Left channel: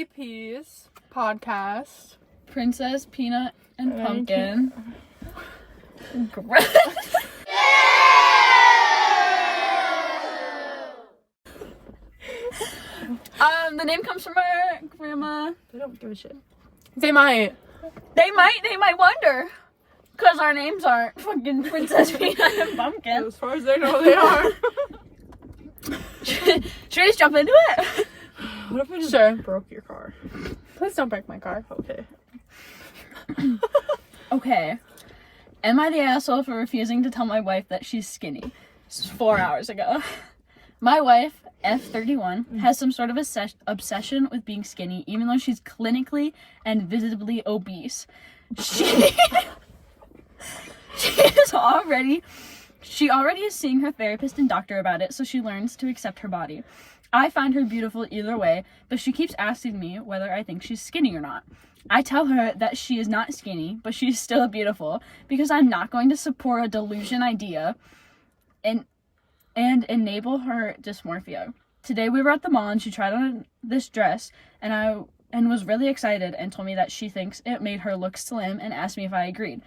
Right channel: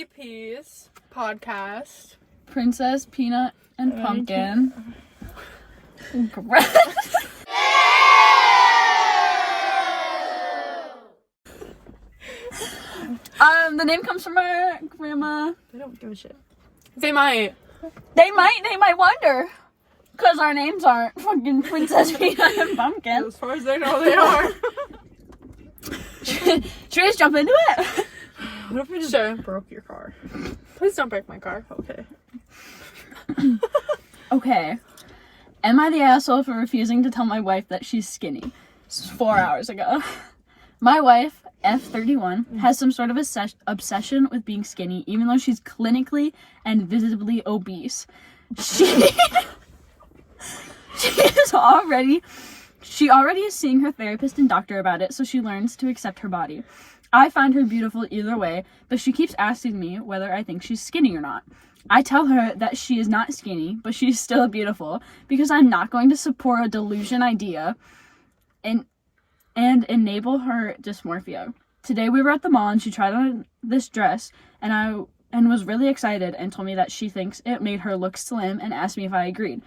Chili Peas podcast. Princess Peanut and Pumpkin. The name comes from our grandma. They don't give a shit. They might. They might wonder. Because our names aren't fucking Princess Peanut and Pumpkin. As far as they know, they are. Should we just jump into it? What if we just broke your car? Please don't break my car. Okay. Okay. Am I the asshole for refusing to tell my wife that she's skinny? 4 hours ago. My wife, F31, has some sort of obsession with being skinny, even though she's clinically and visibly obese. She already is seeing her therapist and doctor about it, so she learns to accept her body. I find her beautiful either way, but she keeps asking me whether I think she's skinny or not. I tell her that she is not skinny, but she's still beautiful, because I'm not going to support a delusion idea and enable her dysmorphia. Today we were at the mall and she tried on this dress and was really excited and told me that she thinks it made her look slim and asked me if I agreed.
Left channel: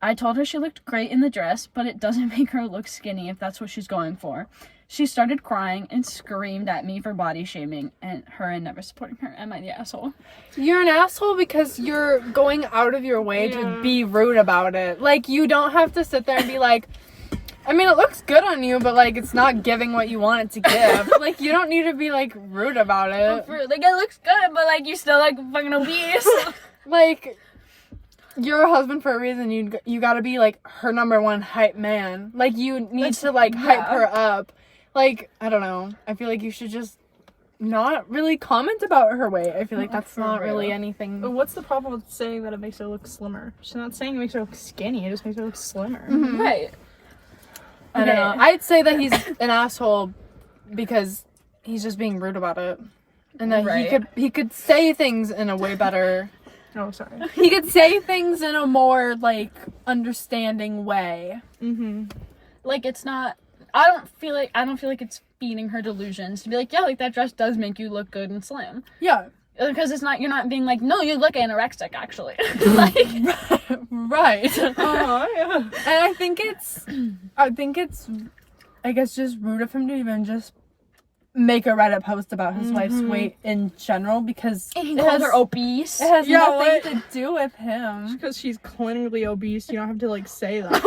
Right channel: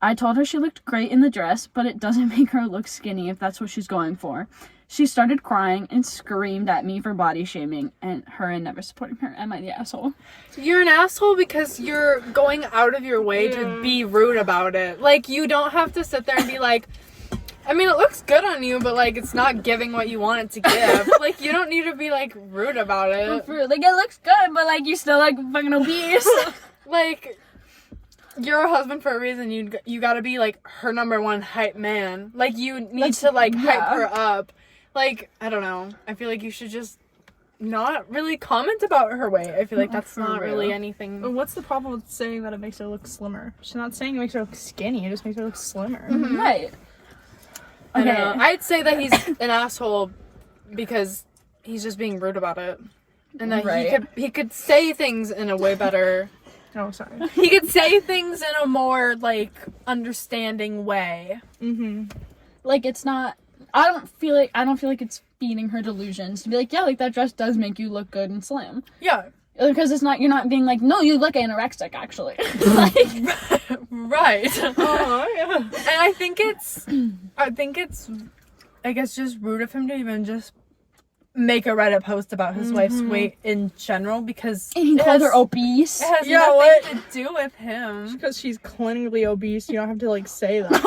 I told her she looked great in the dress, but it doesn't make her look skinny if that's what she's going for. She started crying and screamed at me for body shaming and never supporting her. Am I the asshole? You're an asshole because you're going out of your way to be rude about it. Like, you don't have to sit there and be like, I mean, it looks good on you, but, like, it's not giving what you want it to give. Like, you don't need to be, like, rude about it. Like, it looks good, but, like, you're still, like, fucking obese. Like, you're a husband for a reason. You gotta be, like, her number one hype man. Like, you need to, like, hype her up. Like, I don't know. I feel like you should just not really comment about her weight. I feel like that's not really anything. But what's the problem with saying that it makes her look slimmer? She's not saying it makes her look skinny. It just makes her look slimmer. Mm-hmm. Right. I don't know. I'd say that he's an asshole because he's just being rude about it. And that he could say things in a way better. Oh, sorry. He could say things in a more, like, understanding way. Mm-hmm. Like, it's not... I don't feel like it's feeding her delusions to be like, yeah, like, that dress does make you look good and slim. Yeah. Because you're not being like, no, you look anorexic, actually. Like, right. Yeah. And I think it's, I guess, just rude of him to even just make a Reddit post about his wife's weight in general, because and he called her obese. It has nothing to do with him. Because she's clinically obese, you don't have to, like, say that.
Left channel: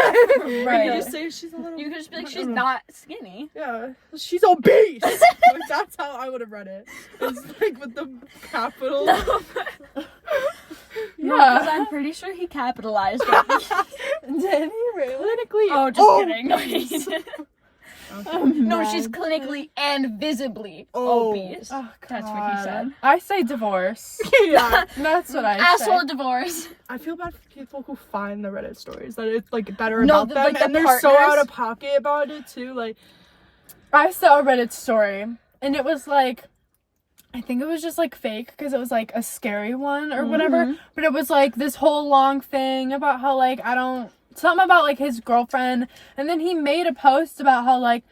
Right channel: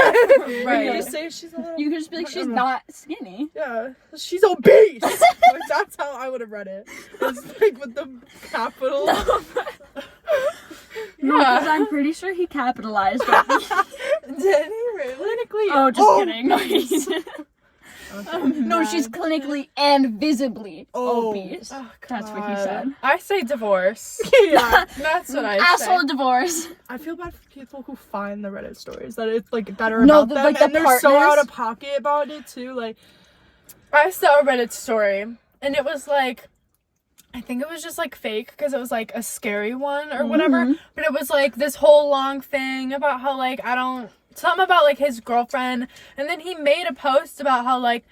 Right. You just say she's a little... You could just be like, she's not skinny. Yeah. She's obese! Like, that's how I would have read it. It's, like, with the capital. No, because I'm pretty sure he capitalized it. Did he really? Clinically. Oh, just kidding. No, she's clinically and visibly obese. Oh, that's what he said. I say divorce. Yeah. That's what I say. Asshole divorce. I feel bad for people who find the Reddit stories that it's, like, that are about them, like, and they're so partners. out of pocket about it, too. Like, I saw a Reddit story, and it was, like, I think it was just, like, fake, because it was, like, a scary one or whatever, but it was, like, this whole long thing about how, like, something about, like, his girlfriend, and then he made a post about how, like,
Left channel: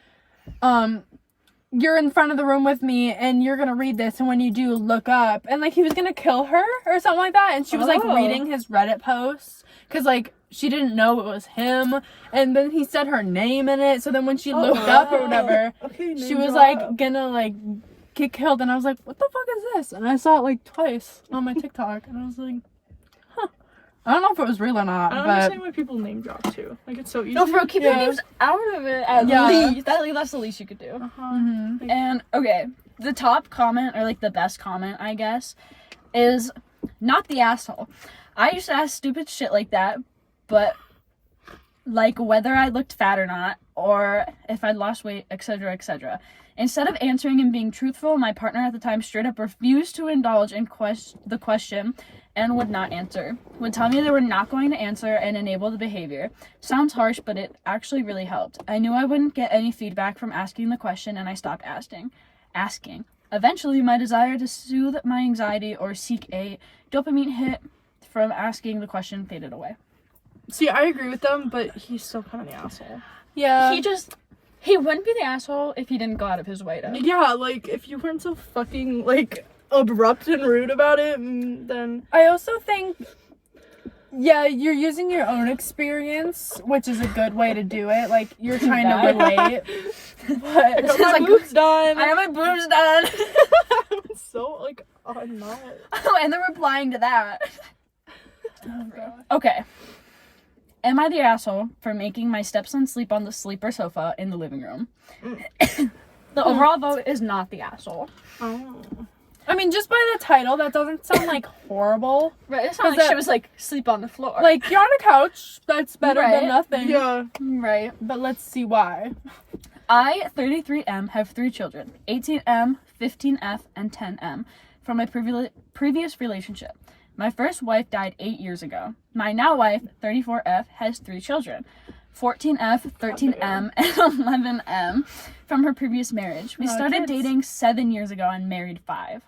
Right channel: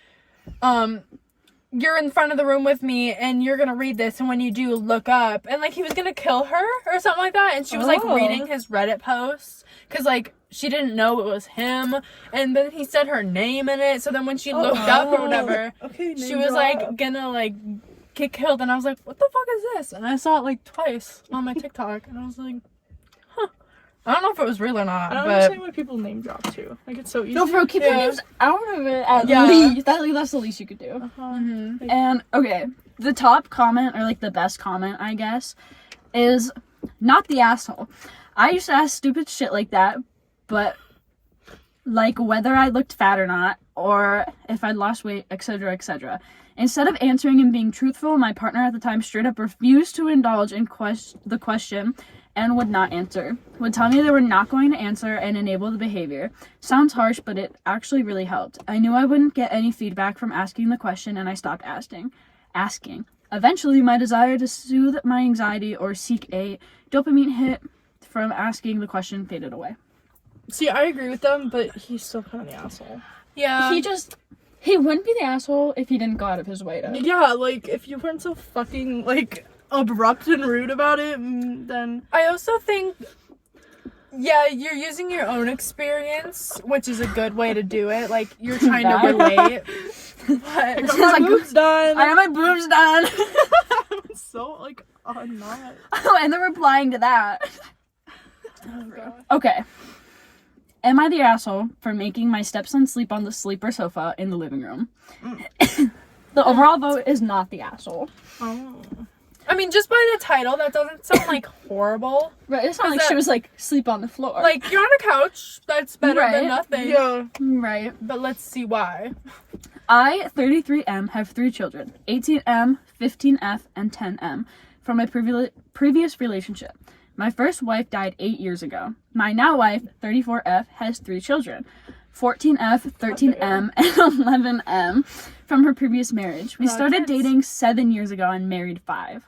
you're in front of the room with me, and you're gonna read this, and when you do, look up, and, like, he was gonna kill her, or something like that, and she was, like, reading his Reddit posts, because, like, she didn't know it was him, and then he said her name in it, so then when she looked up or whatever, she was, like, gonna, like, get killed, and I was like, what the fuck is this? And I saw it, like, twice on my TikTok, and I was like, huh. I don't know if it was real or not, I don't understand why people name drop, too. Like, it's so easy. No, bro, keep your names out of it at least. That's the least you could do. And, okay, the top comment, or, like, the best comment, I guess, is not the asshole. I used to ask stupid shit like that, but, like, whether I looked fat or not, or if I'd lost weight, etc., etc. Instead of answering and being truthful, my partner at the time straight up refused to indulge in the question and would not answer. Would tell me they were not going to answer and enable the behavior. Sounds harsh, but it actually really helped. I knew I wouldn't get any feedback from asking the question, and I stopped asking. Eventually, my desire to soothe my anxiety or seek a dopamine hit from asking the question faded away. See, I agree with them, but he's still kind of the asshole. Yeah. He wouldn't be the asshole if he didn't go out of his way to. Yeah, like, if you weren't so fucking, like, abrupt and rude about it, then I also think, yeah, you're using your own experience, which is a good way to do it. Like, you're trying to relate. I But got my like, boobs done. I have my boobs done. I'm so like, I'm not. Oh, and they're replying to that. oh god. Okay. Am I the asshole for making my stepson sleep on the sleeper sofa in the living room? The overall vote is not the asshole. Oh. I mean, just by the title, that doesn't sound like horrible. Right, it's not Is like she that- was like, sleep on the floor. Like, you're on a couch, that's better Right. than nothing. Yeah. right. But let's see why. I, 33M, have 3 children, 18M, 15F, and 10M, from my previous relationship. My first wife died 8 years ago. My now wife, 34F, has 3 children, 14F, 13M, and 11M, from her previous marriage. We Aw, started kids. dating 7 years ago and married 5.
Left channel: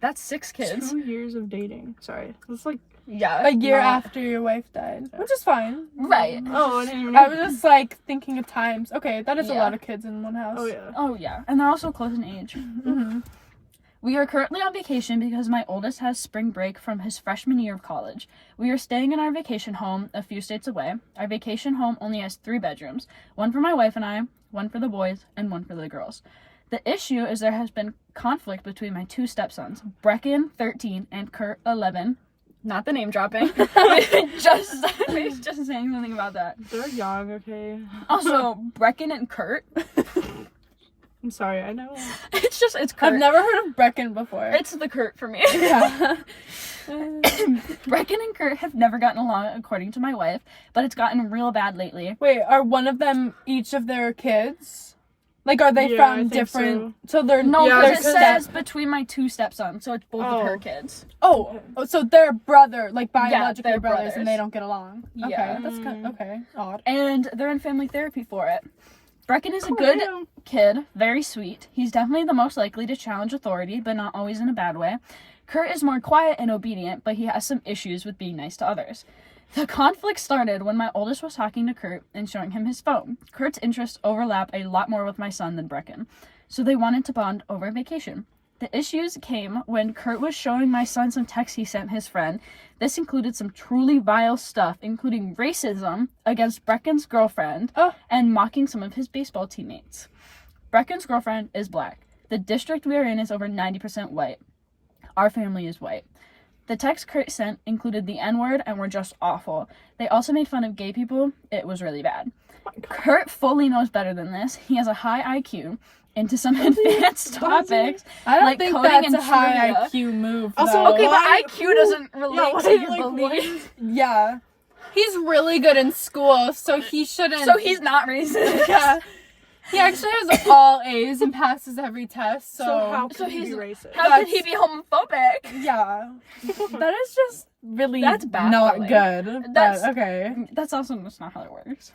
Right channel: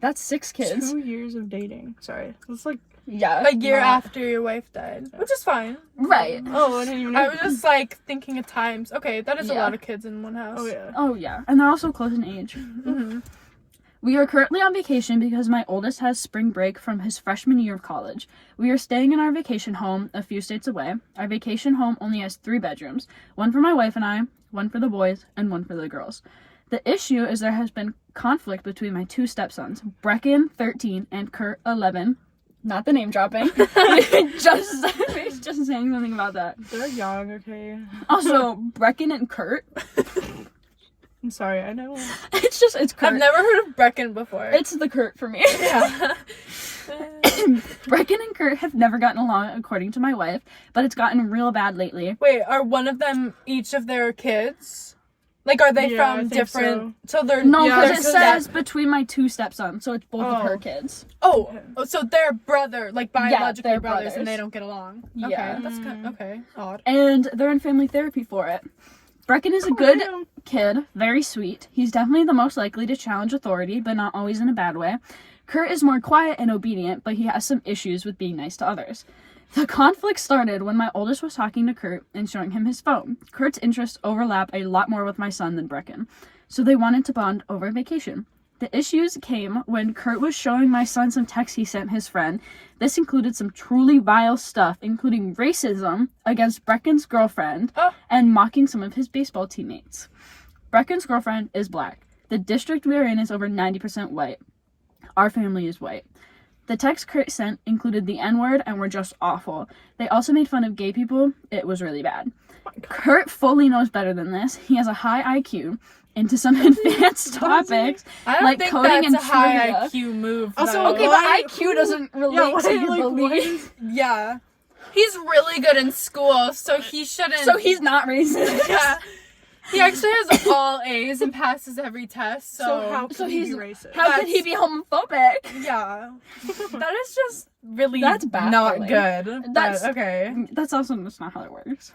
That's 6 kids. 2 years of dating. Sorry. It's like, Yeah. A year Not- after your wife died. Which is fine. Right. oh, I didn't even I know. was just like thinking of times. Okay, that is a Yeah. lot of kids in one house. Oh, yeah. Oh, yeah. And they're also close in age. Mm-hmm. We are currently on vacation because my oldest has spring break from his freshman year of college. We are staying in our vacation home a few states away. Our vacation home only has 3 bedrooms, one for my wife and I, one for the boys, and one for the girls. The issue is there has been conflict between my 2 stepsons, Brecken, 13, and Kurt, 11. Not the name dropping. just saying something about that. They're young, okay? Also, Brecken and Kurt. I'm sorry, I know. It's Kurt. I've never heard of Brecken before. It's the Kurt for me. yeah. Brecken and Kurt have never gotten along, according to my wife, but it's gotten real bad lately. Wait, are one of them each of their kids? Like, are they Yeah, I from think different? So they're No, Yeah, because it because says between my 2 stepsons, so it's both of her Oh. kids. Oh, so they're brother, like biologically they're brothers, brothers. and they don't get along. Yeah. Okay, that's kind okay. Odd. And they're in family therapy for it. Brecken is a good kid, very sweet. He's definitely the most likely to challenge authority, but not always in a bad way. Kurt is more quiet and obedient, but he has some issues with being nice to others. The conflict started when my oldest was talking to Kurt and showing him his phone. Kurt's interests overlap a lot more with my son than Brecken, so they wanted to bond over vacation. The issues came when Kurt was showing my son some texts he sent his friend. This included some truly vile stuff, including racism against Brecken's girlfriend and mocking some of his baseball teammates. Brecken's girlfriend is black. The district we are in is over 90% white. Our family is white. The text Kurt sent included the N-word and were just awful. They also made fun of gay people. It was really bad. Kurt fully knows better than this. He has a high IQ into some advanced topics. I don't Like think coding that's and a high trivia. IQ move. Also, though. Okay, Why- but IQ doesn't relate to your like, belief. Yeah. He's really good in school, so he shouldn't. So he's not racist. Yeah. He actually has all A's and passes every test, so. So how could So he be he's- racist? How could he be homophobic? Yeah. That is just really That's not baffling. good. That's- But, okay. That's not how that works.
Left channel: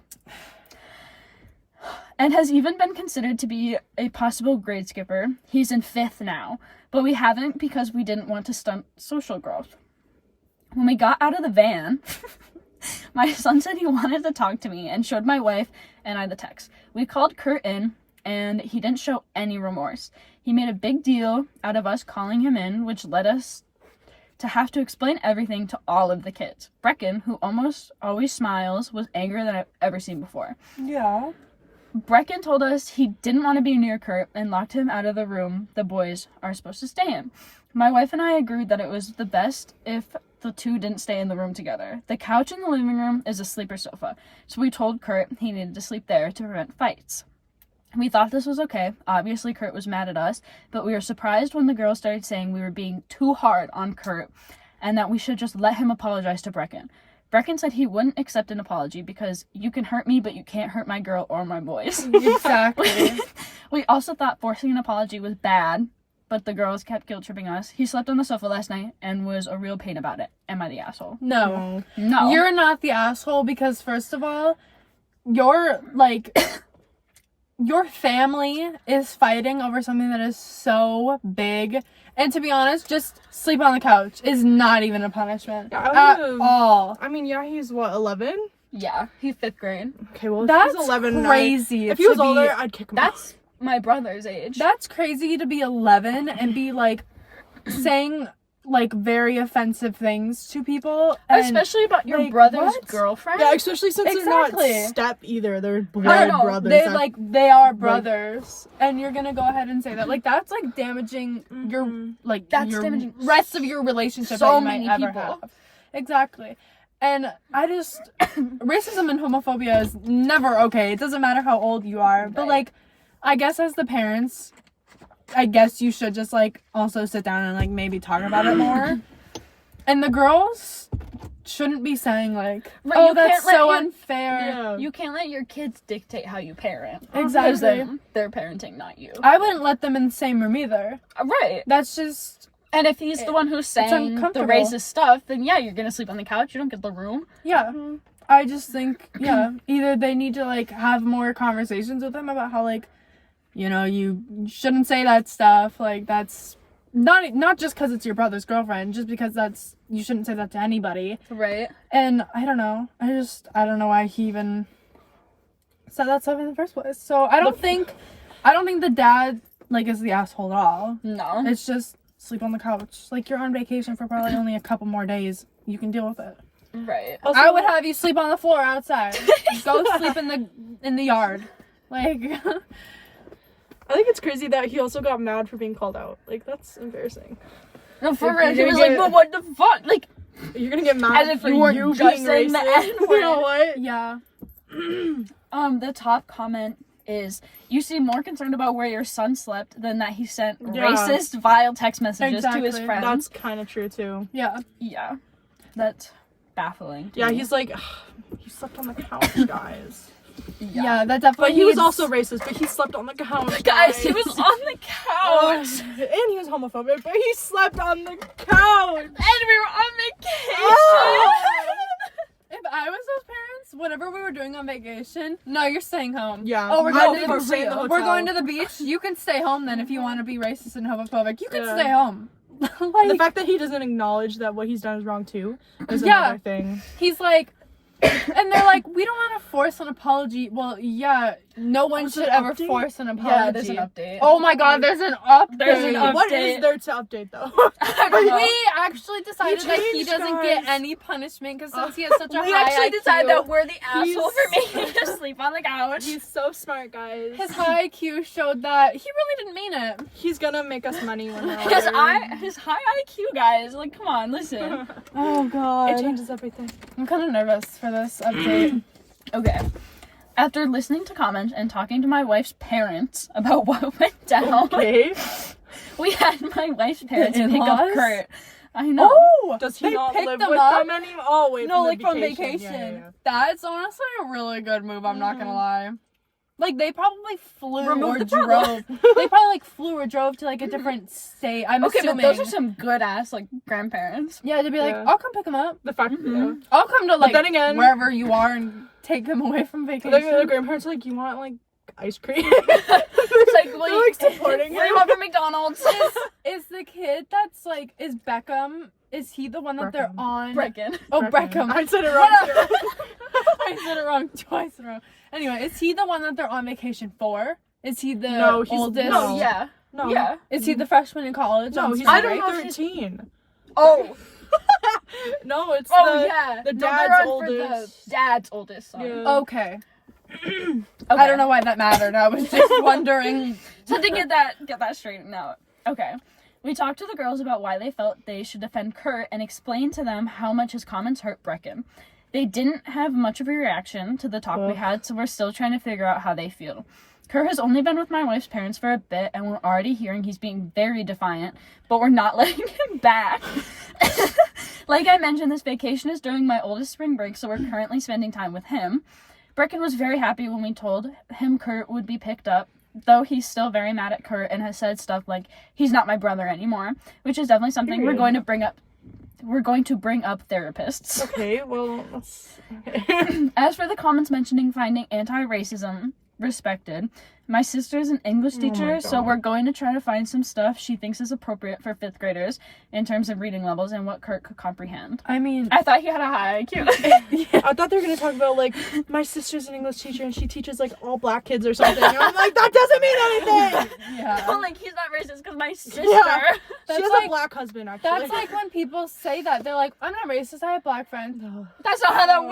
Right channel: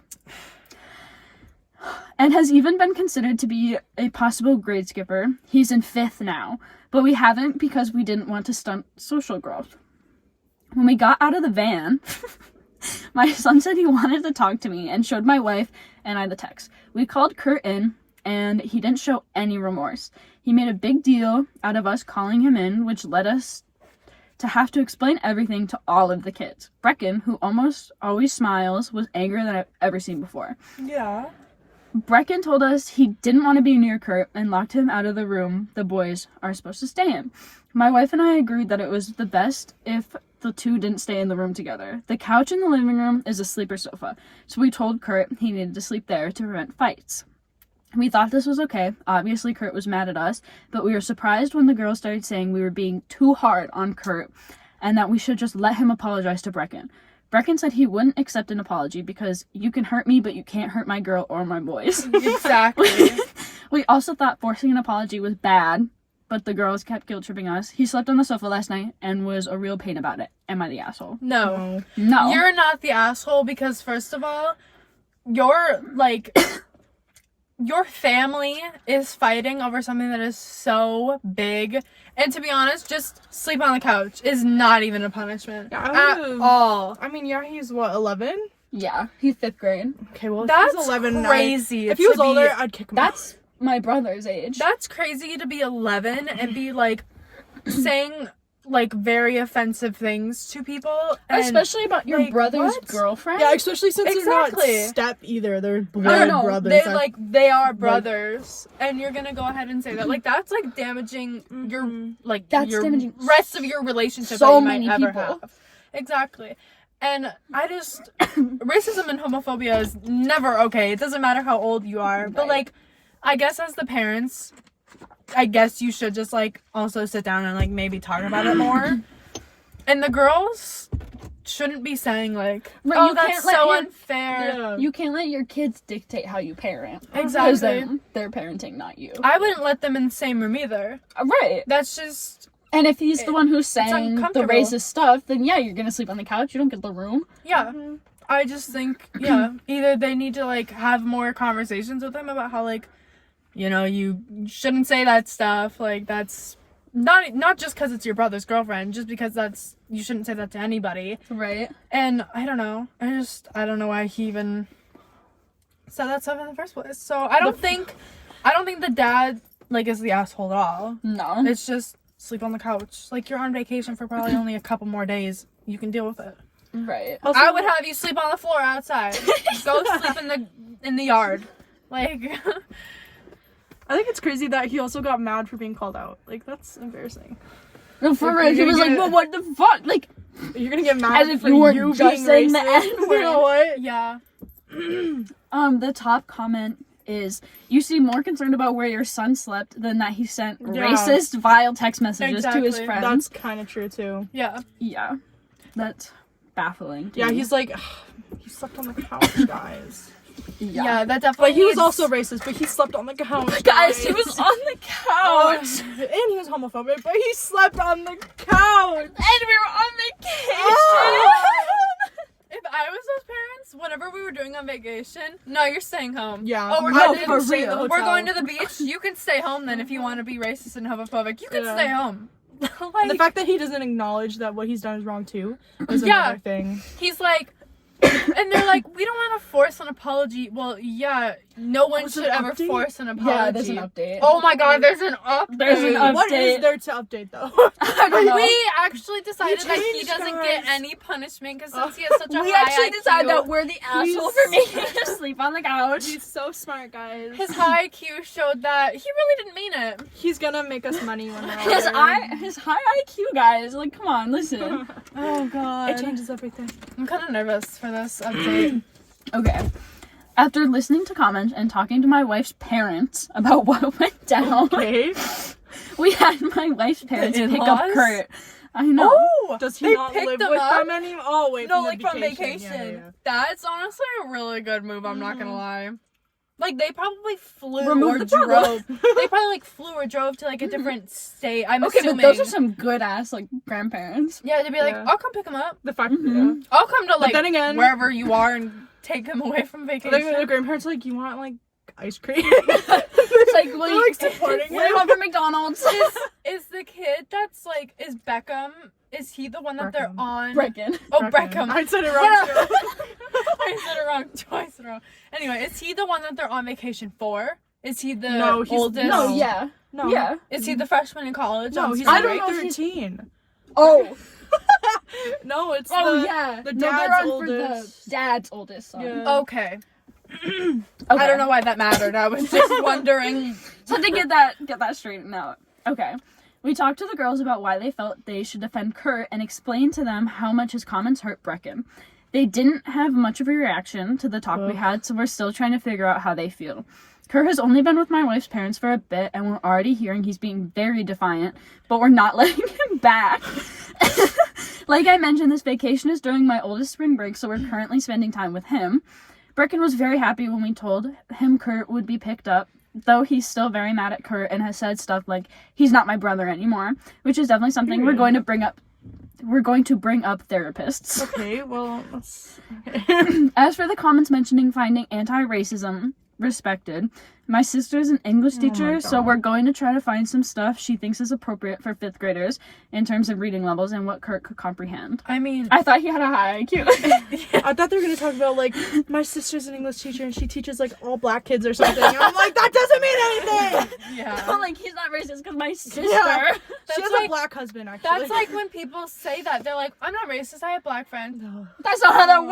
And has even been considered to be a possible grade skipper. He's in 5th now, but we haven't because we didn't want to stunt social growth. When we got out of the van, my son said he wanted to talk to me and showed my wife and I the text. We called Kurt in, and he didn't show any remorse. He made a big deal out of us calling him in, which led us to have to explain everything to all of the kids. Brecken, who almost always smiles, was angrier than I've ever seen before. Yeah. Brecken told us he didn't want to be near Kurt and locked him out of the room the boys are supposed to stay in. My wife and I agreed that it was the best if the 2 didn't stay in the room together. The couch in the living room is a sleeper sofa, so we told Kurt he needed to sleep there to prevent fights. We thought this was okay. Obviously, Kurt was mad at us, but we were surprised when the girls started saying we were being too hard on Kurt and that we should just let him apologize to Brecken. Brecken said he wouldn't accept an apology because you can hurt me, but you can't hurt my girl or my boys. Exactly. We also thought forcing an apology was bad, but the girls kept guilt-tripping us. He slept on the sofa last night and was a real pain about it. Am I the asshole? No. No. You're not the asshole because, first of all, you're like. Your family is fighting over something that is so big. And to be honest, just sleep on the couch is not even a punishment. Yeah, I at would've- all. I mean, yeah, he's what, 11? Yeah, he's 5th grade. Okay, well, if That's he's 11, crazy. if he was to be- older, I'd kick him That's my brother's age. That's crazy to be 11 and be like saying like very offensive things to people, and, especially about your like, brother's what? girlfriend. Yeah, especially since Exactly. they're not step either. They're I blood don't know. brothers. They That's- like they are brothers, and you're gonna go ahead and say that. Like that's like damaging your like That's your damaging rest of your relationship. so that you many might ever people. have. Exactly, and I just racism and homophobia is never okay. It doesn't matter how old you are, but Right. like I guess as the parents, I guess you should just like also sit down and like maybe talk about it more. And the girls shouldn't be saying like, Right, "Oh, you that's can't let so your- unfair." Yeah. You can't let your kids dictate how you parent. Exactly. Because they're parenting, not you. I wouldn't let them in the same room either. Right. That's just And if he's the one who's saying the uncomfortable. racist stuff, then yeah, you're gonna sleep on the couch. You don't get the room. yeah. I just think either they need to like have more conversations with him about how like, you know, you shouldn't say that stuff. Like that's not just because it's your brother's girlfriend, just because you shouldn't say that to anybody. Right. And I don't know. I don't know why he even said that stuff in the first place. So I don't think the dad like is the asshole at all. No. It's just sleep on the couch. Like you're on vacation for probably only a couple more days. You can deal with it. Right. Also, I would have you sleep on the floor outside. Go sleep in the yard. Like I think it's crazy that he also got mad for being called out. Like that's embarrassing. No, for Like, real. He you're was gonna like, get- well, what the fuck? Like, You're gonna get As mad if for you weren't you just being saying the racist. N-word. You know what? yeah. the top comment is, you seem more concerned about where your son slept than that he sent Yeah. racist, vile text messages to his Exactly. friends. That's kind of true too. Yeah. Yeah. That's baffling. to Yeah, me. he's like, he slept on the couch, guys. Yeah, that definitely But he was needs- also racist. But he slept on the couch, Guys, he was on the Oh, couch. and he was homophobic, but he slept on the couch. And we were on vacation. Oh. If I was those parents, whatever we were doing on vacation, no, you're staying home. Yeah. Oh, we're No, going for to stay in the real. we're hotel. going to the beach. You can stay home then if you want to be racist and homophobic. You can Yeah. stay home. And Like, the fact that he doesn't acknowledge that what he's done is wrong too is Yeah. another thing. he's like, and they're like, we don't want to force an apology. Well, yeah, no one Oh, is should it an ever update? force an apology. Yeah, there's an update. Oh my god, there's an update. There's an update. What is there to update though? I don't know. We actually decided that he changed, doesn't guys. get any punishment because since he has such a We high actually IQ, decided that we're the asshole for He's- making him sleep on the couch. He's so smart, guys. his high IQ showed that he really didn't mean it. He's gonna make us money when we're His, older. his high IQ, guys. Like, come on, listen. Oh, God. It changes everything. I'm kind of nervous for this update. Okay. After listening to comments and talking to my wife's parents about what went down, Okay. we had my wife's parents pick up in-laws? Kurt. I know. Oh, Does he they not picked live them with up? them anymore? Oh wait, No, from like the from vacation. vacation. Yeah, yeah, yeah. That's honestly a really good move. I'm not gonna lie. Like they probably flew Remove or the problem. drove. They probably like flew or drove to like a different state. I'm Okay, assuming. but those are some good ass like grandparents. Yeah, they'd be like, Yeah. I'll come pick him up. The fact Mhm. I'll come to like then again- wherever you are and take him away from yeah. vacation. Like, the grandparents are like, you want like ice cream? It's like, well, They're, like supporting What him. about for McDonald's? Is the kid that's like is Beckham? Is he the one that they're Breckham. on? Brecken. Oh, Breckham. I said it wrong too. I said it wrong twice in a row. Anyway, is he the one that they're on vacation for? Is he the No, he's- oldest? no. Oh, yeah. No. Yeah. Is he the freshman in college? No, on he's spring I don't break? know if he's- 13. Oh. No, it's Oh, the yeah. the No, they're dad's on for oldest. the dad's oldest son. Yeah. Okay. I don't know why that mattered. I was just wondering. So to get that straightened out. Okay. We talked to the girls about why they felt they should defend Kurt and explained to them how much his comments hurt Brecken. They didn't have much of a reaction to the talk we Ugh. had, so we're still trying to figure out how they feel. Kurt has only been with my wife's parents for a bit, and we're already hearing he's being very defiant, but we're not letting him back. Like I mentioned, this vacation is during my oldest spring break, so we're currently spending time with him. Brecken was very happy when we told him Kurt would be picked up, though he's still very mad at Kurt and has said stuff like, he's not my brother anymore, which is definitely something we're Period. going to bring up. We're going to bring up therapists. Okay, well, that's okay. As for the comments mentioning finding anti-racism respected, My sister's an English teacher, so God. we're going to try to find some stuff she thinks is appropriate for 5th graders in terms of reading levels and what Kurt could comprehend. I mean, I thought he had a high IQ. I thought they were gonna talk about like my sister's an English teacher and she teaches like all black kids or something. And I'm like, that doesn't mean anything. yeah. I'm like, he's not racist because my sister. Yeah. That's She has like- a black husband actually. That's like when people say that. They're like, I'm not racist, I have black friends. no. That's not how that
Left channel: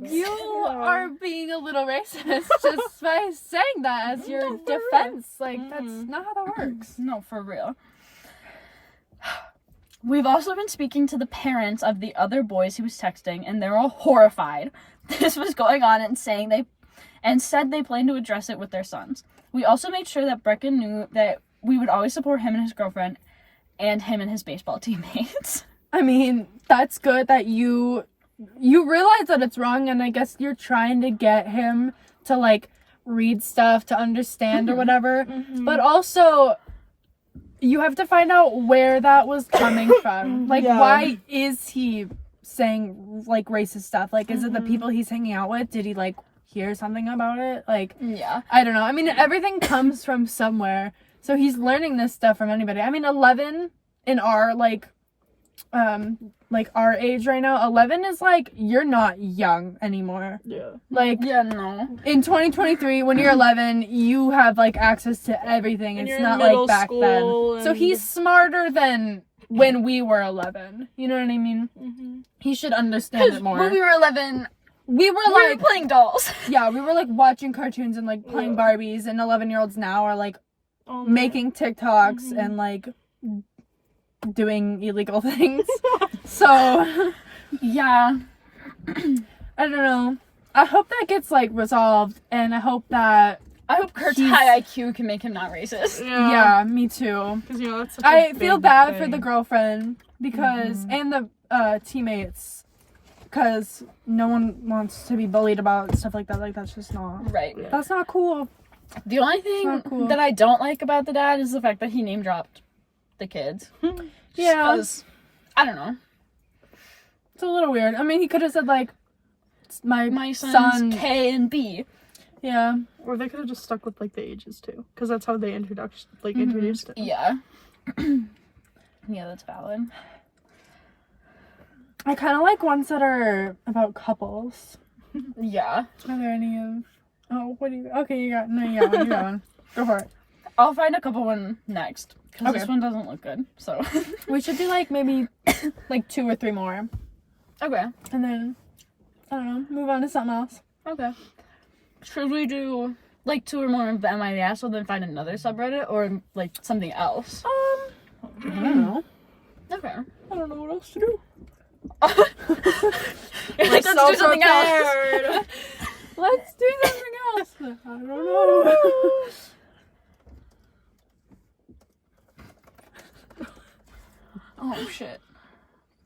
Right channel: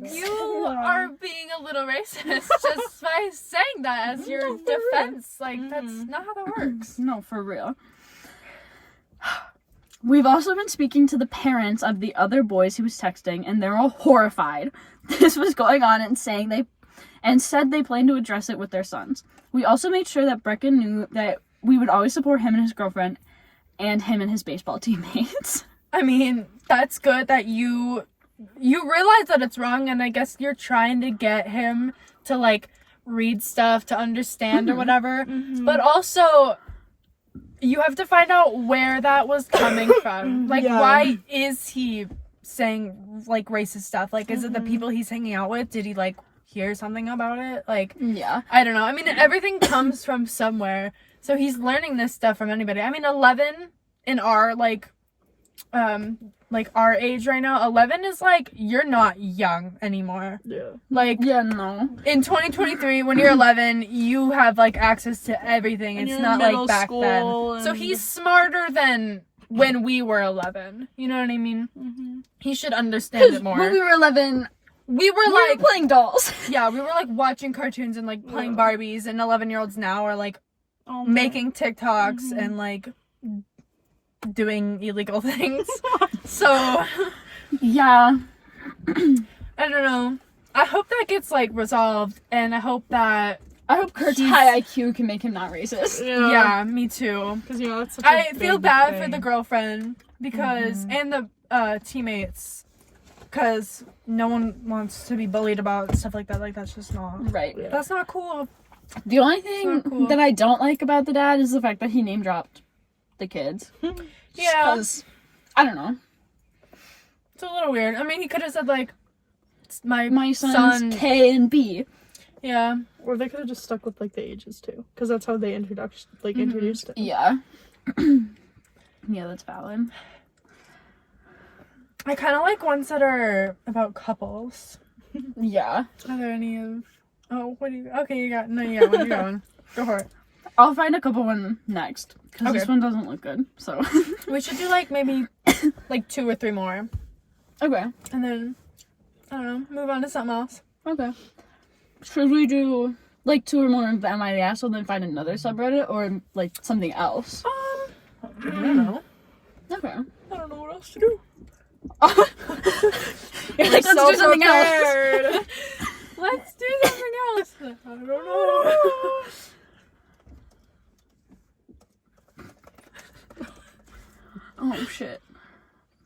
works. You are being a little racist just by saying that as your defense. Like, that's not how that works. No, for real. We've also been speaking to the parents of the other boys he was texting, and they're all horrified this was going on and said they plan to address it with their sons. We also made sure that Brecken knew that we would always support him and his girlfriend and him and his baseball teammates. I mean, that's good that you realize that it's wrong, and I guess you're trying to get him to, like, read stuff, to understand or whatever. But also, you have to find out where that was coming from. Like, Yeah. why is he saying, like, racist stuff? Like, is it the people he's hanging out with? Did he, like, hear something about it? Like, Yeah. I don't know. I mean, everything comes from somewhere. So he's learning this stuff from anybody. I mean, 11 in our, like our age right now, 11 is, like, you're not young anymore. Yeah. Like, Yeah, no. in 2023, when you're 11, you have, like, access to everything. And It's you're in not middle like back school then. So and- he's smarter than when we were 11. You know what I mean? He should understand it more. When we were 11, We were we like, were playing dolls. yeah, we were like watching cartoons and like playing Yeah. Barbies, and 11-year-olds now are like Um, making TikToks and like doing illegal things. So Yeah. I don't know. I hope that gets like resolved, and I hope Kurt's he's- high IQ can make him not racist. yeah, me too. Because, you know, that's such a I feel big bad for thing. the girlfriend because and the teammates, because no one wants to be bullied about stuff like that. Like, that's just not. Right. That's not cool. The only thing not cool. that I don't like about the dad is the fact that he name dropped the kids. Yeah. 'Cause, I don't know. It's a little weird. I mean, he could have said like, My son's son. K and B. Yeah. Or they could have just stuck with like the ages too, because that's how they introduced it. Yeah. Yeah, that's valid. I kind of like ones that are about couples. Yeah. Are there any of? Oh, what do you? Okay, you got one. You got one. Go for it. I'll find a couple one next. Because Okay. this one doesn't look good. So. We should do like maybe like 2 or 3 more, Okay. and then I don't know, move on to something else. Okay. Should we do like 2 or more of the Am I the Asshole, then find another subreddit, or like something else? I don't know. Okay. I don't know what else to do. Let's do something else. Let's do something else. I don't know. Oh shit.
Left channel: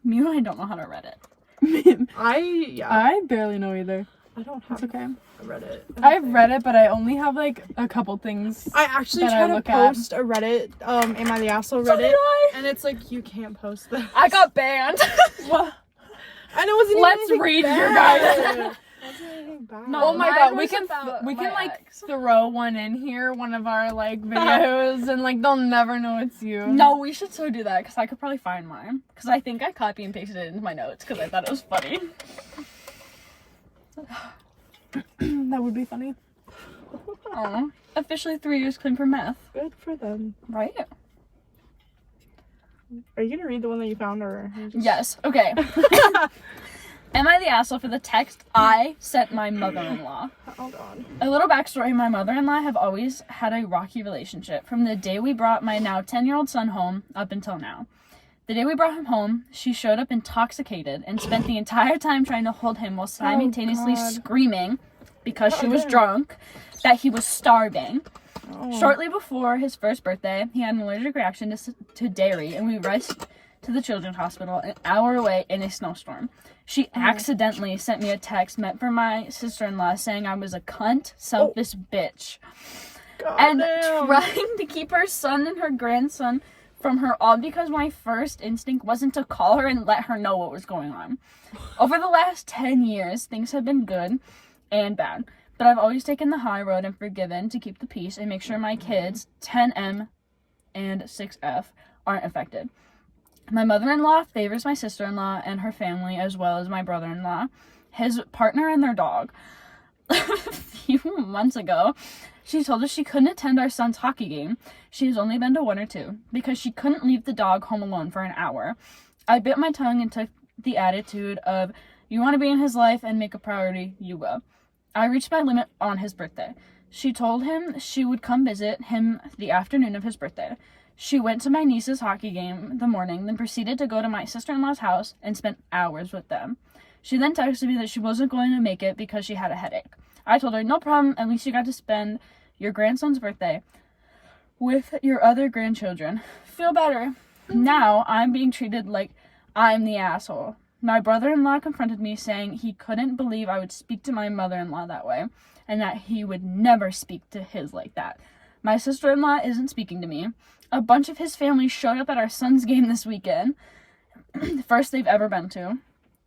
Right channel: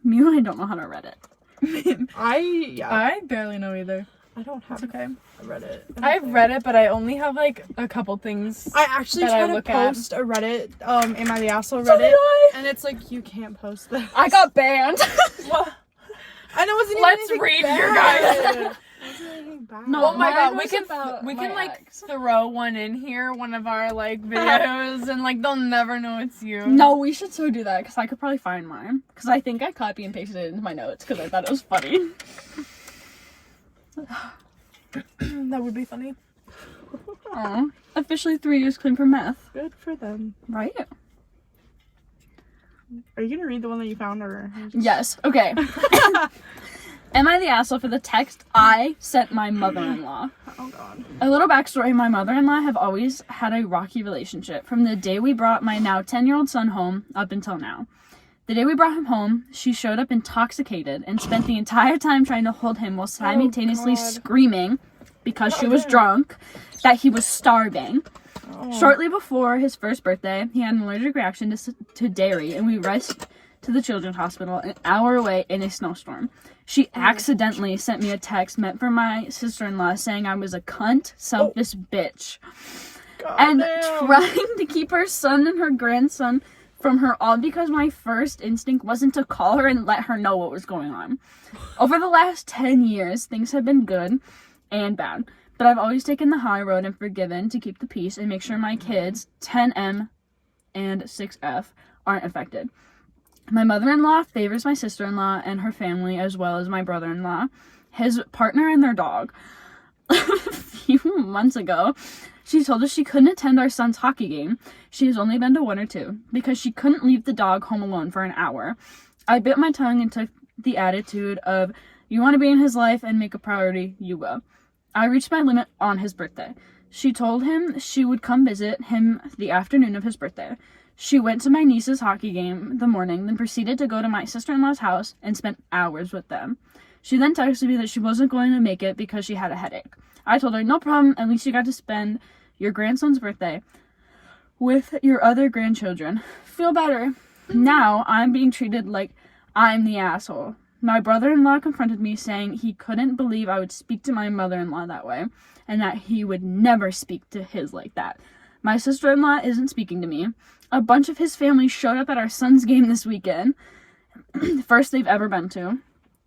You and I don't know how to Reddit. I barely know either. I don't have It's okay. a Reddit. I've read it, but I only have like a couple things. I actually that I tried to look at. post a Reddit, Am I the Asshole So did Reddit, I. and it's like, you can't post that. I got banned. And it wasn't Let's even read bad. your guys. It wasn't anything bad. No, Oh my mine god, we was can about my like ex. throw one in here, one of our like videos, and like they'll never know it's you. No, we should so do that because I could probably find mine. Because I think I copy and pasted it into my notes because I thought it was funny. That would be funny. Oh, officially 3 years clean from meth. Good for them. Right? Are you gonna read the one that you found, or? Yes. Okay. Am I the asshole for the text I sent my mother-in-law? Oh god. A little backstory, my mother-in-law have always had a rocky relationship from the day we brought my now 10-year-old son home up until now. The day we brought him home, she showed up intoxicated and spent the entire time trying to hold him while simultaneously God. screaming, because she was drunk, that he was starving. Oh. Shortly before his first birthday, he had an allergic reaction to dairy, and we rushed to the children's hospital an hour away in a snowstorm. She accidentally sent me a text meant for my sister-in-law saying I was a cunt, selfish bitch, God and damn. trying to keep her son and her grandson from her, all because my first instinct wasn't to call her and let her know what was going on. Over the last 10 years, things have been good and bad. but I've always taken the high road and forgiven to keep the peace and make sure my kids, 10M and 6F, aren't affected. My mother-in-law favors my sister-in-law and her family as well as my brother-in-law, his partner, and their dog. A few months ago, she told us she couldn't attend our son's hockey game. She has only been to 1 or 2 because she couldn't leave the dog home alone for an hour. I bit my tongue and took the attitude of, you want to be in his life and make a priority, you go. I reached my limit on his birthday. She told him she would come visit him the afternoon of his birthday. She went to my niece's hockey game the morning, then proceeded to go to my sister-in-law's house and spent hours with them. She then texted me that she wasn't going to make it because she had a headache. I told her, no problem, at least you got to spend your grandson's birthday with your other grandchildren. Feel better. Now I'm being treated like I'm the asshole. My brother-in-law confronted me saying he couldn't believe I would speak to my mother-in-law that way and that he would never speak to his like that. My sister-in-law isn't speaking to me. A bunch of his family showed up at our son's game this weekend. First they've ever been to.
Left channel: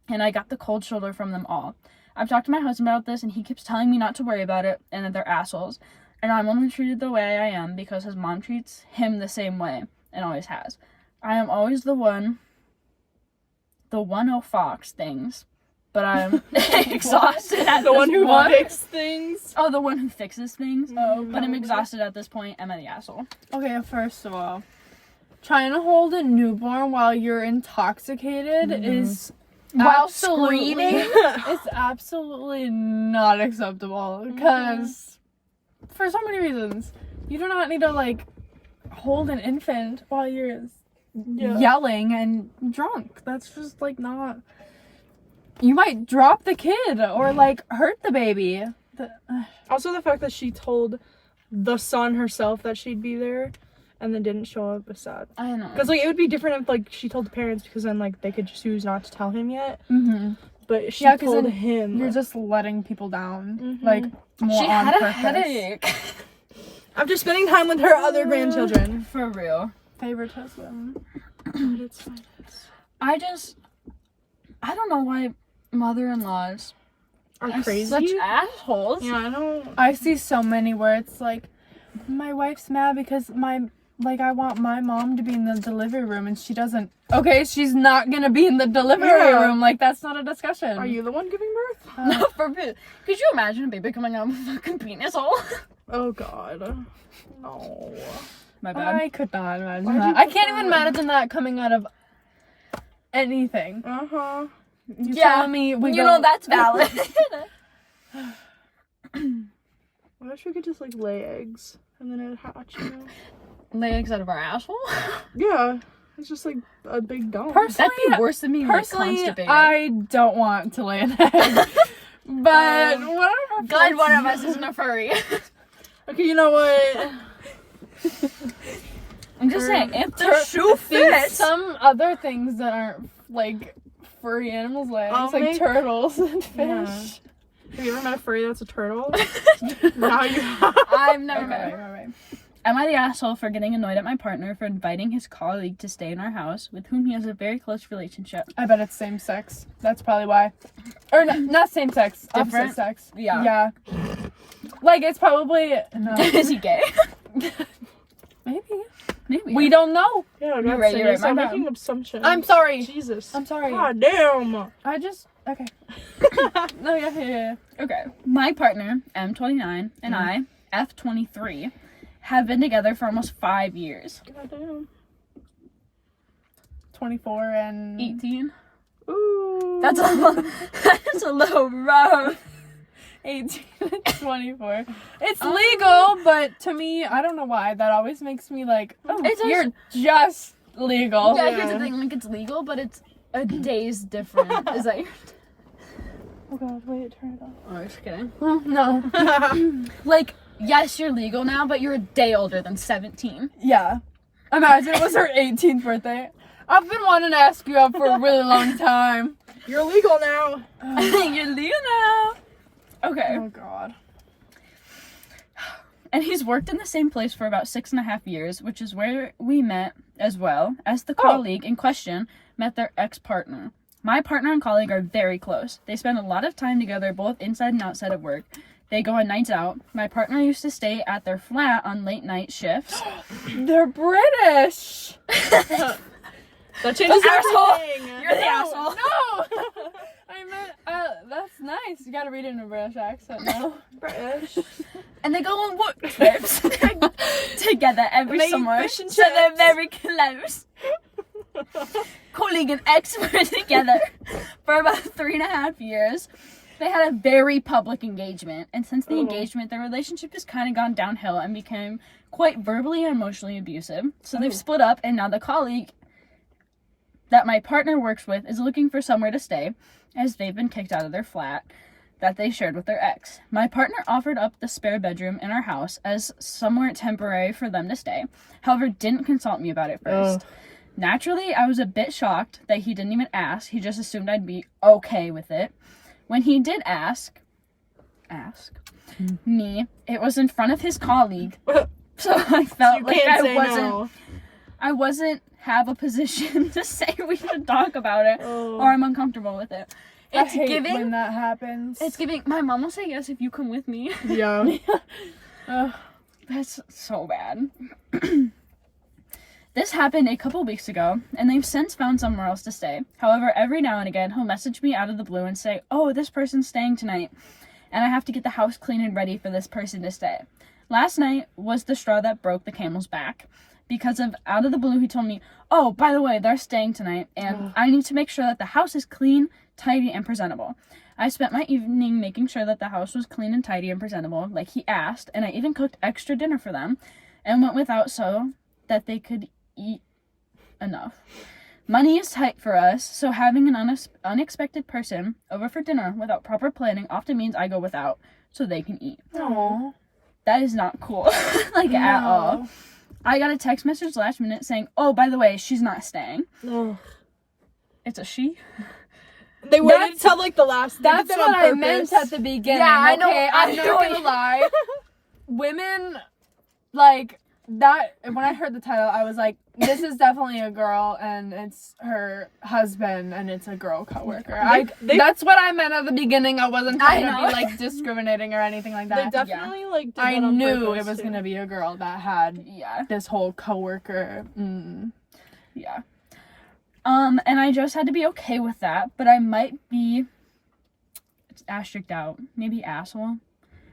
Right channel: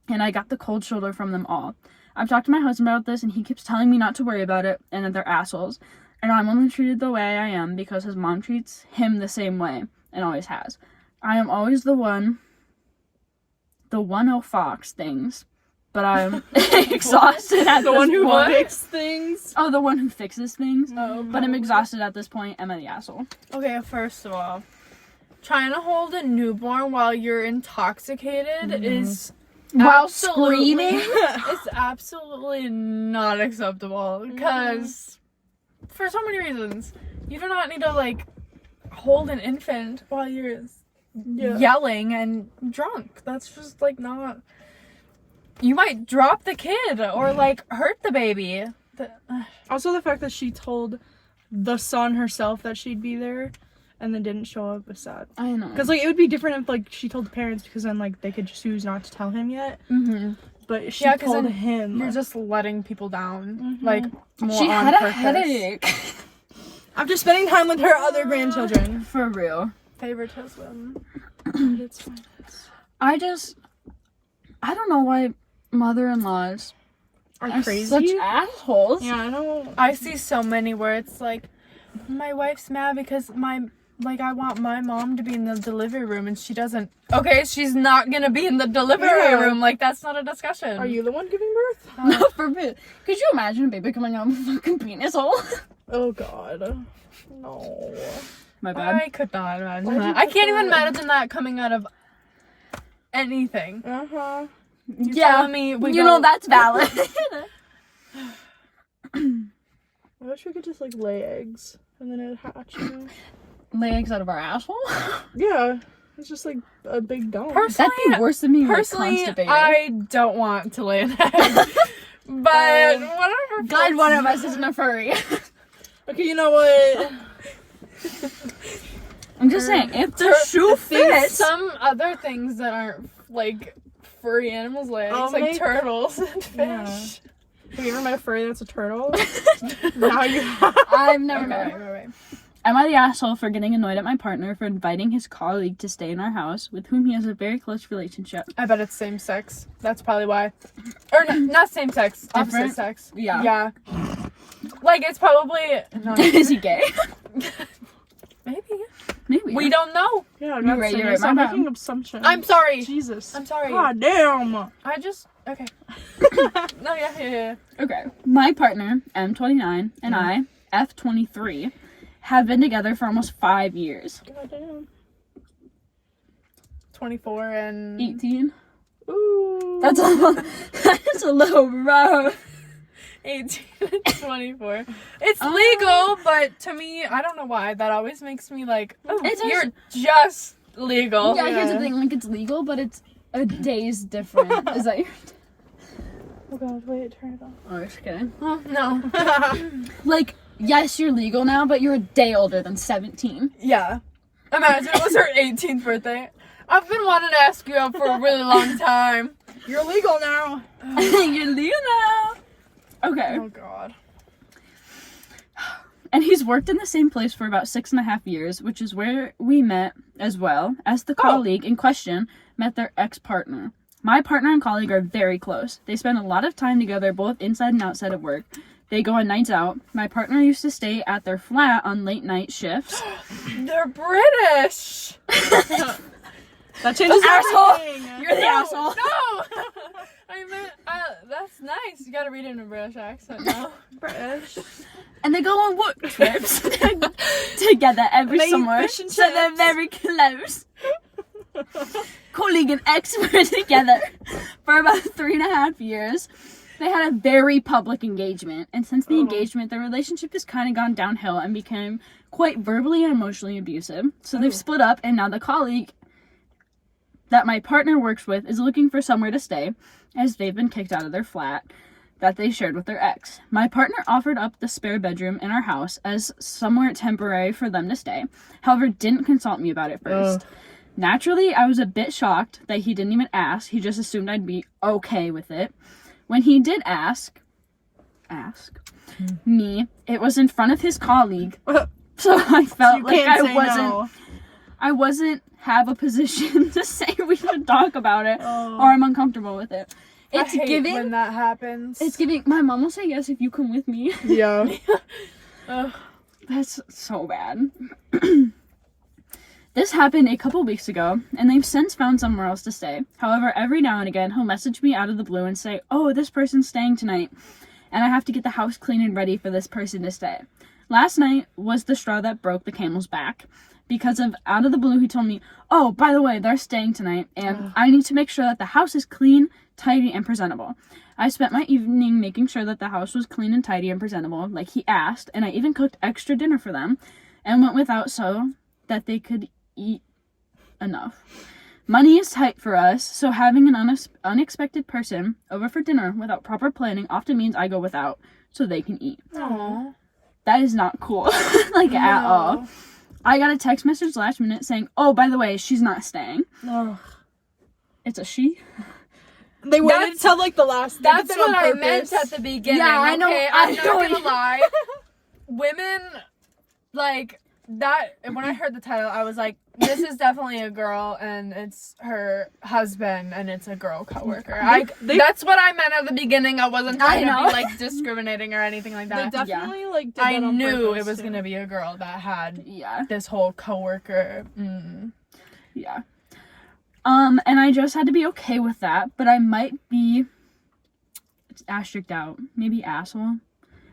And I got the cold shoulder from them all. I've talked to my husband about this and he keeps telling me not to worry about it and that they're assholes. And I'm only treated the way I am because his mom treats him the same way and always has. I am always the one who fox things, but I'm exhausted at The this one who point. fixes things. Oh, the one who fixes things. Oh, But I'm exhausted at this point. Am I the asshole? Okay, first of all, trying to hold a newborn while you're intoxicated is While absolutely, screaming? it's absolutely not acceptable because for so many reasons. You do not need to like hold an infant while you're yelling and drunk. That's just like not. You might drop the kid or like hurt the baby. Also, the fact that she told the son herself that she'd be there and then didn't show up is sad. I know. Because, like, it would be different if, like, she told the parents because then, like, they could choose not to tell him yet. Mm-hmm. But she 'cause told then him. You're just letting people down. Mhm. Like, more She on had a purpose. headache. After spending time with her other grandchildren. For real. Favoritism. It's fine. I don't know why mother-in-laws Are crazy. such assholes. Yeah, I don't. I see so many where it's like, my wife's mad because I want my mom to be in the delivery room and she doesn't. Okay, she's not gonna be in the delivery Yeah. room. Like, that's not a discussion. Are you the one giving birth? No, for real. Could you imagine a baby coming out of a fucking penis hole? Oh, God. No. My bad. I could not imagine Why'd you that. I put can't even that? imagine that coming out of anything. Uh-huh. You're Yeah, telling me we you know don't- that's valid. I wish we could just, like, lay eggs and then it'd hatch, you know? Lay eggs out of our asshole? Yeah. It's just, like, a big dump. Personally, That'd be worse than me personally, constipated. I don't want to lay an egg. But whatever. Glad one of us isn't a furry. Okay, you know what? I'm just saying, if the Tur- shoe There's fits. some other things that aren't like furry animals lay eggs, I'll like make- turtles and fish. Yeah. Have you ever met a furry that's a turtle? Now you have. I've never Okay, met. right. Am I the asshole for getting annoyed at my partner for inviting his colleague to stay in our house with whom he has a very close relationship? I bet it's same sex. That's probably why. Or no, not same sex. Opposite Different? sex. Yeah. Yeah. Like it's probably no. Is he gay? Maybe. Maybe. We don't know. Yeah, You're that's right, it. you're right, Stop my bad. making assumptions. I'm sorry. Jesus. I'm sorry. God damn. I just okay. No, yeah. Okay. My partner, M29, and I, F23, have been together for almost 5 years. God damn. 24 and 18? Ooh. That's a little rough. 18 and 24. It's legal, but to me, I don't know why. That always makes me like, oh, It's you're just legal. Yeah, here's the Yeah. thing, like, it's legal, but it's a day's different. Is that your... Oh god, wait, turn it off. Oh, just kidding. No. Like, yes, you're legal now, but you're a day older than 17. Yeah. Imagine it was her 18th birthday. I've been wanting to ask you out for a really long time. You're legal now. You're legal now. Okay. Oh god. And he's worked in the same place for about 6.5 years, which is where we met, as well as the colleague in question met their ex-partner. My partner and colleague are very close. They spend a lot of time together, both inside and outside of work. They go on nights out. My partner used to stay at their flat on late night shifts. They're British. That changes Asshole. everything. You're the asshole. No. I meant, that's nice. You gotta read it in a British accent now. British. And they go on work trips together every They eat summer. fish and So they're chips. very close. Colleague and ex were together for about 3.5 years. They had a very public engagement, and since the engagement, their relationship has kind of gone downhill and became quite verbally and emotionally abusive. So they've split up, and now the colleague that my partner works with is looking for somewhere to stay, as they've been kicked out of their flat that they shared with their ex. My partner offered up the spare bedroom in our house as somewhere temporary for them to stay, however didn't consult me about it first. Naturally, I was a bit shocked that he didn't even ask. He just assumed I'd be okay with it. When he did ask me, it was in front of his colleague. So I felt You like can't say no. I wasn't have a position to say we should talk about it, Oh. or I'm uncomfortable with it. It's I hate giving. when that happens. It's giving. My mom will say yes if you come with me. Yeah. Ugh. That's so bad. This happened a couple weeks ago, and they've since found somewhere else to stay. However, every now and again, he'll message me out of the blue and say, "Oh, this person's staying tonight, and I have to get the house clean and ready for this person to stay." Last night was the straw that broke the camel's back. Because of out of the blue, he told me, "Oh, by the way, they're staying tonight, and I need to make sure that the house is clean, tidy, and presentable." I spent my evening making sure that the house was clean and tidy and presentable, like he asked, and I even cooked extra dinner for them, and went without so that they could eat enough. Money is tight for us, so having an unexpected person over for dinner without proper planning often means I go without, so they can eat. Aw. That is not cool, like at all. No. I got a text message last minute saying, "Oh, by the way, she's not staying." No. It's a she. They waited until like the last. they did That's that on what I purpose. meant at the beginning. Yeah, I know. Okay, I I'm know not it. gonna lie. Women, like that. When I heard the title, I was like, "This is definitely a girl, and it's her husband, and it's a girl coworker." That's what I meant at the beginning. I wasn't trying to be like discriminating or anything like They that. definitely like. Did I that on knew purpose, it was too. gonna be a girl that had Yeah. this whole coworker. Yeah. And I just had to be okay with that, but I might be asterisked out, maybe asshole,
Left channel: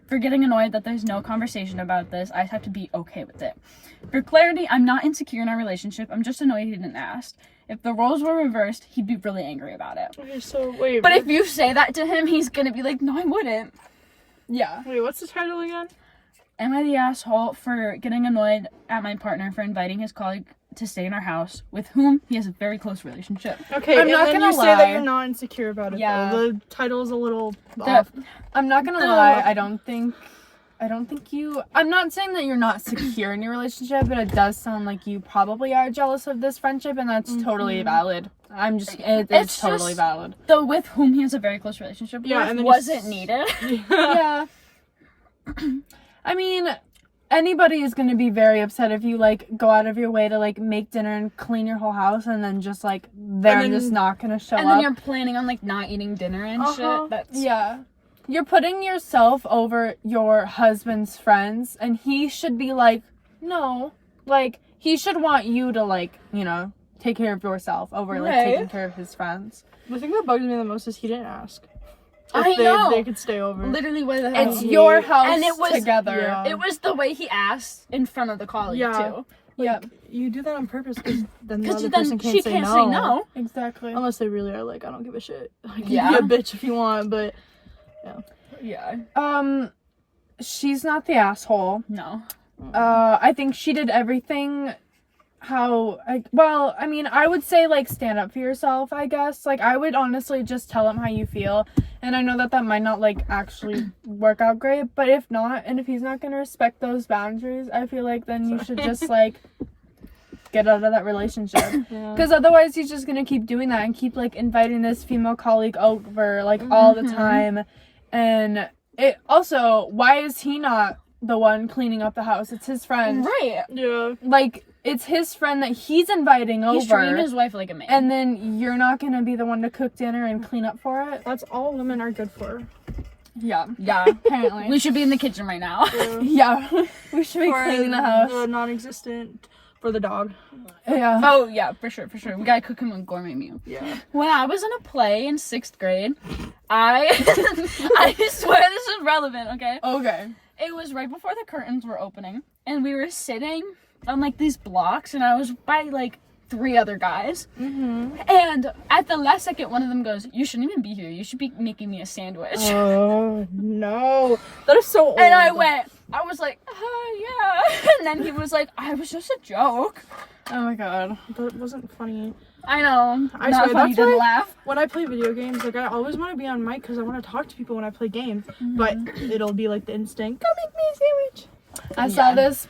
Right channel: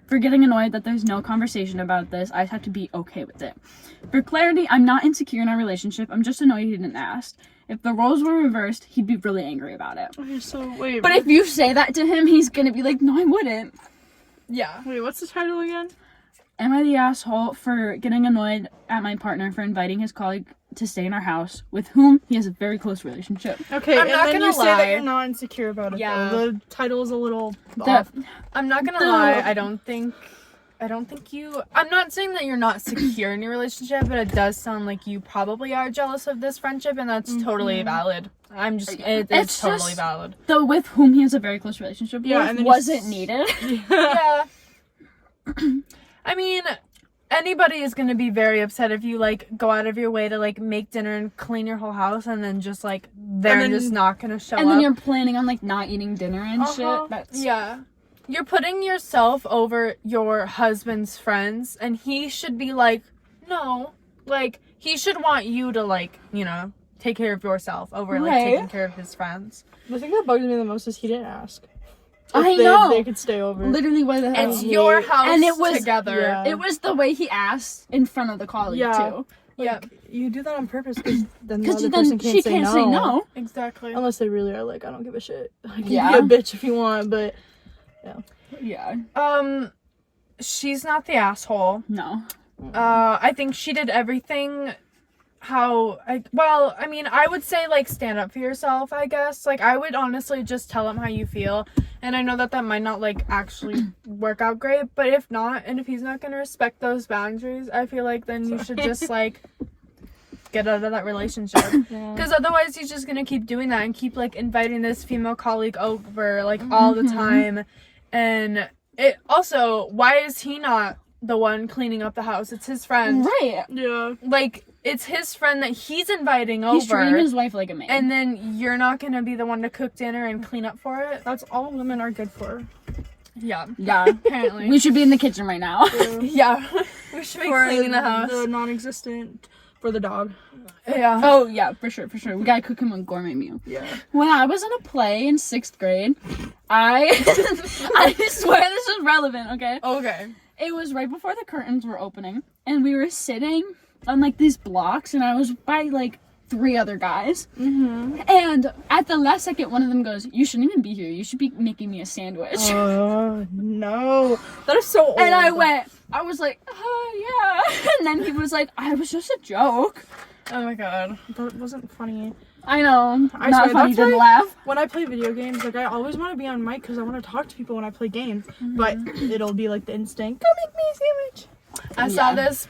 for getting annoyed that there's no conversation about this. I have to be okay with it. For clarity, I'm not insecure in our relationship. I'm just annoyed he didn't ask. If the roles were reversed, he'd be really angry about it. Okay, so wait. But if you say that to him, he's gonna be like, "No, I wouldn't." Yeah. wait, what's the title again? Am I the asshole for getting annoyed at my partner for inviting his colleague to stay in our house, with whom he has a very close relationship? Okay, I'm and not then gonna you say that lie. you're not insecure about it. Yeah. Though. The title is a little off. I'm not gonna lie. I don't think you. I'm not saying that you're not secure in your relationship, but it does sound like you probably are jealous of this friendship, and that's totally valid. It's It's totally just- valid. Though with whom he has a very close relationship Yeah, with, and then wasn't needed. Yeah. I mean, anybody is gonna be very upset if you like go out of your way to like make dinner and clean your whole house, and then just like they're then- just not gonna show And up. then you're planning on like not eating dinner and Uh-huh. shit. That's Yeah. You're putting yourself over your husband's friends, and he should be like, no. Like, he should want you to, like, you know, take care of yourself over, like, Right. taking care of his friends. The thing that bugs me the most is he didn't ask. I If know. They could stay over. literally what the hell. It's your house And it was- together. Yeah. It was the way he asked in front of the colleague Yeah. too. Yep. You do that on purpose because then the Because other then person can't she say can't no. say no. Exactly. Unless they really are like, I don't give a shit. Like, Yeah. you be a bitch if you want, but Yeah. She's not the asshole. No. I think she did everything I mean, I would say, like, stand up for yourself, I guess. Like, I would honestly just tell him how you feel. And I know that might not, like, actually work out great. But if not, and if he's not going to respect those boundaries, I feel like then you should just, like, get out of that relationship. yeah. Because otherwise he's just going to keep doing that and keep, like, inviting this female colleague over, like, all the time. And it also, why is he not the one cleaning up the house? It's his friend. Right. Yeah. Like, it's his friend that he's inviting He's treating over, his wife like a man. and then you're not gonna be the one to cook dinner and clean up for it. That's all women are good for. Yeah. Yeah. Apparently. We should be in the kitchen right now. Yeah. We should be For cleaning the house. the non-existent for the dog. Yeah. Oh, yeah, for sure. We gotta cook him a gourmet meal. Yeah. When I was in a play in 6th grade, I swear this is relevant, okay? Okay. It was right before the curtains were opening, and we were sitting on, like, these blocks, and I was by, like, 3 other guys. Mm-hmm. And at the last second, one of them goes, "You shouldn't even be here. You should be making me a sandwich." Oh no, that is so old. And I was like, yeah. And then he was like, "I was just a joke." Oh my god. That wasn't funny. I know. I Not swear, funny, that's didn't why- laugh. When I play video games, like I always want to be on mic because I want to talk to people when I play games. But it'll be like the instinct. Go make me a sandwich. I saw this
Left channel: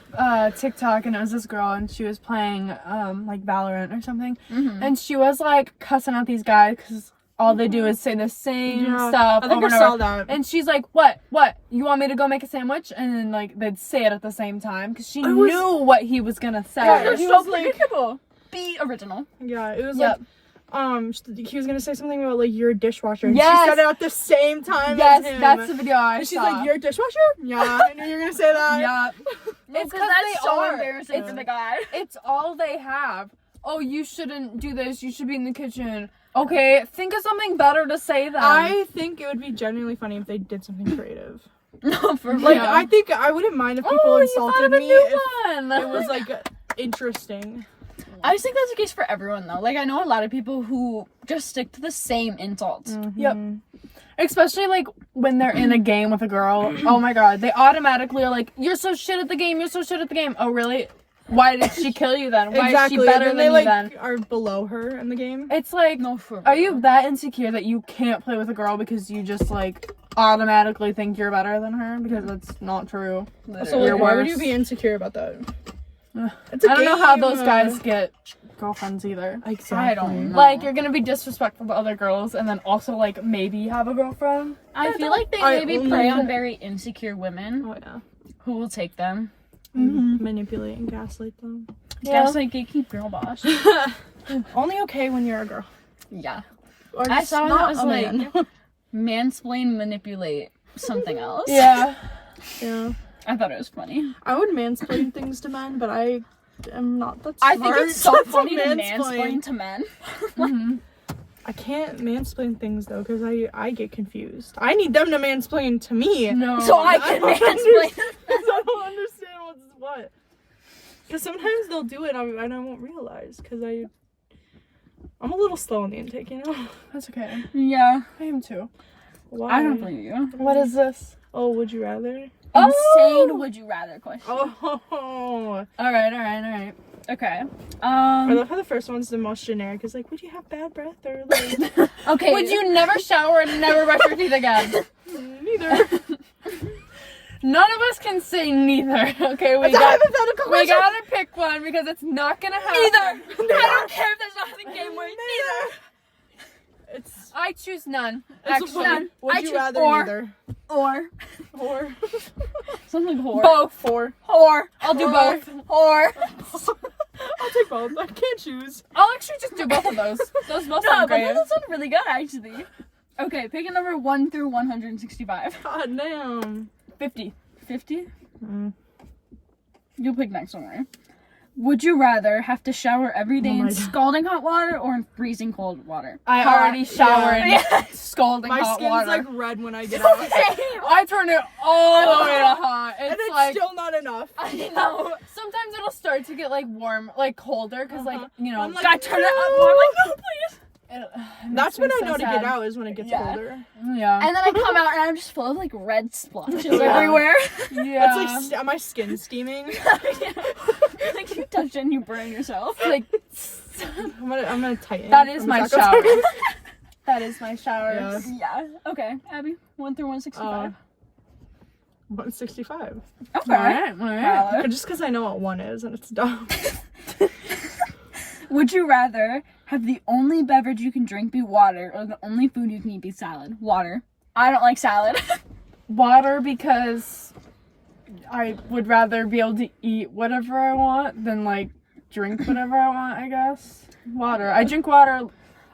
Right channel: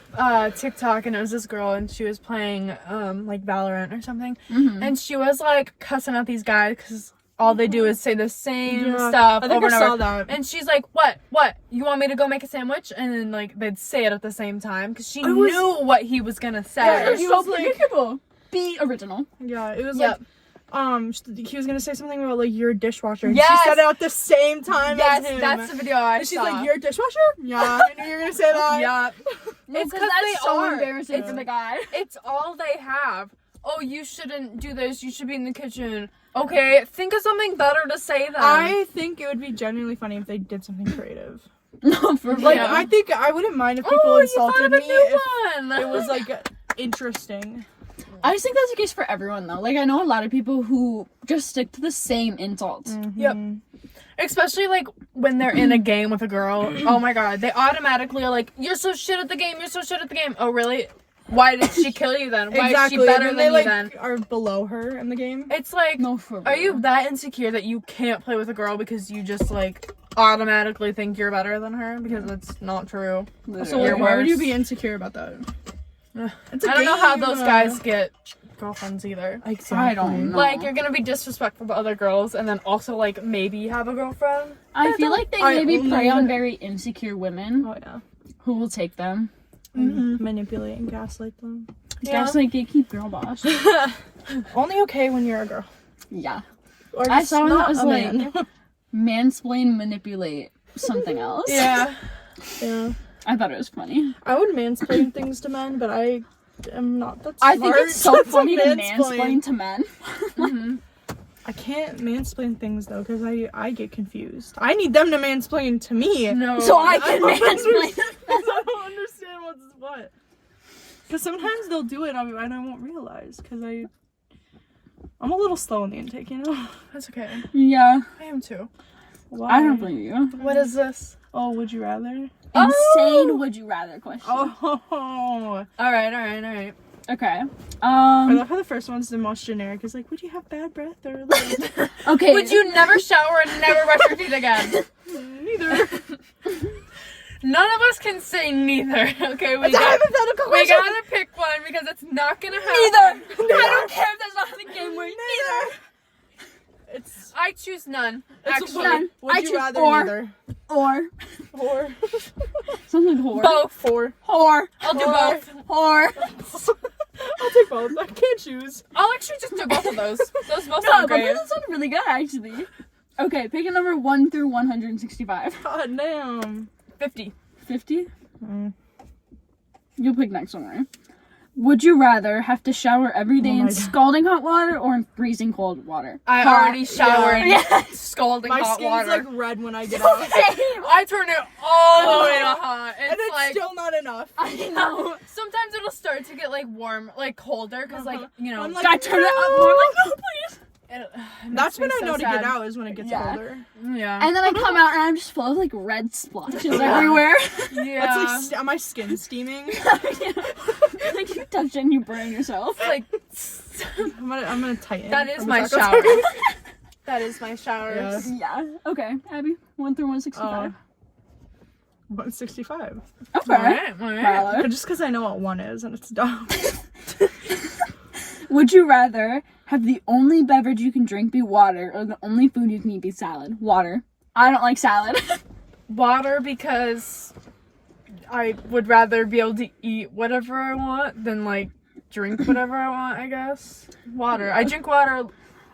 TikTok and it was this girl and she was playing like Valorant or something and she was like cussing out these guys because all they do is say the same stuff I think over I and saw over. that. And she's like, what you want me to go make a sandwich? And then like they'd say it at the same time because she was- knew what he was gonna say. Yeah, he he was was like- predictable. Be original. Yeah, it was Yep. like he was gonna say something about like you're a dishwasher. And Yes. she said it at the same time Yes, as him. that's the video I And she's saw. like, "You're a dishwasher?" Yeah, I knew you were gonna say that. Yeah. It's because that's they so are. embarrassing It's- for the guy. It's all they have. Oh, you shouldn't do this. You should be in the kitchen. Okay, think of something better to say then. I think it would be genuinely funny if they did something creative. No, for Like, Yeah. I think I wouldn't mind if people Oh, you insulted found a me new if one. it was like interesting. I just think that's the case for everyone though. Like I know a lot of people who just stick to the same insults. Yep. Especially like when they're in a game with a girl. Oh my god, they automatically are like, "You're so shit at the game. You're so shit at the game." Oh really? Why did she kill you then? Why Exactly. is she better and than they you then? are below her in the game. It's like, No, for are real. you that insecure that you can't play with a girl because you just like automatically think you're better than her? Because that's not true. So You're like, why would worse. you be insecure about that? Ugh. It's a I don't know how game. those guys get girlfriends either. Exactly. I don't know. Like, you're gonna be disrespectful to other girls and then also like maybe have a girlfriend. I feel like they I maybe only- prey on very insecure women Oh yeah. who will take them. Manipulate and gaslight them. Yeah. Gaslight, gatekeep, girl boss. Only okay when you're a girl. Yeah. Or I just saw one that not was a like man. mansplain, manipulate something else. Yeah. Yeah. I thought it was funny. I would mansplain things to men, but I am not that I smart. think it's so funny to mansplain. mansplain to men. Mhm. I can't mansplain things though, because I get confused. I need them to mansplain to me. No. So I can don't mansplain. I don't understand what's what. Because sometimes they'll do it and I won't realize. Because I'm a little slow on the intake, you know? That's okay. Yeah. I am too. Why? I don't blame you. What is this? Oh, would you rather? Insane would you rather question. Oh. Alright. Okay. I love how the first one's the most generic. It's like, would you have bad breath or like... Okay. Would you never shower and never brush your teeth again? Neither. None of us can say neither. Okay, It's a hypothetical we question. gotta pick one because it's not gonna happen. Neither. I don't care if there's not a game where neither. It's I choose none. it's Actually, none. would I you choose rather or. neither? Or Or something whore. both. four. Whore. I'll do Or. both. Whore. I'll take both. I can't choose. I'll actually just do both of those. Those both No, sound but great. that sounded really good actually. Okay, pick a number 1 through 165. God damn. 50. 50? Mm. You pick next one, right? Would you rather have to shower every day Oh my in God. scalding hot water or in freezing cold water? I Hot, already showered yeah. scalding My hot skin's water. like red when I get out. I turn it all the way to hot. And it's like, still not enough. I know. Sometimes it'll start to get like warm, like colder, because like, you know. I'm like, I turn it up no. more like, no, please. it That's makes when me I so know to sad. get out is when it gets Yeah. colder. Yeah. And then I come out and I'm just full of like red splotches Yeah. everywhere. Yeah. It's like my skin steaming. Like you touch it and you burn yourself. like I'm gonna tighten. that is I'm my not gonna- shower. That is my showers. Yeah. Yeah. Okay, Abby. 1 through 165. 165. Okay. Alright. But just because I know what one is and it's dumb. Would you rather have the only beverage you can drink be water or the only food you can eat be salad? Water. I don't like salad. Water, because I would rather be able to eat whatever I want than like drink whatever I want, I guess. Water. I drink water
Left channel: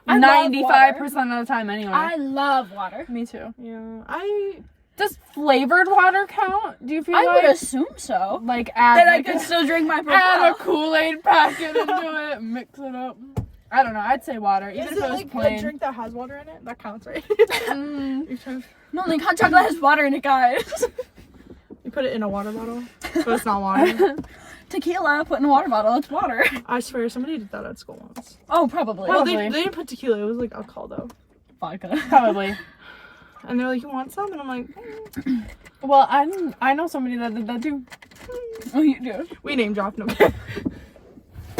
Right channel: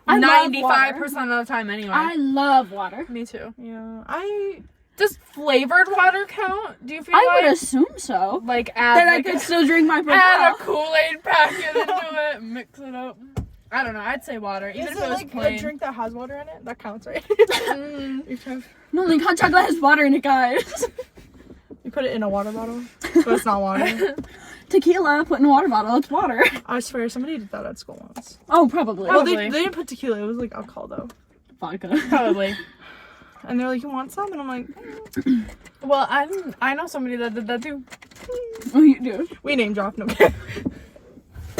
I love 95% of the time anyway. I love water. Me too. Yeah. I Does flavored water count? Do you feel I like would assume so. like add Then I like could a, still drink my add a Propel. Kool-Aid packet into it, mix it up? I don't know. I'd say water. Even Is if it it was like plain. a drink that has water in it? That counts, right? Mm. You're trying- No, the hot chocolate has water in it, guys. You put it in a water bottle, so it's not water. Tequila, put in a water bottle, it's water. I swear, somebody did that at school once. Oh, probably. Well, they Probably. didn't put tequila. It was like alcohol though. Vodka. Probably. And they're like, "You want some?" And I'm like, Well, I know somebody that did that too. Oh, you do? "We name drop, no."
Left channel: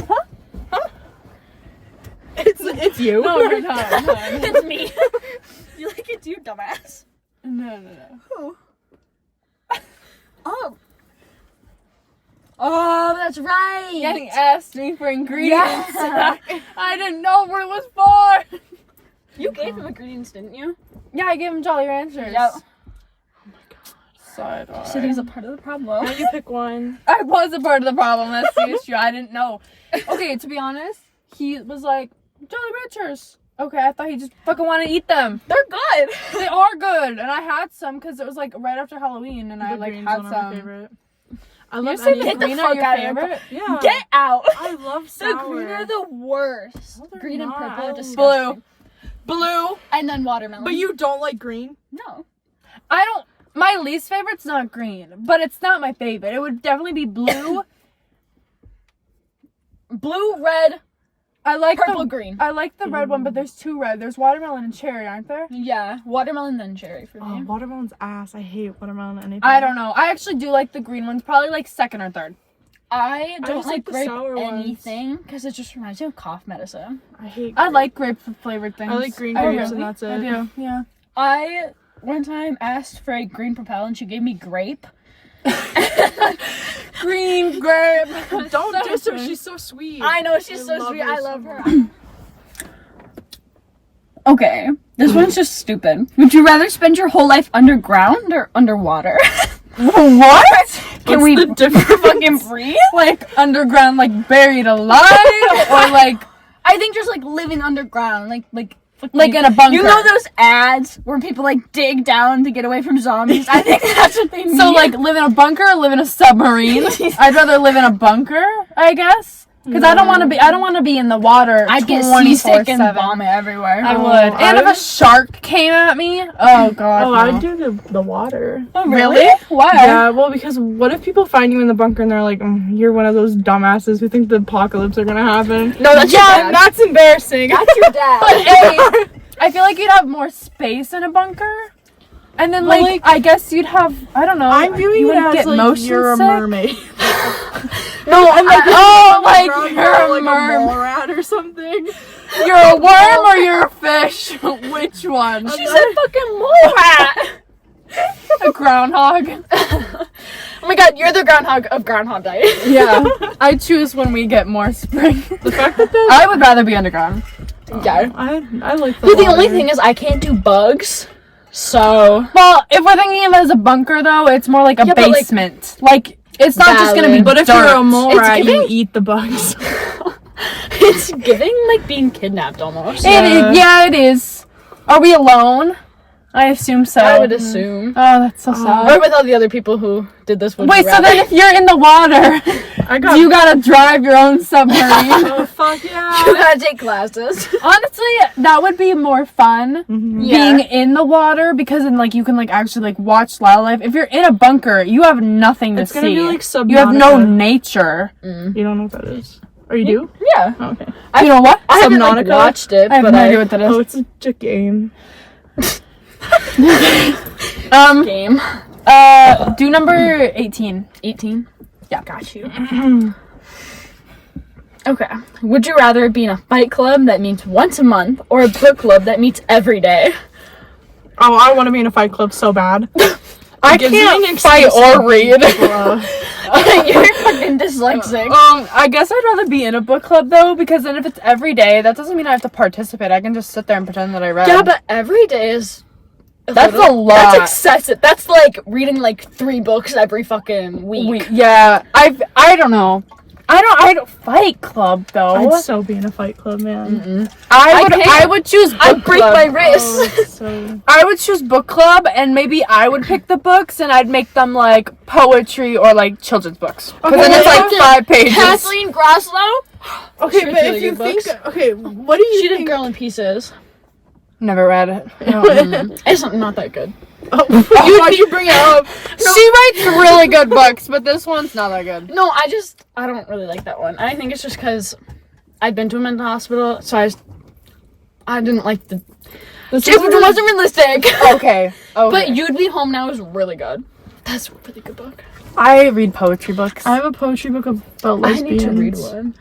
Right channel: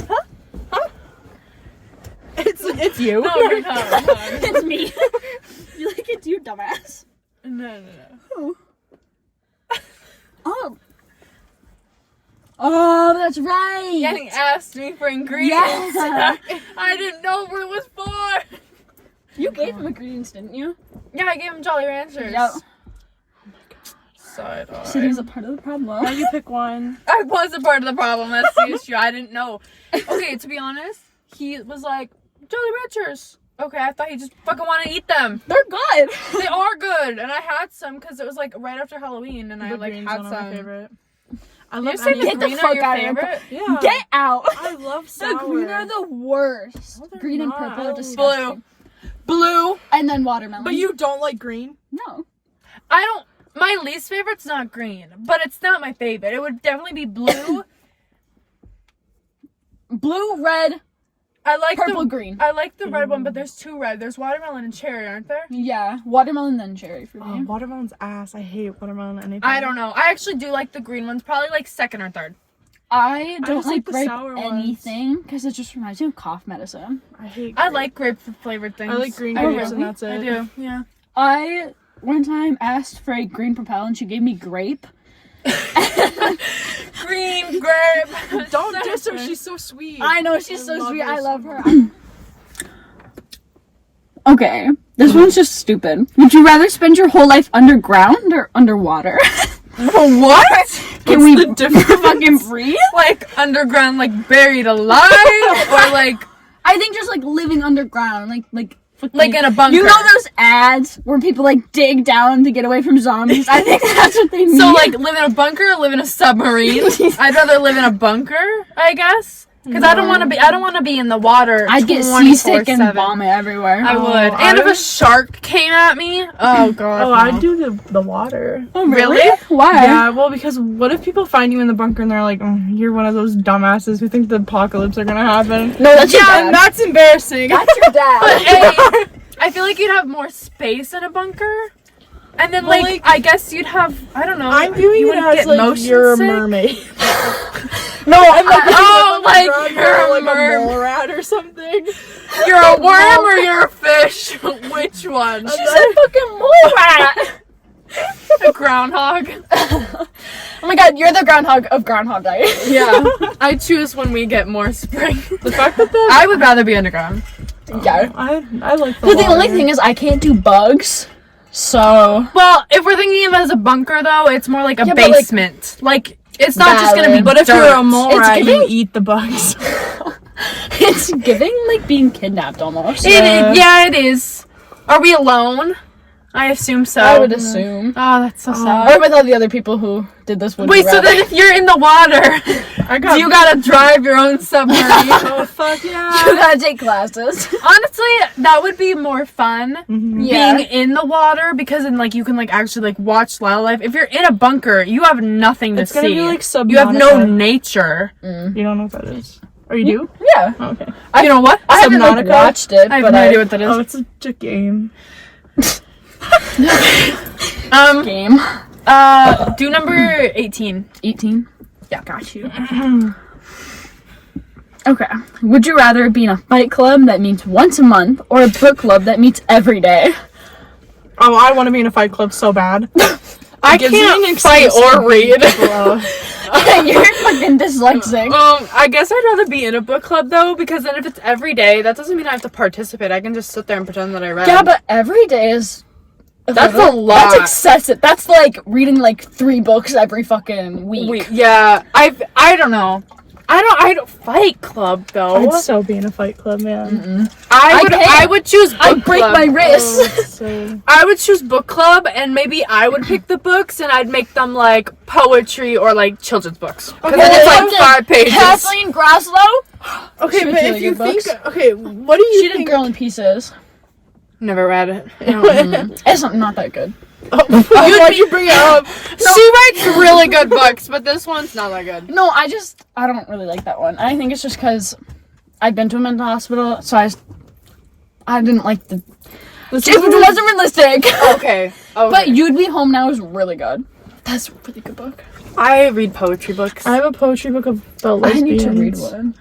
Huh? Huh? It's you. No, you're not. No, It's me. You like it's you, dumbass. no. Oh. Oh. Oh, that's right. Getting asked me for ingredients. Yeah. I didn't know what it was for. You gave him ingredients, didn't you? Yeah, I gave him Jolly Ranchers. Yep. Oh my god. Side So he was a part of the problem. Now you pick one. I was a part of the problem. That's the issue. I didn't know. Okay, to be honest, he was like, Jolly Ranchers. Okay, I thought he just fucking wanted to eat them. They're good. They are good, and I had some because it was like right after Halloween, and I The like green's had one of some. my favorite. I You love say any the Get the green fuck are your out of here. favorite? Yeah. Get out. I love The sour. green are the worst. No, they're Green and not. purple I are love disgusting. Blue. And then watermelon. But you don't like green? No. I don't. My least favorite's not green, but it's not my favorite. It would definitely be blue. Blue, red, I like purple, the. green. I like the red one, but there's two red. There's watermelon and cherry, aren't there? Yeah, watermelon then cherry for Oh, me. watermelon's ass. I hate watermelon anything. I don't know. I actually do like the green ones, probably like second or third. I don't just like like the grape sour ones. anything because it just reminds me of cough medicine. I hate I grape. like grape flavored things. I like green Oh, grapes really? and that's it. I do. Yeah. I one time asked for a green Propel and she gave me grape. Green grape. Don't diss her. She's so sweet. I know she's I so love sweet. her I so love her. much. Okay, this one's just stupid. Would you rather spend your whole life underground or underwater? What? Can What's we the difference? fucking breathe? Like underground, like buried alive, or like I think just like living underground, like in a bunker. You know those ads where people like dig down to get away from zombies? I think that's what they mean. So like live in a bunker, or live in a submarine. I'd rather live in a bunker, I guess, because I don't want to be. I don't want to be in the water. I'd get seasick and 24/7. vomit everywhere. I Oh, would. And if I- a shark came at me, oh god. Oh, no. I'd do the water. Oh, really? Why? Yeah, well, because what if people find you in the bunker and they're like, you're one of those dumbasses who think the apocalypse are gonna happen? No, that's your Yeah, dad. that's embarrassing. That's your dad. Hey, I feel like you'd have more space in a bunker. And then, Well, like, I guess you'd have, I don't know. I'm viewing you it wouldn't as get like motion you're a sick. mermaid. No, I'm like, oh, like, Ground, you're a like a mermaid. mole rat or something. You're a worm or you're a fish? Which one? She's a fucking mole rat. a groundhog. Oh my god, you're the groundhog of Groundhog Day. Yeah, I choose when we get more spring. The fact that the I would rather be underground. Yeah. I like the But the water. only thing is, I can't do bugs. So Well, if we're thinking of it as a bunker, though, it's more like a Yeah, but, like- basement. Like, it's not just gonna be. Valid. But if you're a dirt. mole It's rat, you giving- eat the bugs. it's giving like being kidnapped almost. Yeah, it is. Are we alone? I assume so. I would assume. Oh, that's so sad. Or with all the other people who did this one. Wait, so then if you're in the water, I got. you gotta drive your own submarine. Oh fuck you yeah. gotta take classes. Honestly, that would be more fun. Mhm. Yeah. Being in the water, because then like you can like actually like watch wildlife. If you're in a bunker, you have nothing to It's see. gonna be like Subnautica. You have no nature. You don't know what that is. Or you do? Yeah. Oh, okay. You know what? I haven't like, Subnautica? watched it, I have but no I idea what that is. Oh, it's a game. game. Do number 18. 18. Yeah. Got you. Okay. Would you rather be in a fight club that meets once a month or a book club that meets every day? Oh, I want to be in a fight club so bad. I gives me can't an fight excuse or to beat read. people up. You're fucking dyslexic. I guess I'd rather be in a book club though, because then if it's every day, that doesn't mean I have to participate. I can just sit there and pretend that I read. Yeah, but every day is... That's a lot. That's excessive. That's like reading like 3 books every fucking week. Yeah, I don't know. I don't Fight Club though. I'd so be in a Fight Club, man. I would choose book I'd break club. my wrist. Oh, so I would choose book club, and maybe I would pick the books, and I'd make them like poetry or like children's books. Okay, then it's like okay. 5 pages. Kathleen Graslow. okay, She but makes if really you good think, books. okay, what do you She did think? Girl in Pieces. Never read it. It's not that good. Why'd you bring it up? She writes really good books, but this one's not that good. No, I don't really like that one. I think it's just because I've been to a mental hospital, so I didn't like the. It wasn't realistic. Okay. But You'd Be Home Now is really good. That's a really good book. I read poetry books. I have a poetry book about I lesbians. need to read one.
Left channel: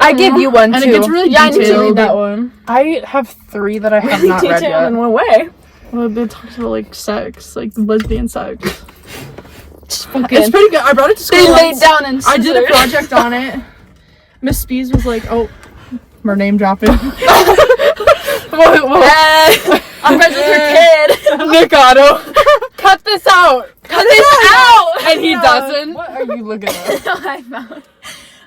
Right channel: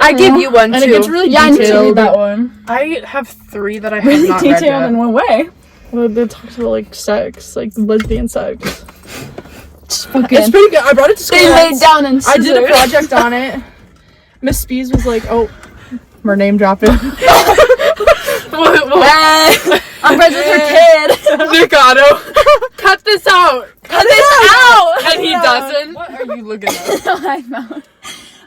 I give you one And too. it gets really Yeah, I need to read detailed. that one. I have 3 that I have Really not read detailed yet. in what way? Well, it talks about like sex, like lesbian sex. Okay. It's pretty good. I brought it to school. They once. laid down and I did a scissors. project on it. Miss Spees was like, "Oh, we're name dropping." I'm friends with your kid. Mikado. Cut this out. Cut it out. And he No. doesn't. What are you looking at?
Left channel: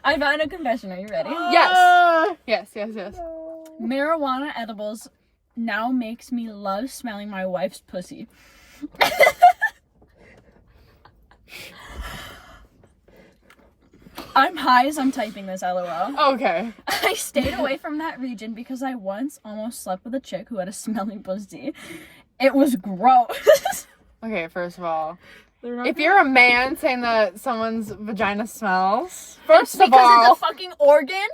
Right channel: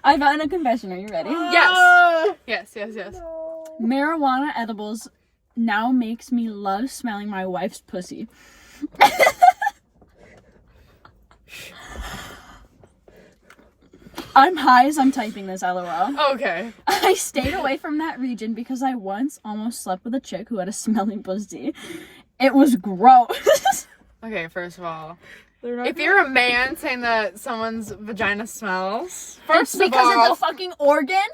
I found a confession. Are you ready? Yes. Yes. Marijuana edibles now makes me love smelling my wife's pussy. I'm high as I'm typing this, LOL. Okay. I stayed away from that region because I once almost slept with a chick who had a smelly pussy. It was gross. Okay, first of all, They're not if gonna- you're a man saying that someone's vagina smells, It's first of because all, it's a fucking organ.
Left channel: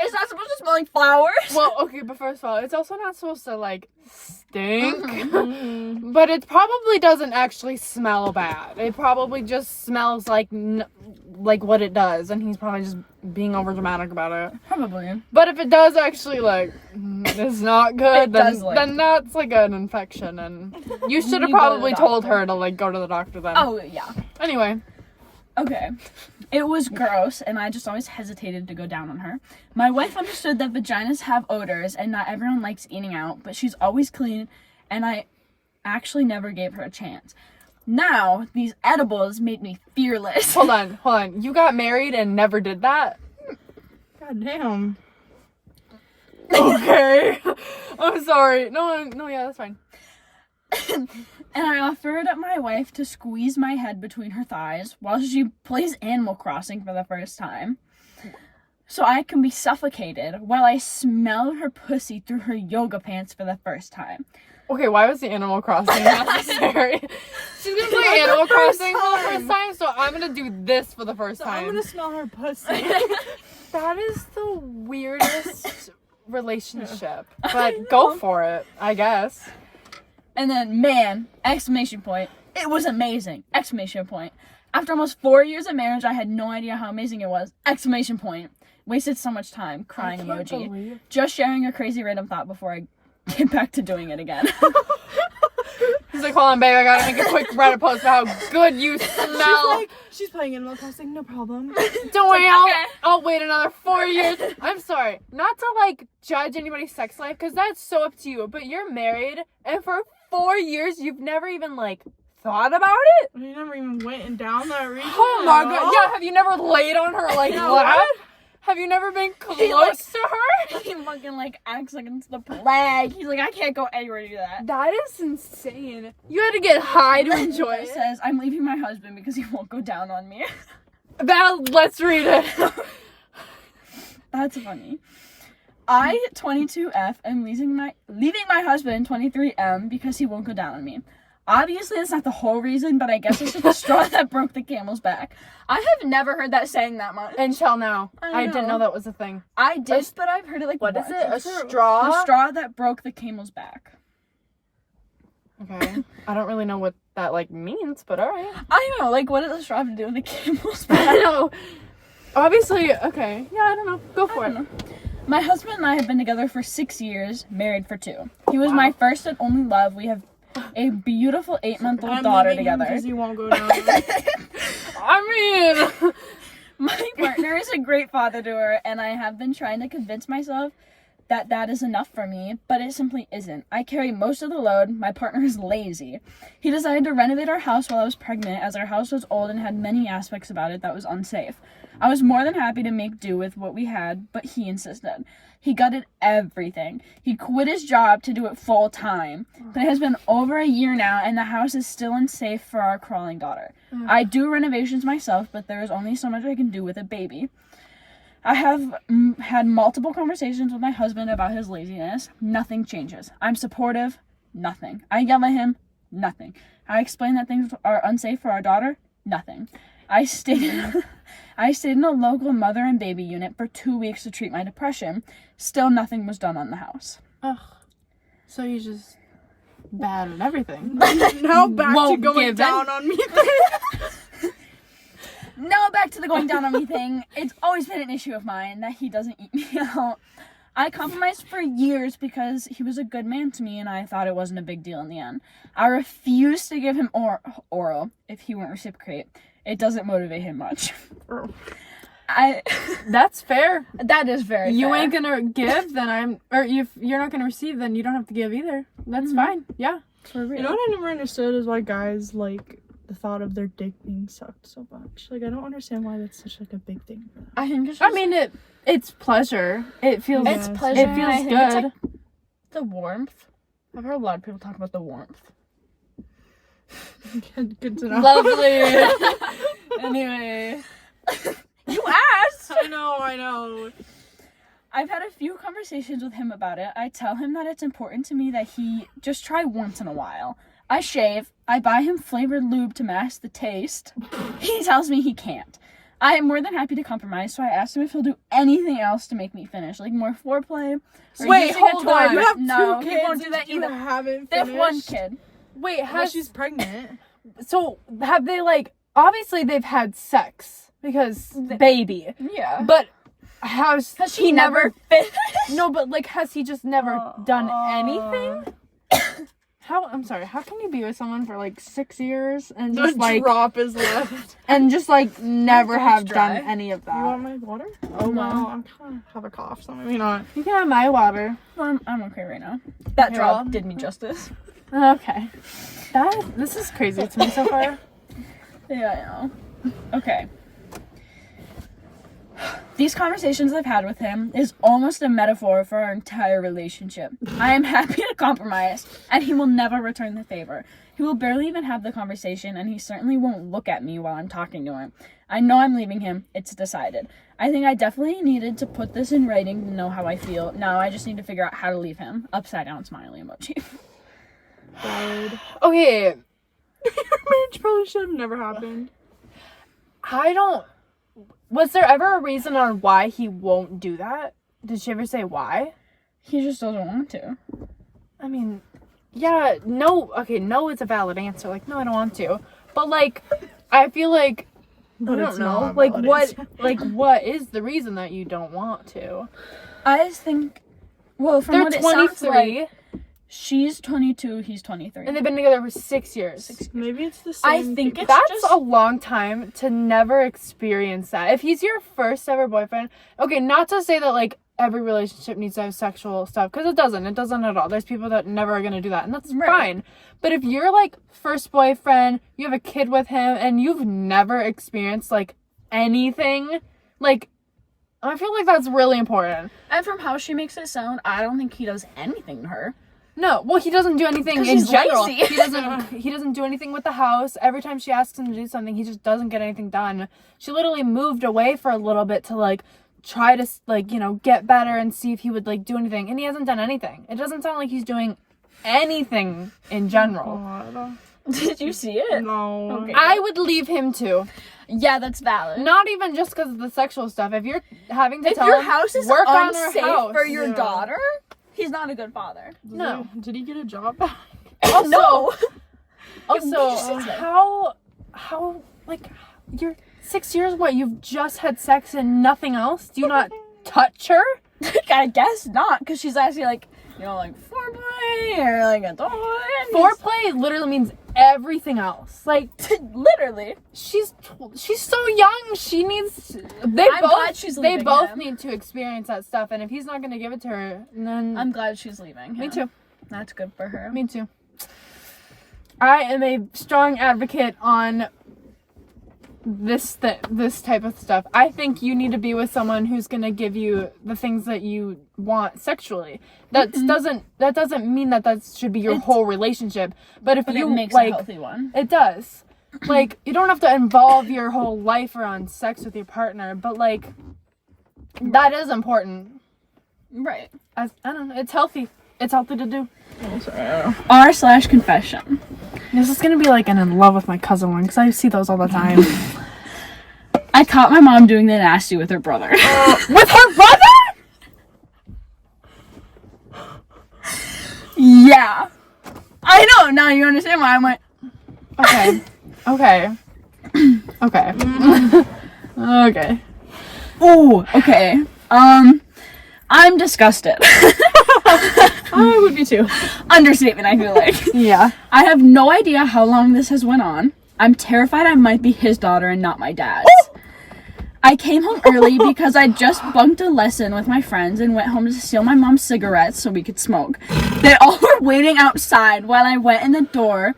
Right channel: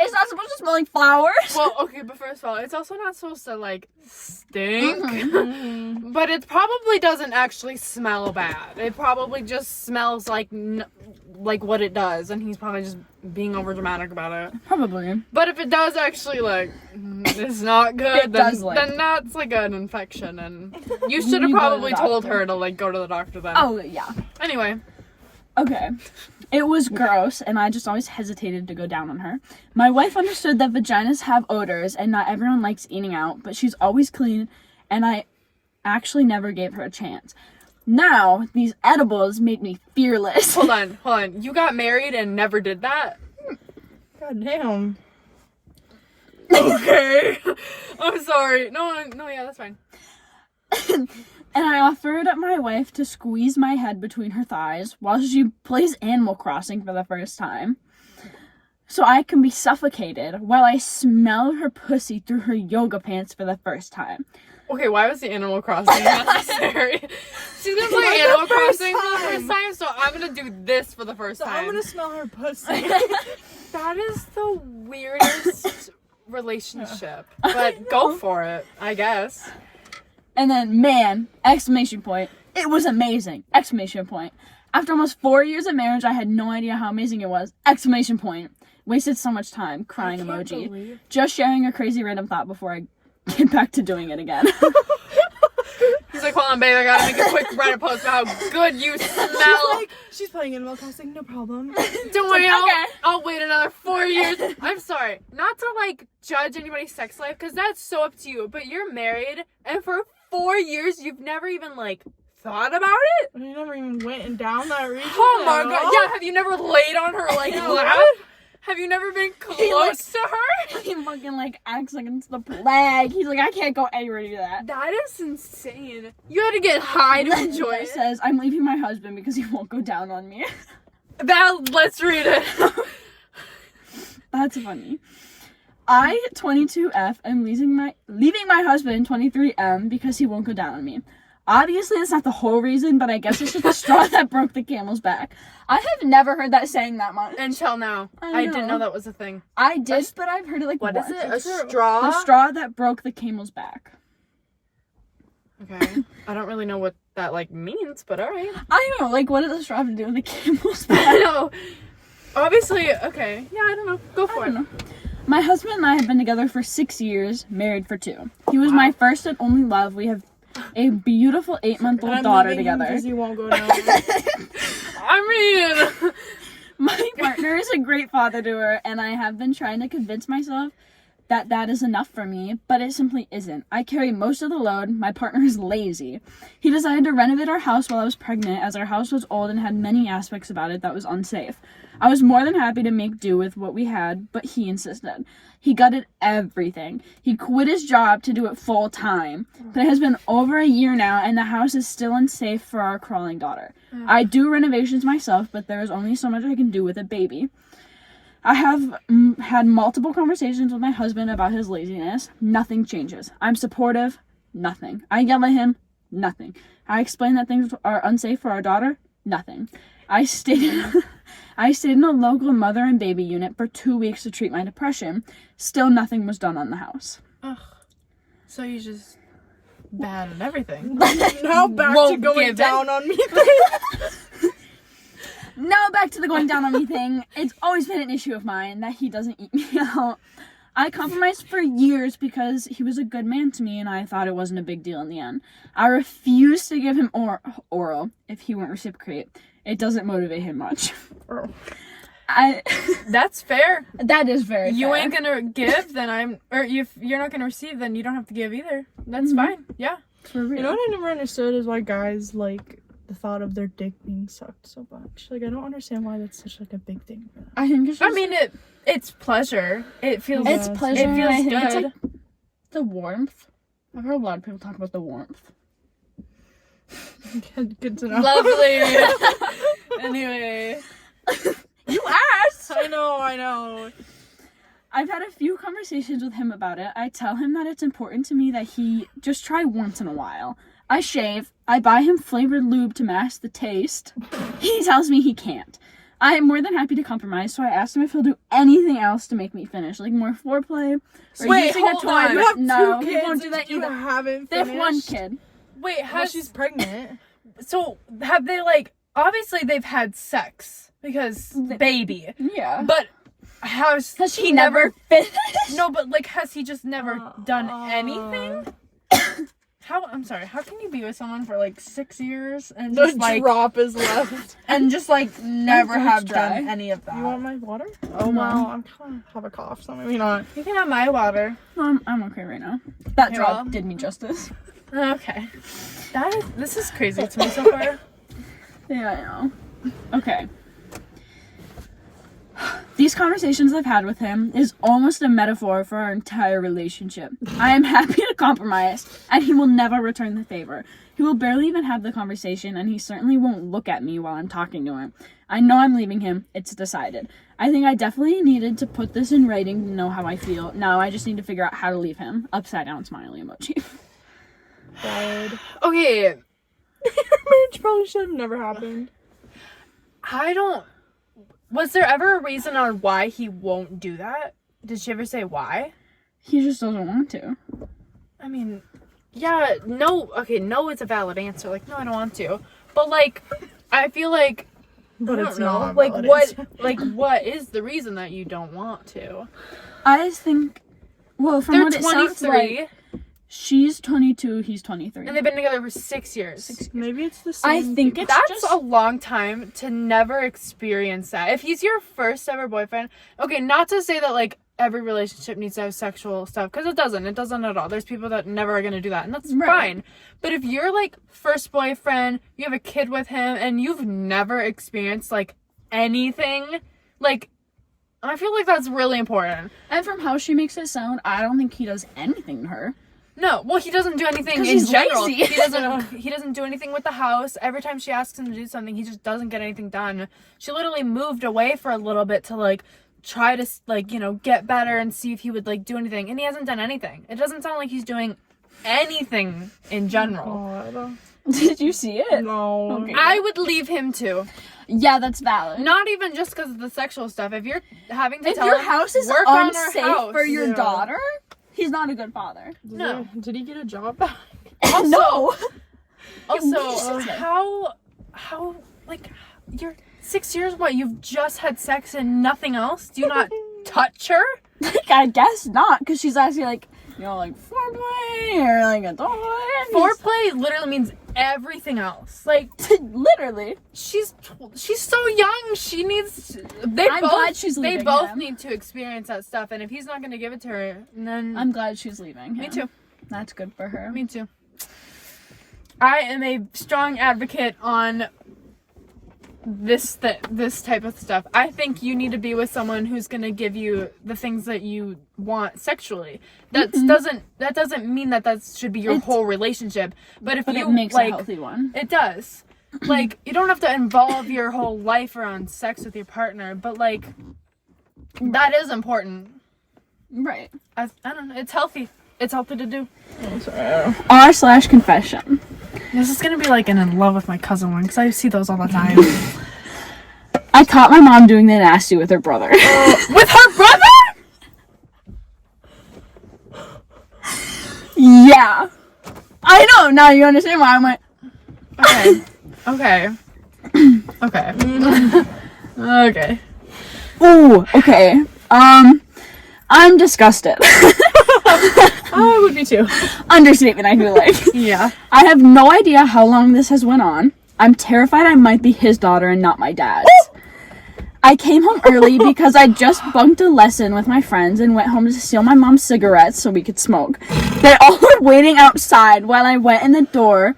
It's not supposed to smell like flowers. well, okay, but first of all, it's also not supposed to like stink. Mhm. But it probably doesn't actually smell bad. It probably just smells like like what it does, and he's probably just being over dramatic about it. Probably. But if it does actually like it's not good, It then, does, like- then that's like an infection, and you should have You go to probably the told doctor. her to like go to the doctor then. Oh, yeah. Anyway, Okay. It was gross, and I just always hesitated to go down on her. My wife understood that vaginas have odors, and not everyone likes eating out, but she's always clean, and I actually never gave her a chance. Now, these edibles made me fearless. hold on. You got married and never did that? God damn. Okay. I'm sorry. No, yeah, that's fine. And I offered my wife to squeeze my head between her thighs while she plays Animal Crossing for the first time. So I can be suffocated while I smell her pussy through her yoga pants for the first time. Okay, why was the Animal Crossing necessary? She's gonna play Animal Crossing for the first time, so I'm gonna do this for the first So time. I'm gonna smell her pussy. That is the weirdest relationship. But go for it, I guess. And then, man, exclamation point. It was amazing. Exclamation point. After almost 4 years of marriage, I had no idea how amazing it was. Exclamation point. Wasted so much time. Crying emoji. Just sharing a crazy random thought before I get back to doing it again. He's like, hold on, babe, I gotta make a quick Reddit post about how good you smell. She's playing Animal Crossing, no problem. Don't worry, okay. I'll wait another 4 years. I'm sorry, not to like judge anybody's sex life, because that's so up to you, but you're married, and for 4 years, you've never even like thought about it? You never even went and down that region. Oh my at god, all? yeah, have you never laid on her like Yeah, lap? what? Have you never been close to her? He fucking like acts like it's the plague. He's like, I can't go anywhere to do that. That is insane. You had to get high to enjoy It it. says, I'm leaving my husband because he won't go down on me. Let's read it. That's funny. I, 22F, am leaving my husband, 23M, because he won't go down on me. Obviously, that's not the whole reason, but I guess it's just the straw that broke the camel's back. I have never heard that saying that much. Until now. I I didn't know. know that was a thing. I did, but I've heard it like What is once. it? A straw? The straw that broke the camel's back. Okay. I don't really know what that like means, but alright. I know, like, what does a straw have to do with the camel's I back? know. Obviously, okay. Yeah, I don't know. Go for I it. don't know. My husband and I have been together for 6 years, married for 2. He was my first and only love. We have a beautiful 8-month-old I'm daughter leaving him together. because he won't go down. I mean, My partner is a great father to her, and I have been trying to convince myself that is enough for me, but it simply isn't. I carry most of the load. My partner is lazy. He decided to renovate our house while I was pregnant, as our house was old and had many aspects about it that was unsafe. I was more than happy to make do with what we had, but he insisted. He gutted everything. He quit his job to do it full time. But it has been over a year now, and the house is still unsafe for our crawling daughter. I do renovations myself, but there is only so much I can do with a baby. I have had multiple conversations with my husband about his laziness. Nothing changes. I'm supportive. Nothing. I yell at him. Nothing. I explain that things are unsafe for our daughter. Nothing. I stayed in a local mother and baby unit for 2 weeks to treat my depression. Still nothing was done on the house. Ugh. So you just bad at everything. Now back to Won't going give down on me. Now back to the going down on me thing. It's always been an issue of mine that he doesn't eat me out. I compromised for years because he was a good man to me and I thought it wasn't a big deal in the end. I refused to give him oral if he won't reciprocate. It doesn't motivate him much. That's fair. That is very You fair. ain't gonna give, then if you're not gonna receive, then you don't have to give either. That's fine. Yeah. For real. You know what I never understood is why guys like the thought of their dick being sucked so much. Like, I don't understand why that's such like a big thing for them. I think it's I mean, it's pleasure. It feels. it's Yes. pleasure. It and feels I think good. It's like the warmth. I've heard a lot of people talk about the warmth. Good to know. Lovely. Anyway, You asked! I know. I've had a few conversations with him about it. I tell him that it's important to me that he just try once in a while. I shave. I buy him flavored lube to mask the taste. He tells me he can't. I am more than happy to compromise, so I asked him if he'll do anything else to make me finish, like more foreplay. Or Wait, using a hold toy. on. You have No, two he kids won't do that and you either. haven't They have finished. one kid. wait. Well, she's pregnant. So have they obviously they've had sex because baby, Yeah. but has he never finished? No, but has he just never done Uh, anything? I'm sorry, how can you be with someone for 6 years and The just drop is left. never throat's have dry. done any of that? You want my water? Oh, No. well, I'm kind of have a cough, so maybe not. You can have my water. I'm okay right now. That Okay, drop well. did me justice. Okay. This is crazy to me so far. Yeah, I know. Okay. These conversations I've had with him is almost a metaphor for our entire relationship. I am happy to compromise, and he will never return the favor. He will barely even have the conversation, and he certainly won't look at me while I'm talking to him. I know I'm leaving him. It's decided. I think I definitely needed to put this in writing to know how I feel. Now I just need to figure out how to leave him. Upside down smiley emoji. Valid. Okay, Your marriage probably should have never happened. was there ever a reason on why he won't do that? Did she ever say why? He just doesn't want to. I mean, yeah, no, okay, no is a valid answer. No, I don't want to. But I feel But I it's don't know. not. a valid answer. What is the reason that you don't want to? I think, well, from They're what it sounds 23 like, she's 22, he's 23. and they've been together for 6 years. Maybe it's the same. I think thing. it's That's just a long time to never experience that. If he's your first ever boyfriend, okay, not to say that every relationship needs to have sexual stuff, because it doesn't at all. There's people that never are gonna do that, and that's Right. fine. But if you're first boyfriend, you have a kid with him, and you've never experienced anything, I feel that's really important. And from how she makes it sound, I don't think he does anything to her. No, well, he doesn't do anything 'Cause in he's general. lazy. He doesn't do anything with the house. Every time she asks him to do something, he just doesn't get anything done. She literally moved away for a little bit to try to get better and see if he would do anything, and he hasn't done anything. It doesn't sound like he's doing anything in general. God. Did you see it? No. Okay. I would leave him too. Yeah, that's valid. Not even just because of the sexual stuff. If you're having to If tell your him, house is work on unsafe our house. for your Yeah. daughter, he's not a good father. No. Did he get a job back? Also, No. Also, how you're 6 years, what, you've just had sex and nothing else? Do you not touch her? I guess not, because she's actually foreplay or a toy. and he's- Foreplay literally means everything else. Like, Literally. she's so young. She needs. I'm glad she's They leaving both him. need to experience that stuff. And if he's not gonna give it to her, then I'm glad she's leaving. me him. too. That's good for her. Me too. I am a strong advocate on this type of stuff. I think you need to be with someone who's gonna give you the things that you want sexually. That doesn't mean that should be your whole relationship. But if you it makes like, a healthy one. it does. Like, you don't have to involve your whole life around sex with your partner, but like, that is important. Right. I don't know. It's healthy. It's healthy to do. R/confession. This is gonna be like an in love with my cousin one, because I see those all the time. I caught my mom doing the nasty with her brother. With her brother? Yeah. I know. Now you understand why I went. Okay. Okay. Okay. Okay. Ooh. Okay. I'm disgusted. I would be too. Understatement, I feel like. Yeah. I have no idea how long this has went on. I'm terrified I might be his daughter and not my dad's. I came home early because I just bunked a lesson with my friends and went home to steal my mom's cigarettes so we could smoke. They all were waiting outside while I went in the door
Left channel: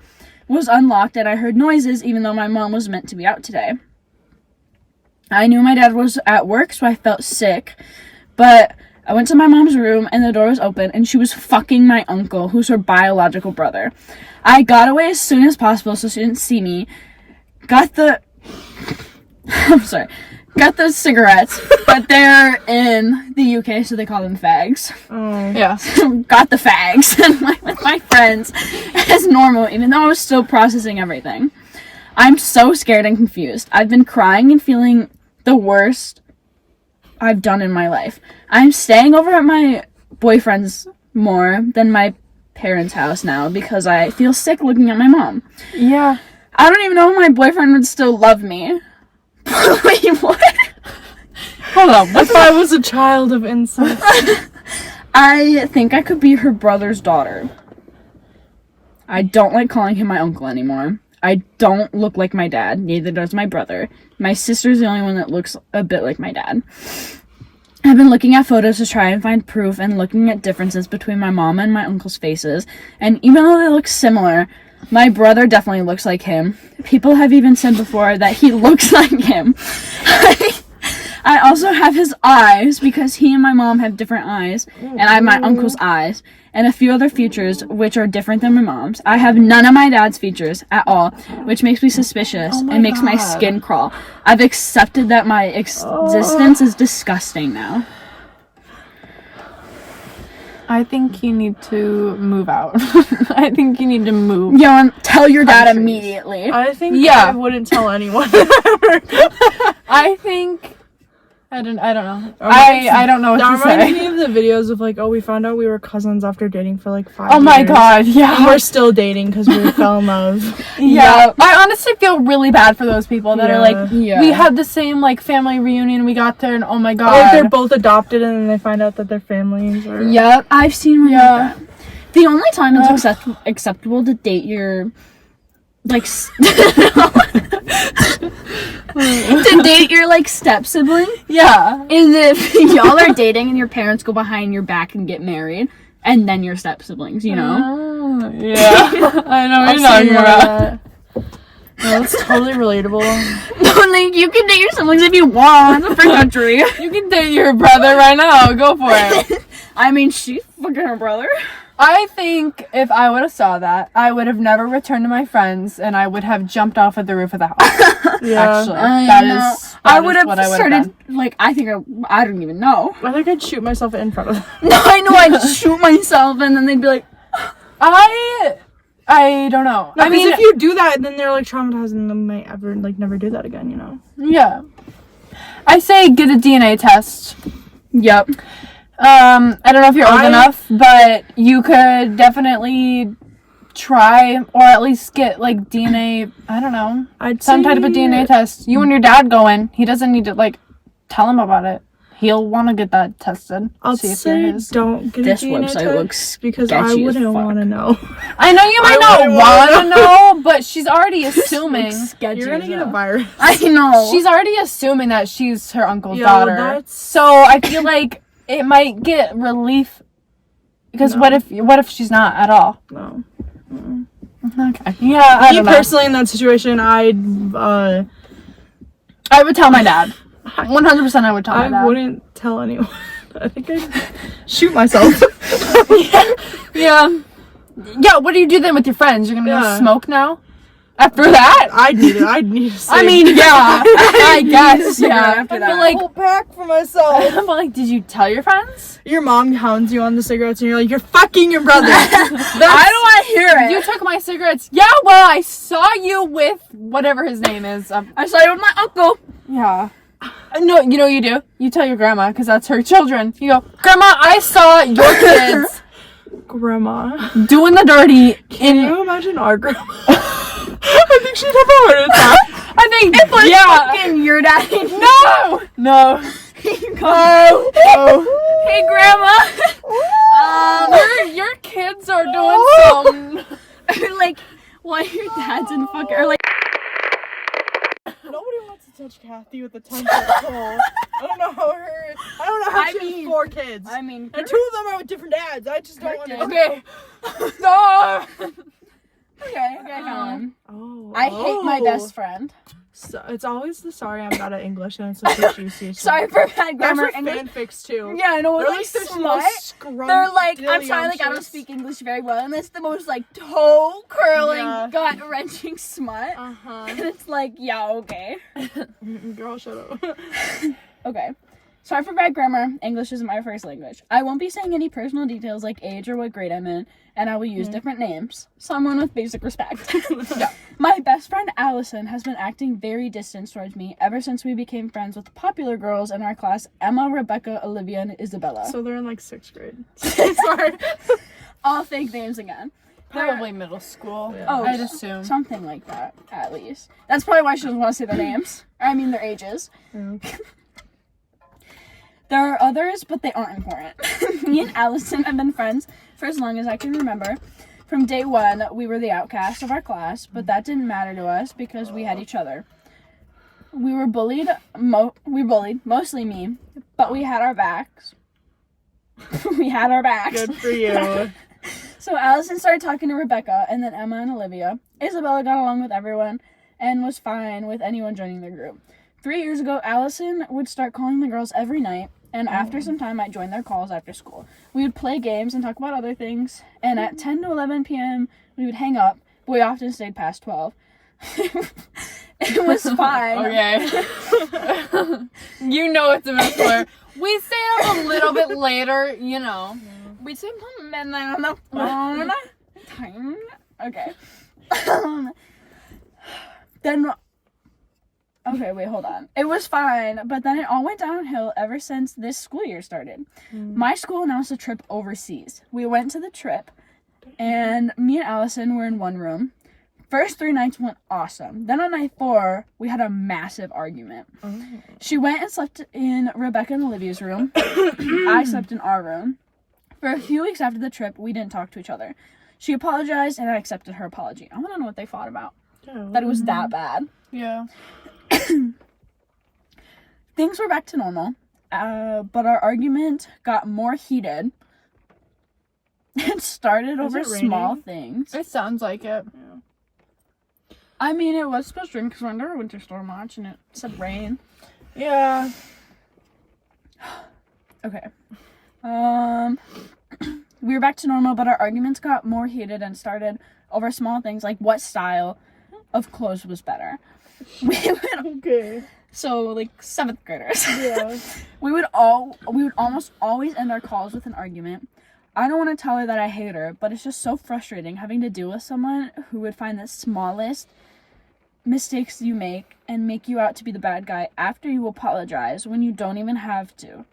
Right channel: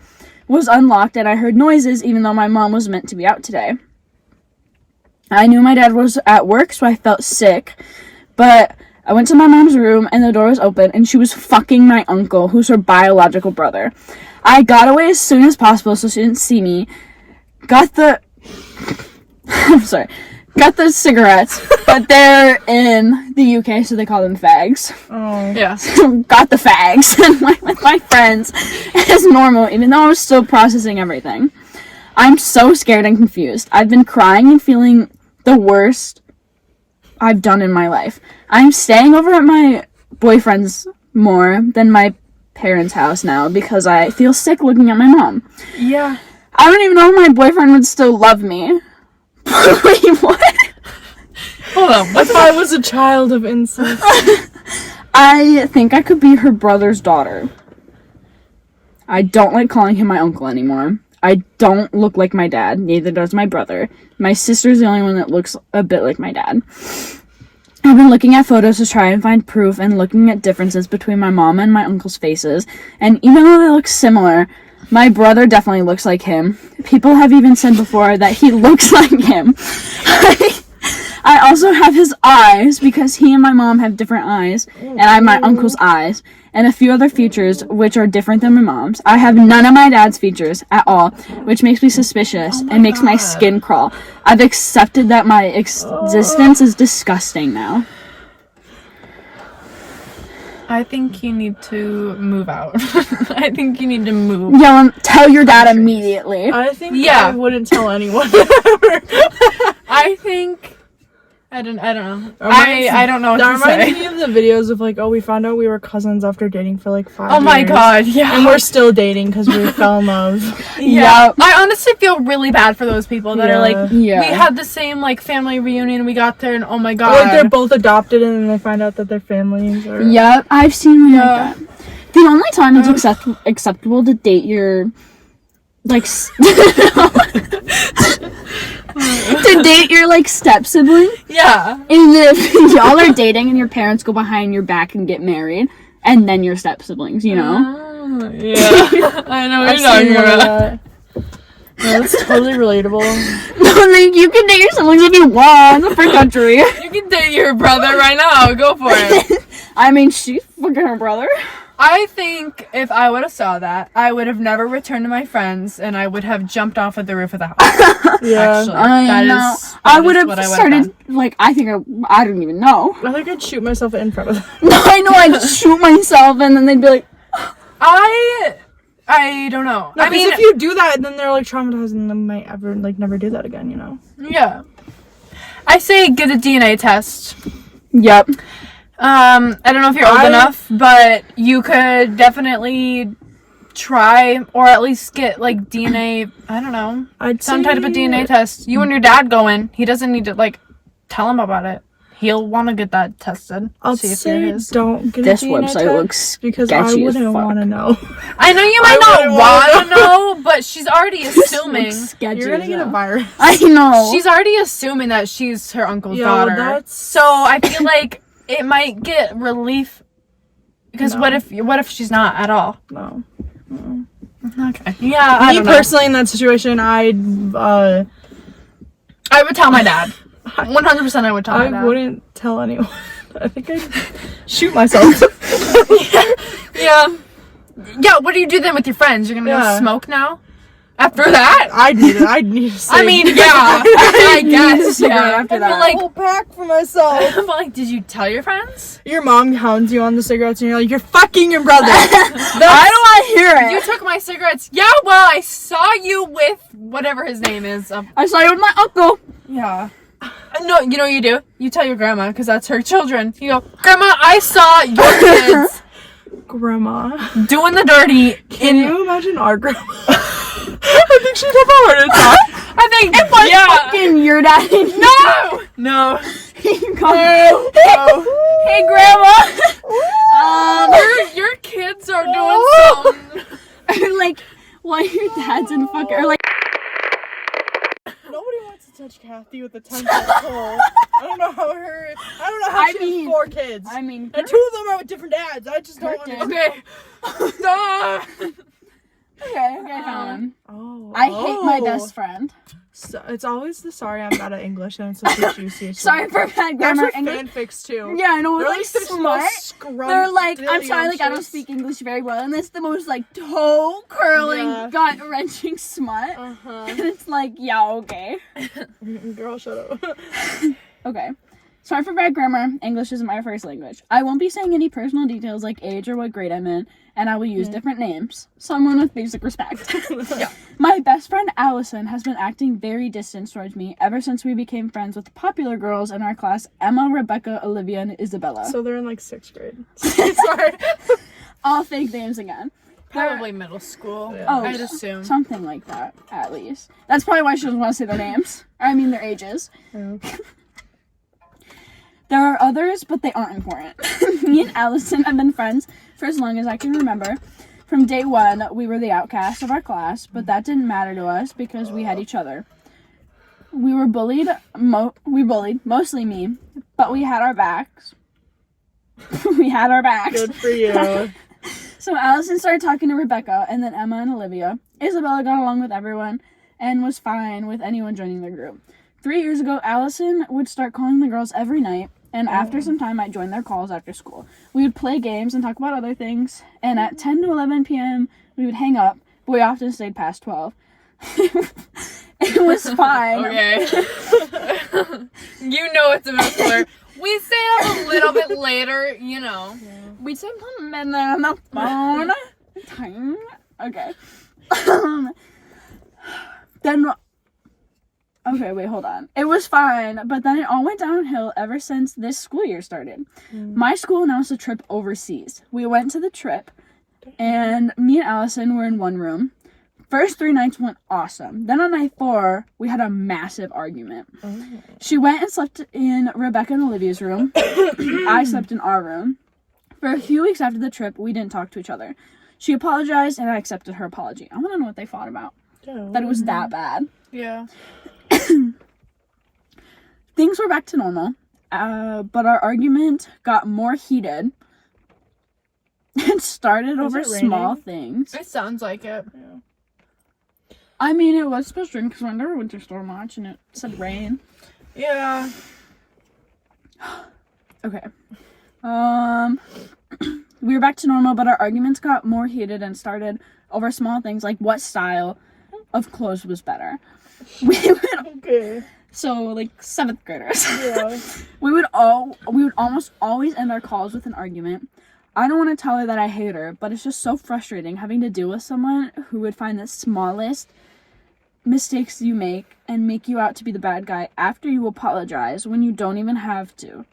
was unlocked and I heard noises even though my mom was meant to be out today. I knew my dad was at work, so I felt sick, but I went to my mom's room and the door was open and she was fucking my uncle, who's her biological brother. I got away as soon as possible so she didn't see me. Got the cigarettes, but they're in the UK, so they call them fags. Oh. Yeah. Got the fags with my friends as normal, even though I'm still processing everything. I'm so scared and confused. I've been crying and feeling the worst I've done in my life. I'm staying over at my boyfriend's more than my parents' house now because I feel sick looking at my mom. Yeah. I don't even know if my boyfriend would still love me. Wait, what? Hold on. If I was a child of incest. I think I could be her brother's daughter. I don't like calling him my uncle anymore. I don't look like my dad, neither does my brother. My sister's the only one that looks a bit like my dad. I've been looking at photos to try and find proof and looking at differences between my mom and my uncle's faces, and even though they look similar, my brother definitely looks like him. People have even said before that he looks like him. I also have his eyes, because he and my mom have different eyes, and I have my uncle's eyes, and a few other features which are different than my mom's. I have none of my dad's features at all, which makes me suspicious and makes my skin crawl. I've accepted that my existence is disgusting now. I think you need to move out. I think you need to move. Yeah, tell your dad immediately. I think Yeah. I wouldn't tell anyone. I think. I don't know. Reminds- I don't know what That to reminds say. me of the videos of like, oh, we found out we were cousins after dating for like 5 years. Oh my god, yeah. And we're still dating because we fell in love. Yeah. I honestly feel really bad for those people that are like, Yeah. we had the same like family reunion, we got there and oh my Or, god. like they're both adopted and then they find out that they're families. Or... Yep, I've seen one Yeah. like that. The only time it's acceptable to date your, like, to date your, like, step-sibling Yeah. is if y'all are dating and your parents go behind your back and get married, and then your step-siblings, you know? Oh, yeah. I know what I've you're talking seen one of about. that. No, it's totally relatable. Like, you can date your siblings if you want. It's a free country. You can date your brother right now. Go for it. I mean, she's fucking her brother. I think if I would have saw that, I would have never returned to my friends and I would have jumped off of the roof of the house. Yeah. Actually, I know. that I is would have what I would've started, done. like, I don't even know. I think I'd shoot myself in front of them. No, I know, I'd shoot myself and then they'd be like, I don't know. No, I because mean, if you do that, then they're like traumatized and they might ever like never do that again. You know. yeah. I say get a DNA test. yep. I don't know if you're old I- enough, but you could definitely try or at least get like DNA. I don't know, I'd some say, type of DNA test. You and your dad go in. He doesn't need to like tell him about it. he'll want to get that tested. I'll see if say you're his. don't get a This DNA website test looks because I sketchy as wouldn't fuck. want to know. I know you might I not wouldn't want to wanna know, but she's already assuming. Sketchy You're gonna as get a hell. virus. I know. She's already assuming that she's her uncle's Yo, daughter. that's- So I feel like it might get relief. Because No. what if she's not at all? No. Okay. Yeah, I Me don't know. personally, in that situation, I would tell my dad. 100% I would tell my dad. I wouldn't tell anyone. I think I'd shoot myself. Yeah. Yeah, what do you do then with your friends? You're gonna Yeah. go smoke now? After that? I'd need it. I'd need to I mean, yeah. I guess, yeah. After that. But like, pack for myself. but like, did you tell your friends? Your mom hounds you on the cigarettes, and you're like, you're fucking your brother. I don't want to hear it. You took my cigarettes. Yeah, well, I saw you with whatever his name is. I saw you with my uncle. Yeah. No, you know what you do? You tell your grandma, because that's her children. You go, Grandma, I saw your kids Grandma. doing the dirty. Can you imagine our grandma? I think she'd have a heart attack. I think, yeah. Fucking your daddy. No! No. No. Hey, Grandma. Your kids are doing some. Like, why your dad's in fucking, or like, Nobody wants to touch Kathy with a 10-foot pole. I don't know how I she mean- has 4 kids. I mean, And 2 of them are with different dads. I just don't want to. Okay. Stop. okay, fine. Oh. I hate my best friend. So, it's always the sorry I'm bad at English and it's the juicy. Sorry for bad That's grammar. with English. fanfics too. Yeah, I know. They're Like, like the smart. most They're like, I'm sorry, like I don't speak English very well, and it's the most like toe curling, Yeah. gut wrenching smut. Uh-huh. And it's like, yeah, okay. Girl, shut up. Okay. Sorry for bad grammar. English isn't my first language. I won't be saying any personal details like age or what grade I'm in, and I will use different names. Someone with basic respect. Yeah. My best friend Allison has been acting very distant towards me ever since we became friends with the popular girls in our class, Emma, Rebecca, Olivia, and Isabella. So they're in like 6th grade. Sorry. All fake names again. Probably middle school. Yeah. Oh, I'd assume. something like that, at least. That's probably why she doesn't want to say their names. I mean, their ages. There are others, but they aren't important. Me and Allison have been friends for as long as I can remember. From day one, we were the outcasts of our class, but that didn't matter to us because we had each other. We were bullied, mostly me, but we had our backs. We had our backs. Good for you. So Allison started talking to Rebecca, and then Emma and Olivia. Isabella got along with everyone and was fine with anyone joining the group. 3 years ago, Allison would start calling the girls every night, and after some time, I'd join their calls after school. We would play games and talk about other things, and at 10 to 11 p.m., we would hang up, but we often stayed past 12. It was fine. Okay. You know it's a middle schooler. We stay up a little bit later, you know. We spent a minute on the phone. Time. Okay. Then. Okay, wait, hold on. It was fine, but then it all went downhill ever since this school year started. My school announced a trip overseas. We went to the trip, and me and Allison were in one room. First 3 nights went awesome. Then on night 4, we had a massive argument. She went and slept in Rebecca and Olivia's room. I slept in our room. For a few weeks after the trip, we didn't talk to each other. She apologized, and I accepted her apology. I want to know what they fought about. That it was that bad. Yeah. Things were back to normal, but our argument got more heated. It started Is over it raining? small things. It sounds like it. I mean, it was supposed to rain because we're under a winter storm watch, and it said rain. Yeah. Okay. We were back to normal, but our arguments got more heated and started over small things like what style of clothes was better. Okay. So, like, 7th graders. Yeah. We would almost always end our calls with an argument. I don't want to tell her that I hate her, but it's just so frustrating having to deal with someone who would find the smallest mistakes you make and make you out to be the bad guy after you apologize when you don't even have to.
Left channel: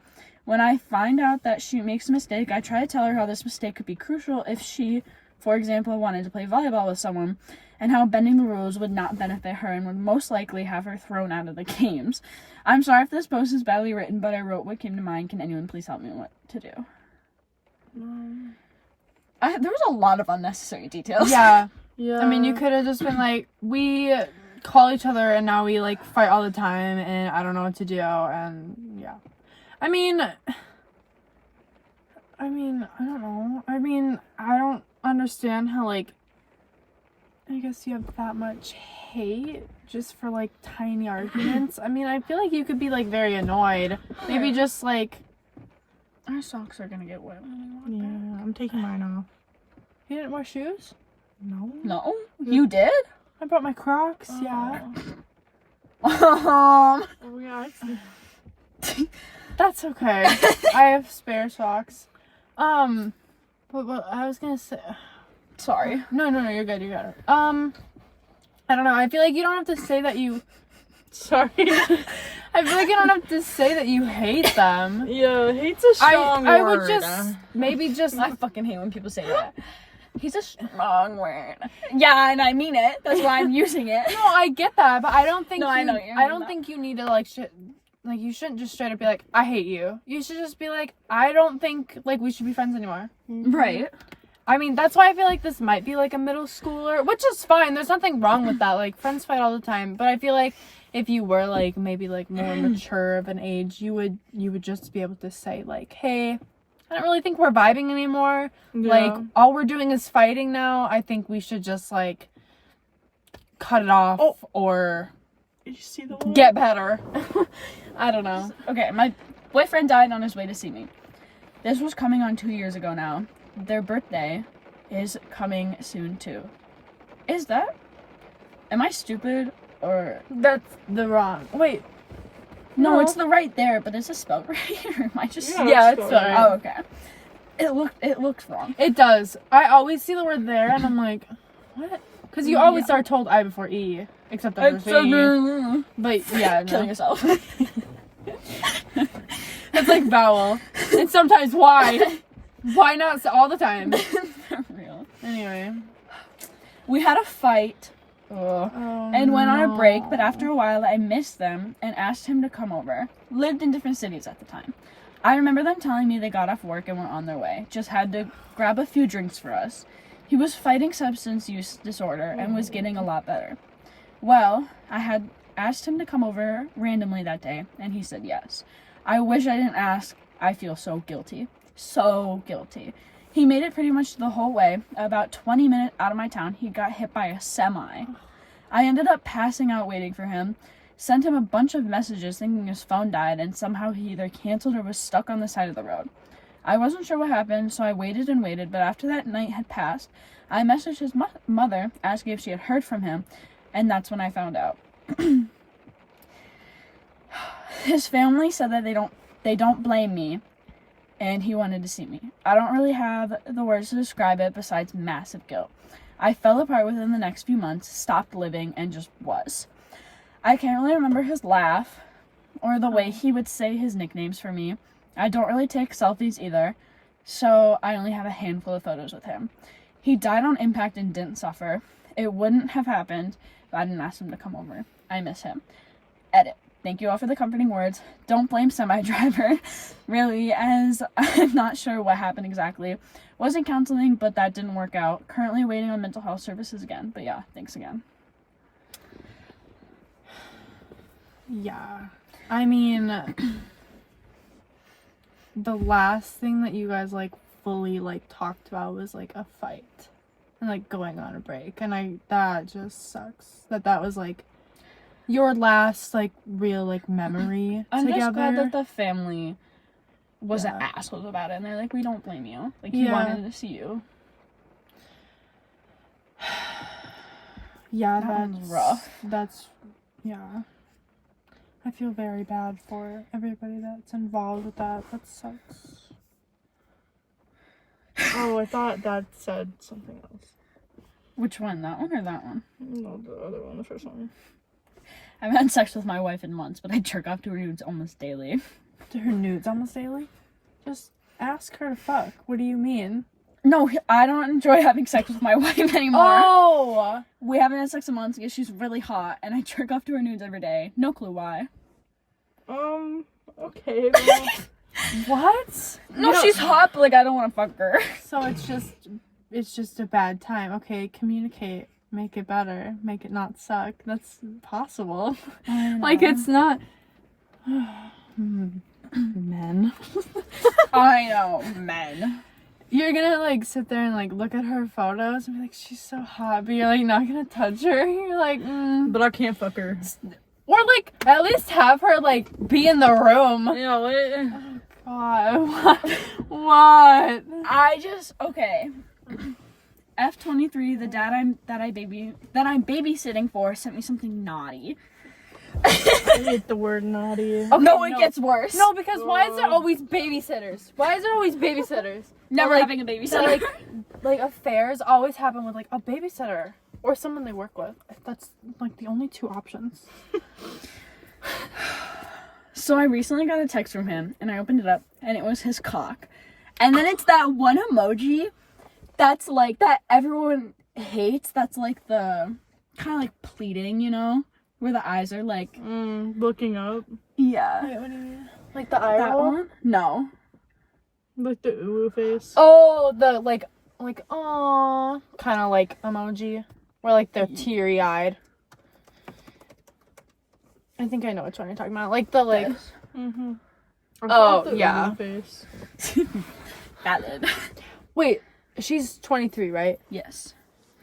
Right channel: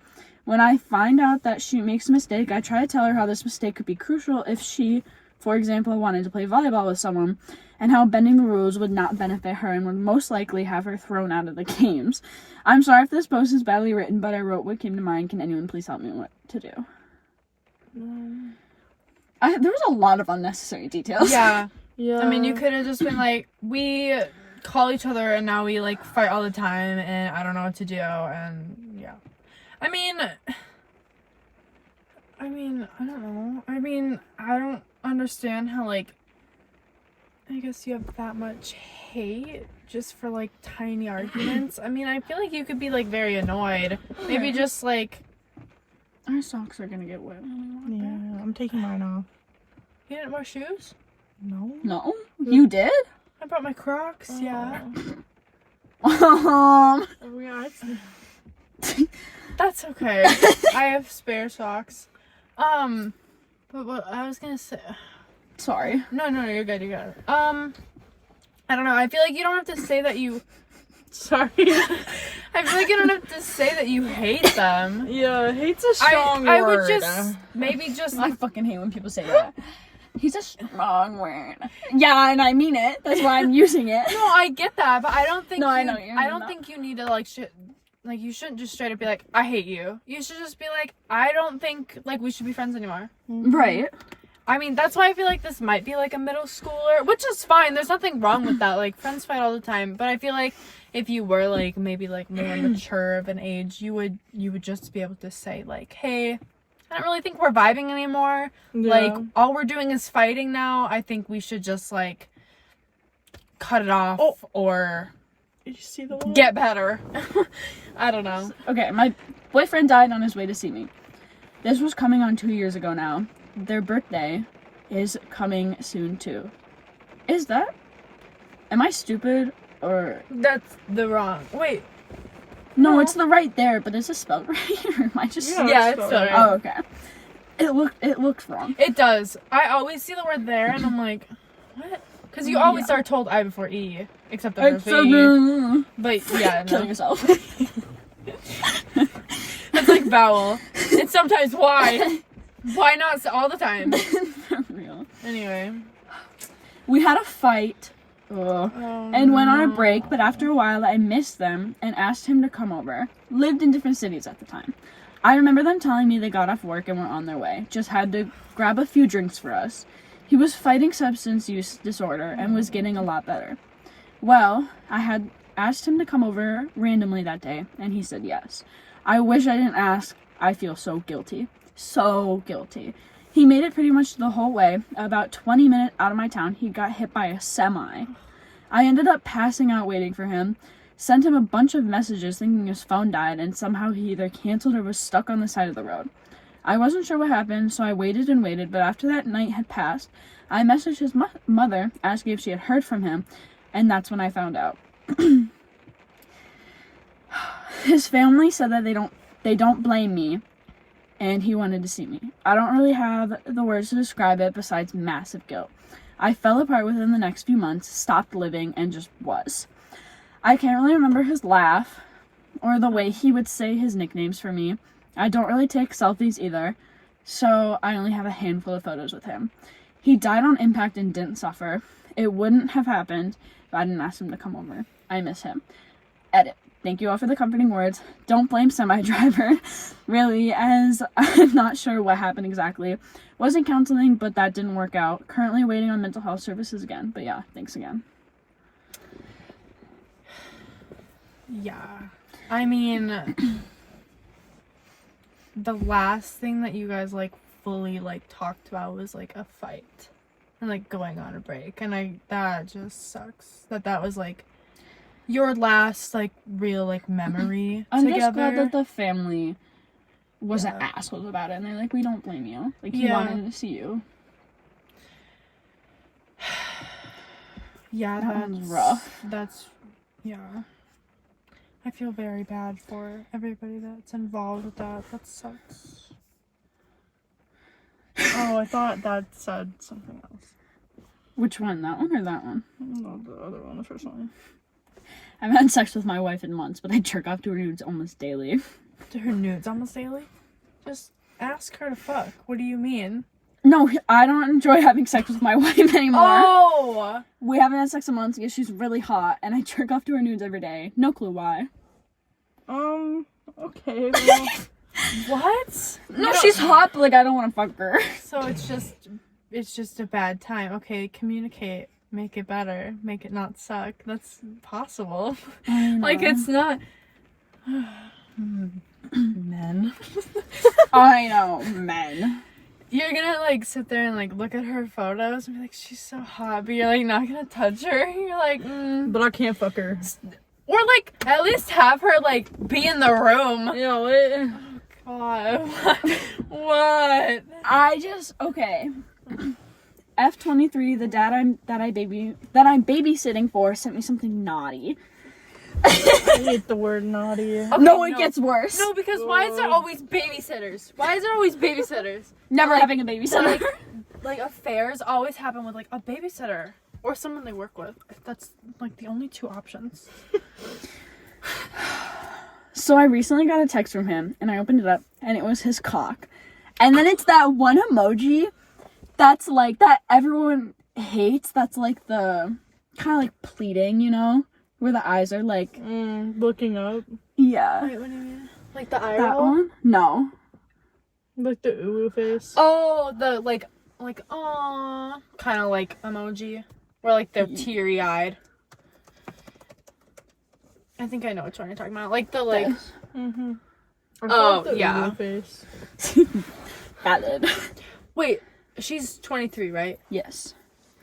When I find out that she makes a mistake, I try to tell her how this mistake could be crucial if she, for example, wanted to play volleyball with someone and how bending the rules would not benefit her and would most likely have her thrown out of the games. I'm sorry if this post is badly written, but I wrote what came to mind. Can anyone please help me what to do? There was a lot of unnecessary details. Yeah. Yeah. I mean, you could have just been like, we call each other and now we like fight all the time and I don't know what to do, and yeah. I mean, I don't know. I mean, I don't understand how, like, I guess you have that much hate just for, like, tiny arguments. I mean, I feel like you could be, like, very annoyed. Maybe just, like... Our socks are gonna get wet. Yeah, I'm taking mine off. You didn't wear shoes? No. No? You did? I brought my Crocs, yeah. Oh yeah, That's okay. I have spare socks. But what I was gonna say... Sorry. No, you're good, you got it. I don't know, I feel like you don't have to say that you... Sorry. I feel like you don't have to say that you hate them. Yeah, hate's a strong word. I would just, maybe just... I fucking hate when people say that. He's a strong word. Yeah, and I mean it. That's why I'm using it. No, I get that, but I don't think No, I know what you mean, I don't though. think you need to, like, like, you shouldn't just straight up be like, I hate you. You should just be like, I don't think, like, we should be friends anymore. Right. I mean, that's why I feel like this might be, like, a middle schooler, which is fine. There's nothing wrong with that. Like, friends fight all the time. But I feel like if you were, like, maybe, like, more mature of an age, you would just be able to say, like, hey, I don't really think we're vibing anymore. Yeah. Like, all we're doing is fighting now. I think we should just, like, cut it off or Did you see the one? get better. I don't know. Okay, my boyfriend died on his way to see me. This was coming on 2 years ago now. Their birthday is coming soon too. Is that? Am I stupid or... That's the wrong. Wait. No, No. it's the right there, but is it spelled right? Or am I just... Yeah, it's spelled right. Oh, okay. It looks wrong. It does. I always see the word there, and I'm like, what? Because you always are told I before E, except that there's E. But yeah, Kill no. yourself. It's like vowel. And sometimes Y. Why not all the time? For real. Anyway. We had a fight. And went on a break, but no. after a while I missed them and asked him to come over. Lived in different cities at the time. I remember them telling me they got off work and were on their way. Just had to grab a few drinks for us. He was fighting substance use disorder and was getting a lot better. Well, I had asked him to come over randomly that day, and he said yes. I wish I didn't ask. I feel so guilty. So guilty. He made it pretty much the whole way. About 20 minutes out of my town, he got hit by a semi. I ended up passing out waiting for him. Sent him a bunch of messages thinking his phone died, and somehow he either canceled or was stuck on the side of the road. I wasn't sure what happened, so I waited and waited, but after that night had passed, I messaged his mother asking if she had heard from him, and that's when I found out. His family said that they don't blame me, and he wanted to see me. I don't really have the words to describe it besides massive guilt. I fell apart within the next few months, stopped living, and just was. I can't really remember his laugh or the way he would say his nicknames for me. I don't really take selfies either, so I only have a handful of photos with him. He died on impact and didn't suffer. It wouldn't have happened if I didn't ask him to come over. I miss him. Edit. Thank you all for the comforting words. Don't blame semi-driver, really, as I'm not sure what happened exactly. Wasn't counseling, but that didn't work out. Currently waiting on mental health services again, but yeah, thanks again. Yeah. I mean, the last thing that you guys, like, fully, like, talked about was, like, a fight. And, like, going on a break. And that just sucks. That was, like, your last, like, real, like, memory I'm together. just glad that the family wasn't Yeah. assholes about it, and they're like, we don't blame you. Like, he Yeah. wanted to see you. Yeah, That was rough. Yeah. I feel very bad for everybody that's involved with that. That sucks. Oh, I thought that said something else. Which one, that one or that one? No, the other one, the first one. I haven't had sex with my wife in months, but I jerk off to her nudes almost daily. To her nudes almost daily? Just ask her to fuck. What do you mean? No, I don't enjoy having sex with my wife anymore. Oh. We haven't had sex in months because she's really hot, and I jerk off to her nudes every day. No clue why. Okay, well. What? No, she's hot, but like I don't want to fuck her. So it's just a bad time. Okay, communicate. Make it better. Make it not suck. That's possible. Like it's not. Men. I know, men. You're gonna like sit there and like look at her photos and be like, she's so hot, but you're like not gonna touch her. You're like, But I can't fuck her. Or like at least have her like be in the room. Yeah, what? God, what? I just okay. F23, the dad I'm babysitting for sent me something naughty. I hate the word naughty. Okay, no, it gets worse. No, because why is there always babysitters? Why is there always babysitters? Never like, having a babysitter. Like affairs always happen with like a babysitter or someone they work with. That's like the only two options. So I recently got a text from him, and I opened it up, and it was his cock. And then it's that one emoji that's like, that everyone hates, that's like the, kind of like pleading, you know? Where the eyes are like... Looking up. Yeah. Wait, what do you mean? Like the eye That roll? one? No. Like the ooh face. Oh, the like aww kind of like emoji. Where like they're teary eyed. I think I know which one you're talking about. Like the like... Mm-hmm. Oh, yeah. Face. Valid. Wait, she's 23, right? Yes.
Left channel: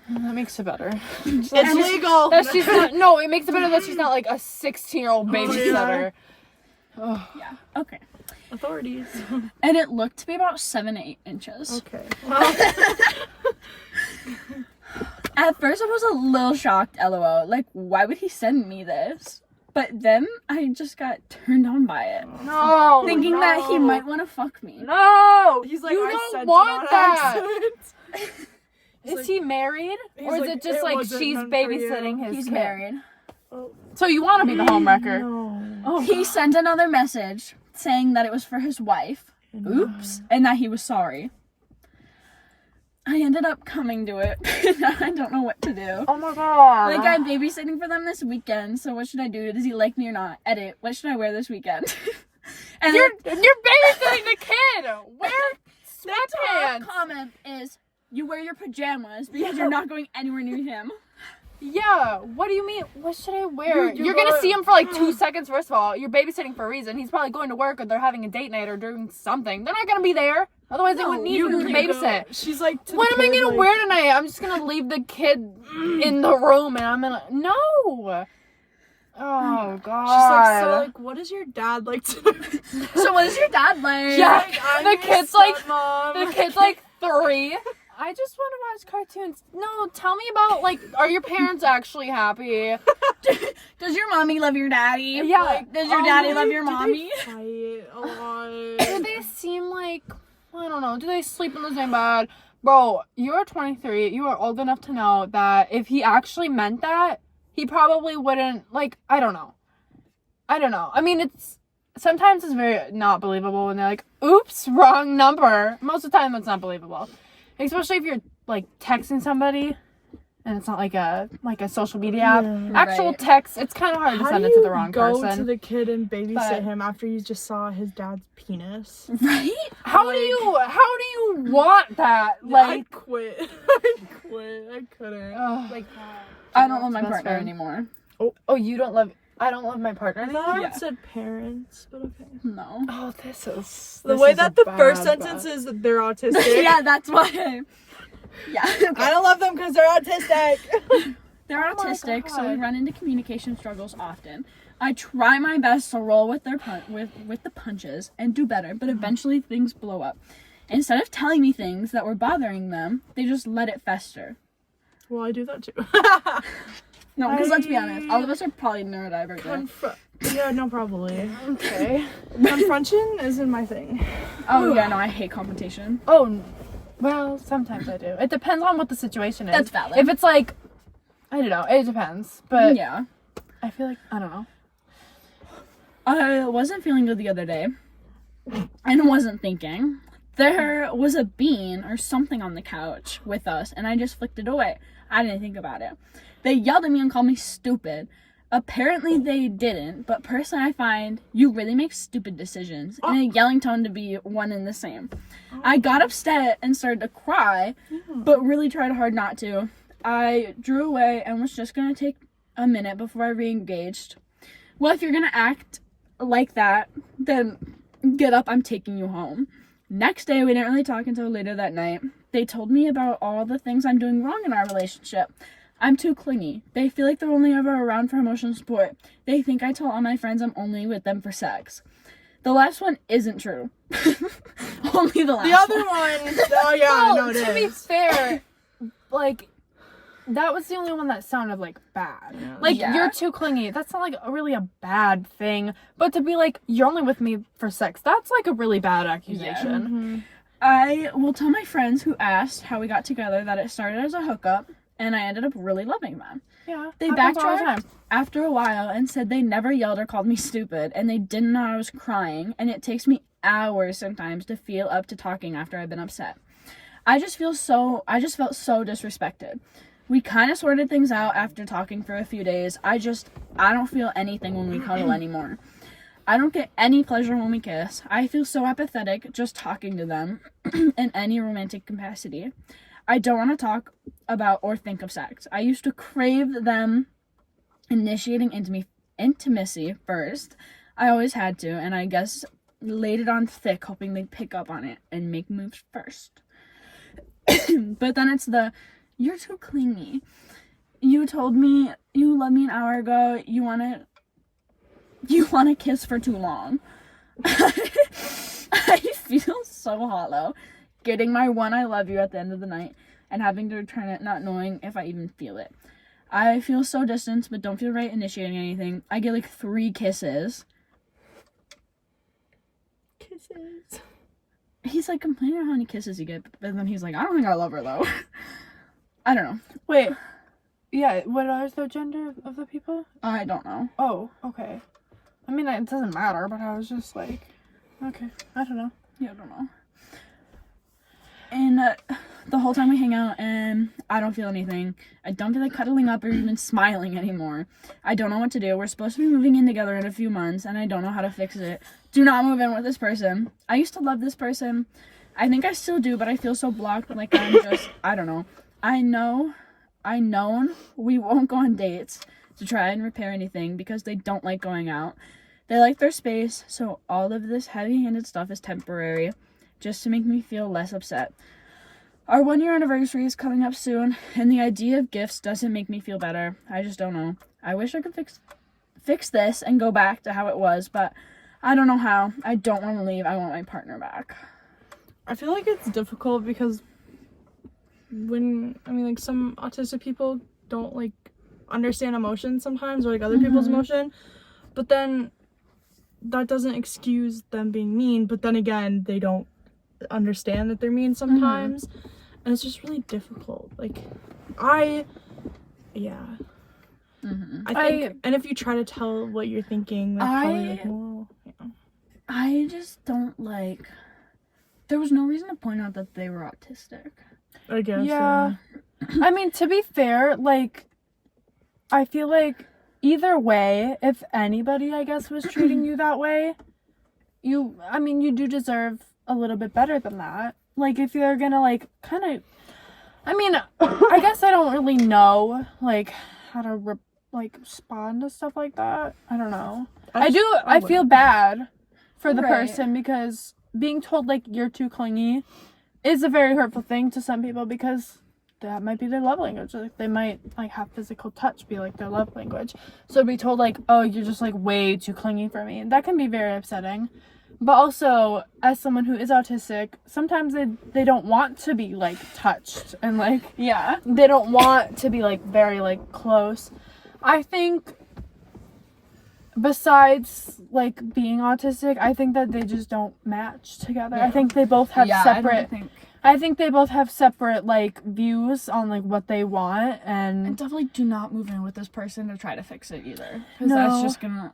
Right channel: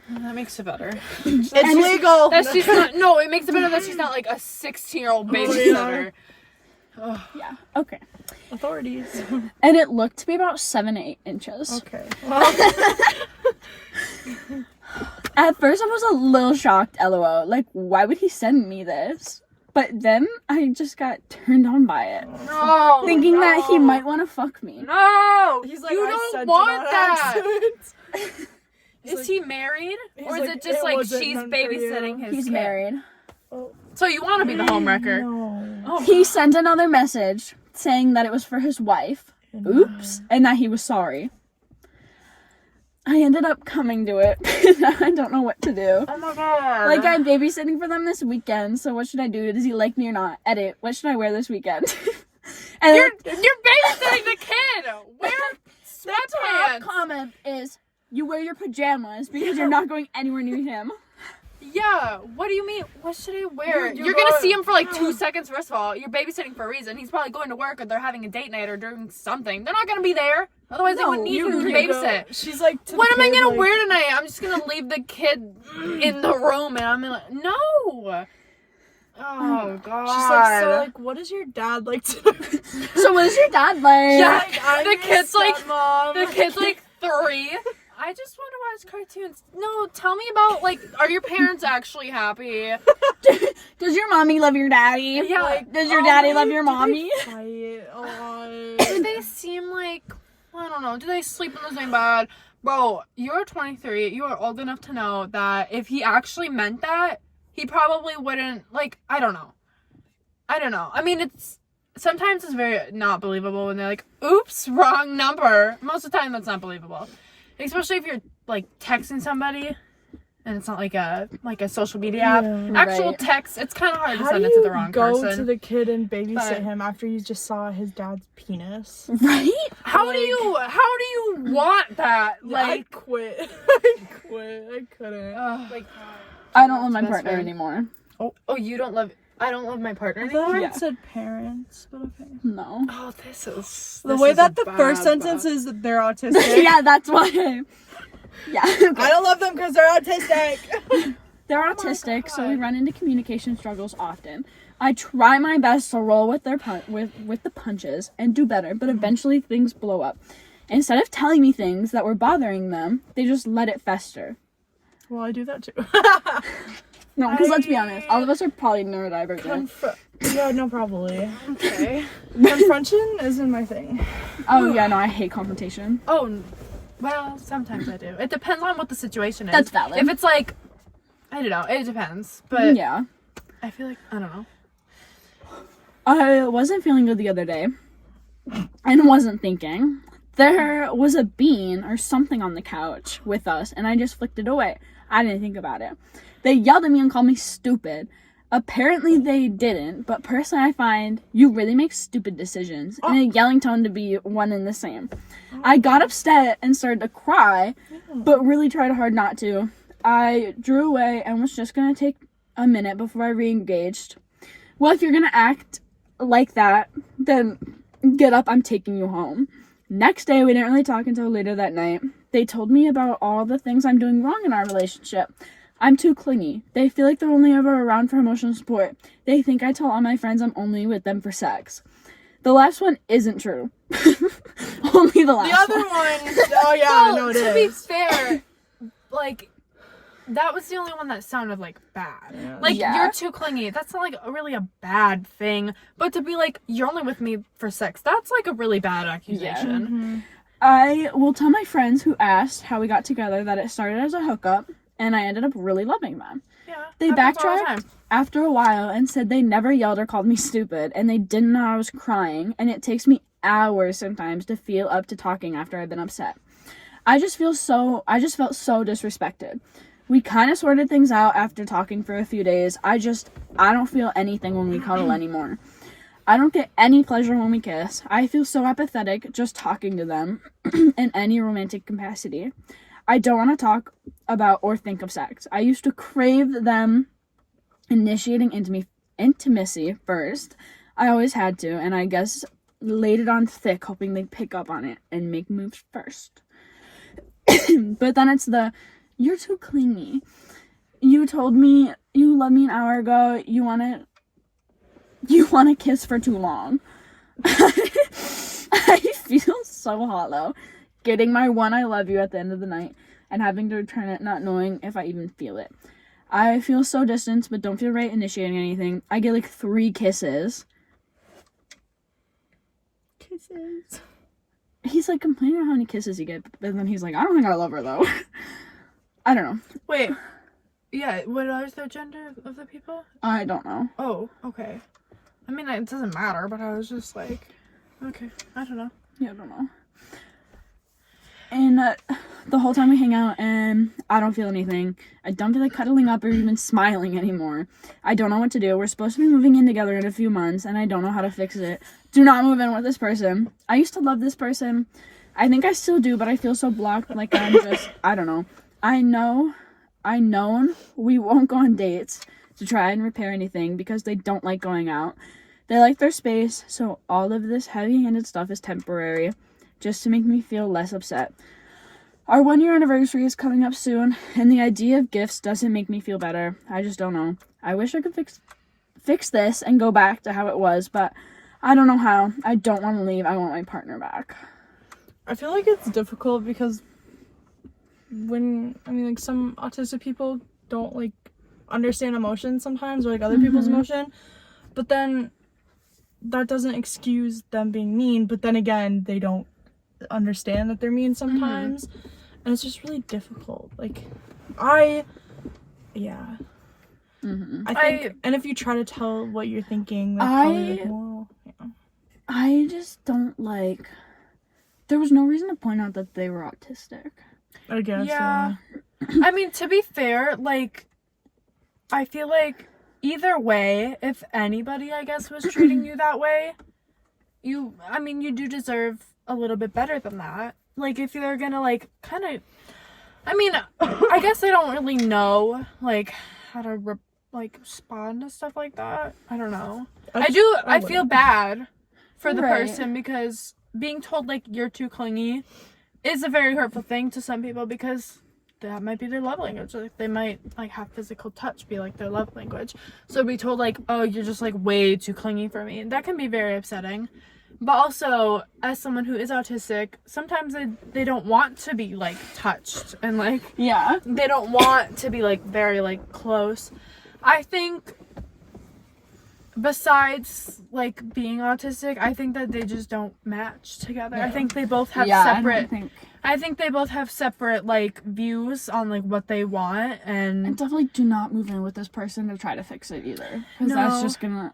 That makes it better. It's legal! That's just not, no, it makes it better that she's not like a 16-year-old babysitter. Oh, yeah. Okay. Authorities. And it looked to be about 7 to 8 inches. Okay. At first I was a little shocked, LOL. Like, why would he send me this? But then I just got turned on by it. No, Thinking that he might want to fuck me. No! He's like, you I don't sent want it on that! accident. Is he married? Or is like, it just "It like wasn't she's meant for you." babysitting his He's kid? married. So you want to be the homewrecker? No. Oh, He sent another message saying that it was for his wife. Oops. And that he was sorry. I ended up coming to it. I don't know what to do. oh my god. Like, I'm babysitting for them this weekend, so what should I do? Does he like me or not? Edit. What should I wear this weekend? And You're babysitting the kid! Wear the top sweatpants! comment is, you wear your pajamas because you're not going anywhere near him. Yeah, what do you mean? What should I wear? You You're gonna got- see him for like 2 seconds, first of all. You're babysitting for a reason. He's probably going to work or they're having a date night or doing something. They're not gonna be there. Otherwise, they wouldn't need you to babysit. She's like, to What the am I kid, gonna like, wear tonight? I'm just gonna leave the kid in the room and I'm gonna. No! Oh, God. She's like, so like, what is your dad like to do? So what is your dad like? Yeah. Like, I'm The your kid's like- stepmom. The kid's like 3. I just want to watch cartoons. No, tell me about, like, are your parents actually happy? Does your mommy love your daddy? Yeah. Like, does your daddy love your Do mommy? they fight a lot? Do they seem like, I don't know, do they sleep in the same bed? Bro, you're 23. You are old enough to know that if he actually meant that, he probably wouldn't, like, I don't know. I mean, sometimes it's very not believable when they're like, oops, wrong number. Most of the time, that's not believable. Especially if you're, like, texting somebody and it's not like a social media app. Yeah. Actual Right. text, it's kind of hard to How send do it to the you wrong go person. to the kid and babysit But- him after you just saw his dad's penis? Right? How like- do you want that? I Like, quit. I couldn't. like I don't love my best partner friend. anymore. Oh, you don't love. I don't love my partner I anymore. thought Yeah. it said parents, but okay. No. Oh, this is The way that the first sentence is that they're autistic. Yeah, that's why. Yeah. I don't love them because they're autistic. They're Oh my autistic, so we God. run into communication struggles often. I try my best to roll with their with the punches and do better, but eventually things blow up. Instead of telling me things that were bothering them, they just let it fester. Well, I do that too. No, because let's be honest, all of us are probably neurodivergent. Yeah, no, probably. okay. Confrontation isn't my thing. Oh yeah, no, I hate confrontation. Oh, well, sometimes I do. It depends on what the situation is. That's valid. If it's like, I don't know, it depends. But Yeah. I feel like I don't know. I wasn't feeling good the other day and wasn't thinking. There was a bean or something on the couch with us, and I just flicked it away. I didn't think about it. They yelled at me and called me stupid. Apparently they didn't, but personally I find you really make stupid decisions in a yelling tone to be one and the same. I got upset and started to cry, but really tried hard not to. I drew away and was just going to take a minute before I re-engaged. Well, if you're going to act like that, then get up, I'm taking you home. Next day, we didn't really talk until later that night. They told me about all the things I'm doing wrong in our relationship. I'm too clingy. They feel like they're only ever around for emotional support. They think I tell all my friends I'm only with them for sex. The last one isn't true. Only the last one. The other one, oh yeah, I know it is. To be fair, like, that was the only one that sounded, like, bad. Yeah. Like, Yeah. you're too clingy. That's not, like, really a bad thing. But to be like, you're only with me for sex, that's, like, a really bad accusation. I will tell my friends who asked how we got together that it started as a hookup, and I ended up really loving them. Yeah. They happens all the backtracked time. after a while and said they never yelled or called me stupid, and they didn't know I was crying, and it takes me hours sometimes to feel up to talking after I've been upset. I just felt so disrespected. We kind of sorted things out after talking for a few days. I don't feel anything when we cuddle anymore. I don't get any pleasure when we kiss. I feel so apathetic just talking to them in any romantic capacity. I don't want to talk about or think of sex. I used to crave them initiating intimacy first. I always had to, and I guess laid it on thick, hoping they'd pick up on it and make moves first. But then it's you're too clingy. You told me you loved me an hour ago. You want to kiss for too long. I feel so hollow. Getting my one I love you at the end of the night and having to return it not knowing if I even feel it. I feel so distant but don't feel right initiating anything. I get like 3 kisses. Kisses. He's like complaining about how many kisses he gets, but then he's like, I don't think I love her though. I don't know. Wait. Yeah, what is the gender of the people? I don't know. Oh, okay. I mean, it doesn't matter, but I was just like, okay, I don't know. Yeah, I don't know. And the whole time we hang out and I don't feel anything. I don't feel like cuddling up or even smiling anymore. I don't know what to do. We're supposed to be moving in together in a few months and I don't know how to fix it. Do not move in with this person. I used to love this person. I think I still do, but I feel so blocked, like I'm just, I don't know. I know we won't go on dates to try and repair anything because they don't like going out. They like their space, so all of this heavy-handed stuff is temporary, just to make me feel less upset. Our 1-year anniversary is coming up soon, and the idea of gifts doesn't make me feel better. I just don't know. I wish I could fix this and go back to how it was, but I don't know how. I don't want to leave. I want my partner back. I feel like it's difficult because like some autistic people don't like understand emotions sometimes, or like other people's emotion, but then that doesn't excuse them being mean, but then again they don't understand that they're mean sometimes, and it's just really difficult. Like I think, and if you try to tell what you're thinking, they're probably like, well, yeah. I just don't like. There was no reason to point out that they were autistic. I guess. Yeah. I mean, to be fair, like, I feel like either way, if anybody, I guess, was treating you that way, you do deserve a little bit better than that. Like, if you're gonna, like, kind of, I mean, I guess I don't really know, like, how to, respond to stuff like that. I don't know. I feel bad for the person because being told, like, you're too clingy is a very hurtful thing to some people because that might be their love language. Like, they might, like, have physical touch be, like, their love language. So be told, like, oh, you're just, like, way too clingy for me. That can be very upsetting. But also, as someone who is autistic, sometimes they don't want to be, like, touched. And, like, Yeah. they don't want to be, like, very, like, close. I think besides, like, being autistic, I think that they just don't match together. Yeah. I think they both have separate... I think they both have separate, like, views on, like, what they want, and... And definitely do not move in with this person to try to fix it either. Because that's just gonna...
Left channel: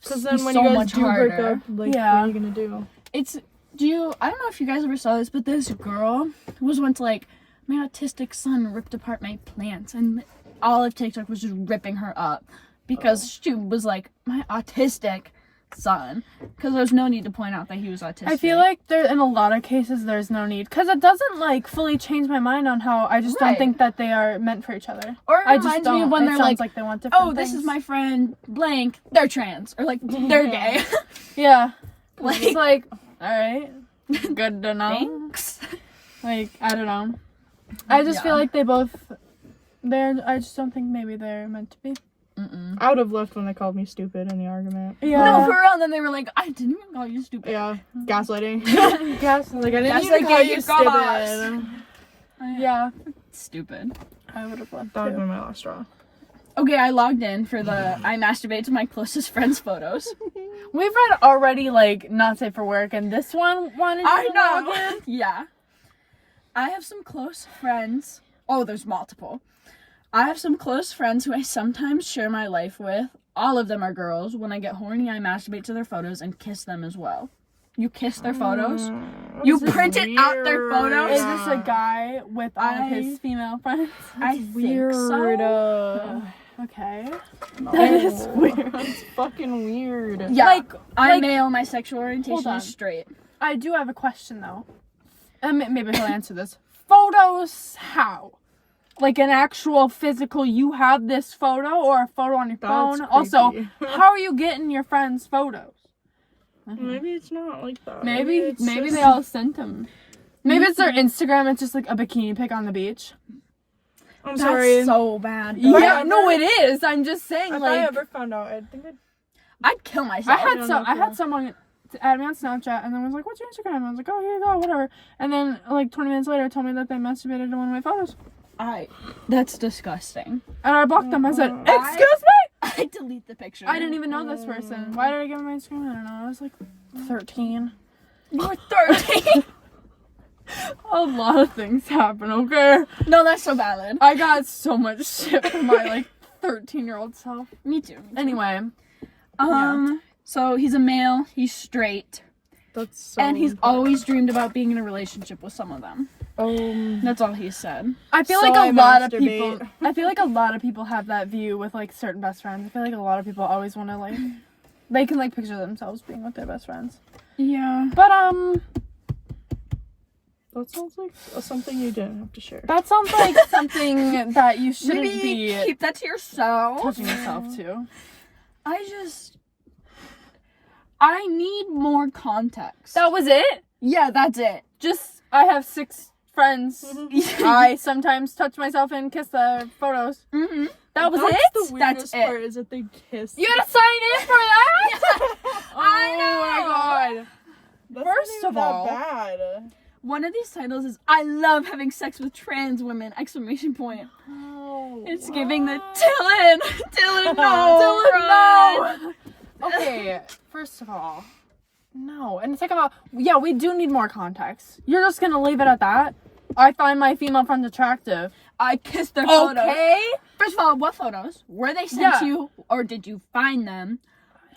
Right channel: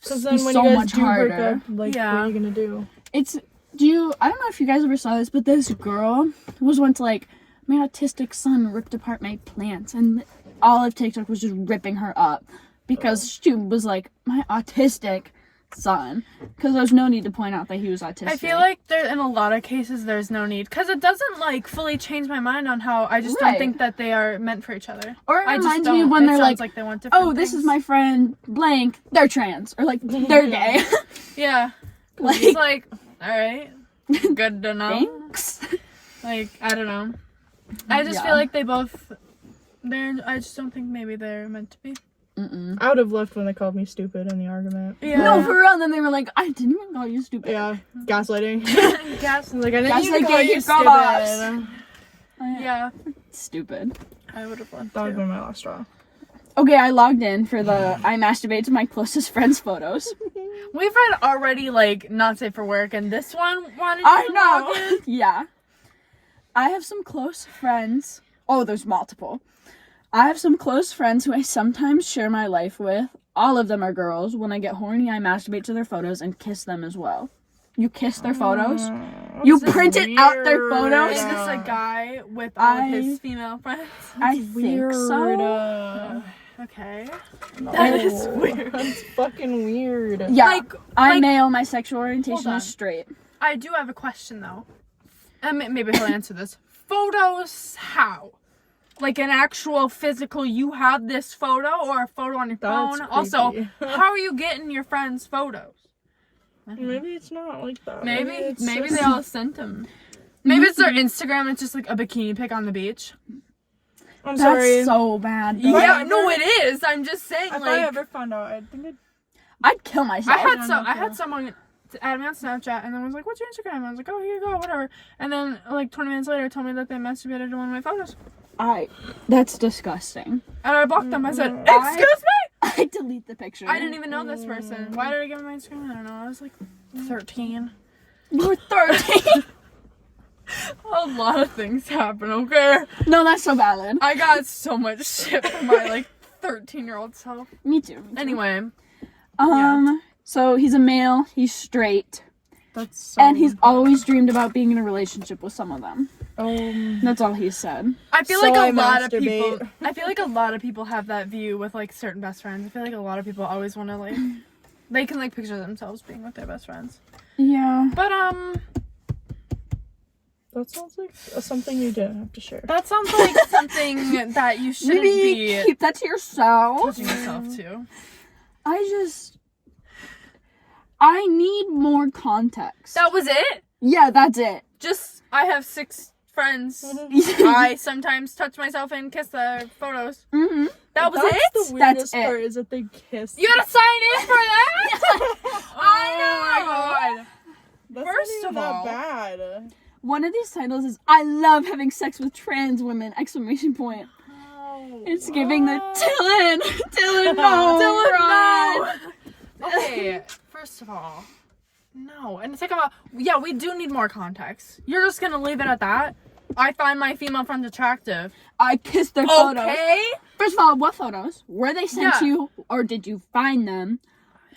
Because then when so you guys much do break harder. up, like, what are you gonna do? It's I don't know if you guys ever saw this, but this girl was once like, my autistic son ripped apart my plants, and all of TikTok was just ripping her up because she was like, my autistic son, because there's no need to point out that he was autistic. I feel like in a lot of cases there's no need, because it doesn't like fully change my mind on how I just don't think that they are meant for each other. Or it I just reminds don't. me of when It they're sounds like, they want different oh, this things. is my friend blank, they're trans, or like they're gay. Yeah. Like- It's like, all right, good to know. Thanks. Like, I don't know. I just feel like I just don't think maybe they're meant to be. I would have left when they called me stupid in the argument. Yeah. No, for real. And then they were like, I didn't even call you stupid. Yeah, gaslighting. Like, I didn't That's even like, call yeah, you you stupid. gosh. Yeah. Stupid. I would have left That would have too. been my last straw. Okay, I logged in for the I masturbate to my closest friends photos. We've read already, like, not safe for work, and this one wanted I to log know. in. Yeah. I have some close friends. Oh, there's multiple. I have some close friends who I sometimes share my life with. All of them are girls. When I get horny, I masturbate to their photos and kiss them as well. You kiss their photos? You That's printed out their weird. photos? Is this a guy with all of his female friends? I Weird. think so. Okay. That is weird. That's fucking weird. Yeah. Like, I'm male. My sexual orientation on. is straight. I do have a question, though. And maybe he'll answer this. Photos, how? Like an actual physical, you have this photo or a photo on your phone? That's Also, creepy. how are you getting your friends' photos? Maybe it's not like that. Maybe it's they just- all sent them. Maybe it's their Instagram, it's just like a bikini pic on the beach. I'm That's sorry. so bad. If I Yeah, ever- no, it is. I'm just saying, If like, I ever found out, I think I'd kill myself. I had someone add me on Snapchat and then was like, "What's your Instagram?" And I was like, "Oh, here you go, whatever." And then like 20 minutes later, told me that they masturbated to one of my photos, That's disgusting. and I blocked them. I said, Mm-hmm. "Excuse me." I delete the picture. I didn't even know this person. Why did I give him my Instagram? I don't know. I was like 13. You were 13. A lot of things happen. Okay. No, that's so valid. I got so much shit from my like 13-year-old self. Me too. Anyway, So he's a male. He's straight, that's so and he's important. always dreamed about being in a relationship with some of them. That's all he said. I feel So like I a lot of masturbate. people. I feel like a lot of people have that view with like certain best friends. I feel like a lot of people always want to like, they can like picture themselves being with their best friends. Yeah. But That sounds like something you didn't have to share. that sounds like something that you shouldn't Maybe be keep that to yourself. touching yourself to. I need more context. That was it. Yeah, that's it. Just I have 6 friends. I sometimes touch myself and kiss their photos. Mm-hmm. That was That's it. the weirdest it. part is that they kiss. You had to sign in for that. I know. Oh my god. That's First not even of that all- bad. One of these titles is "I love having sex with trans women!" Exclamation point. It's giving the Dylan, no, run. Okay, first of all, no. And second of all, yeah, we do need more context. You're just gonna leave it at that? I find my female friends attractive. I kissed their photos. Okay. First of all, what photos? Were they sent Yeah. to you, or did you find them?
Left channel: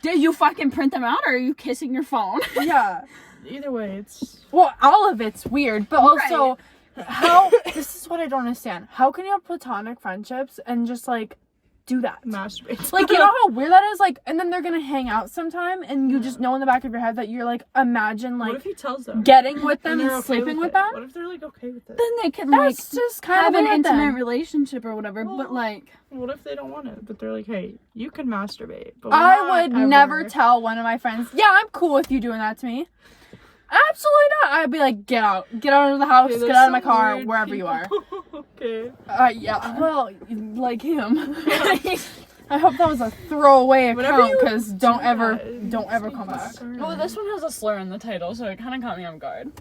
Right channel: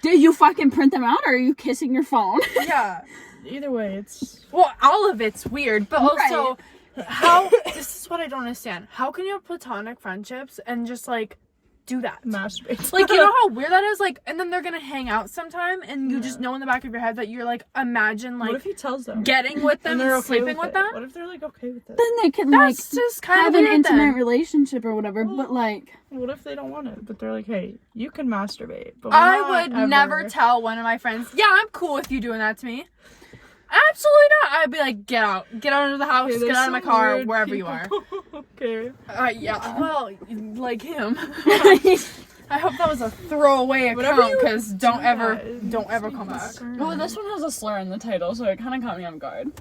Did you fucking print them out, or are you kissing your phone? Yeah. Either way, it's Well, all of it's weird, but also, how? This is what I don't understand. How can you have platonic friendships and just like do that? masturbate. Like, you know how weird that is? Like, and then they're gonna hang out sometime, and you just know in the back of your head that you're like, imagine what like if he tells them? getting with them and and they're okay sleeping with it? them. What if they're like okay with it? Then they can That's just kind have of an weird intimate then. relationship or whatever. But like, What if they don't want it? But they're like, hey, you can masturbate. But I not would ever. never tell one of my friends, yeah, I'm cool with you doing that to me. Absolutely not. I'd be like, get out of the house, Okay, get there's out of my some car, weird wherever you people. are. Okay. Yeah, well, like him. I hope that was a throwaway Whenever account, you because don't do ever that, come back. well, this one has a slur in the title, so it kind of caught me off guard.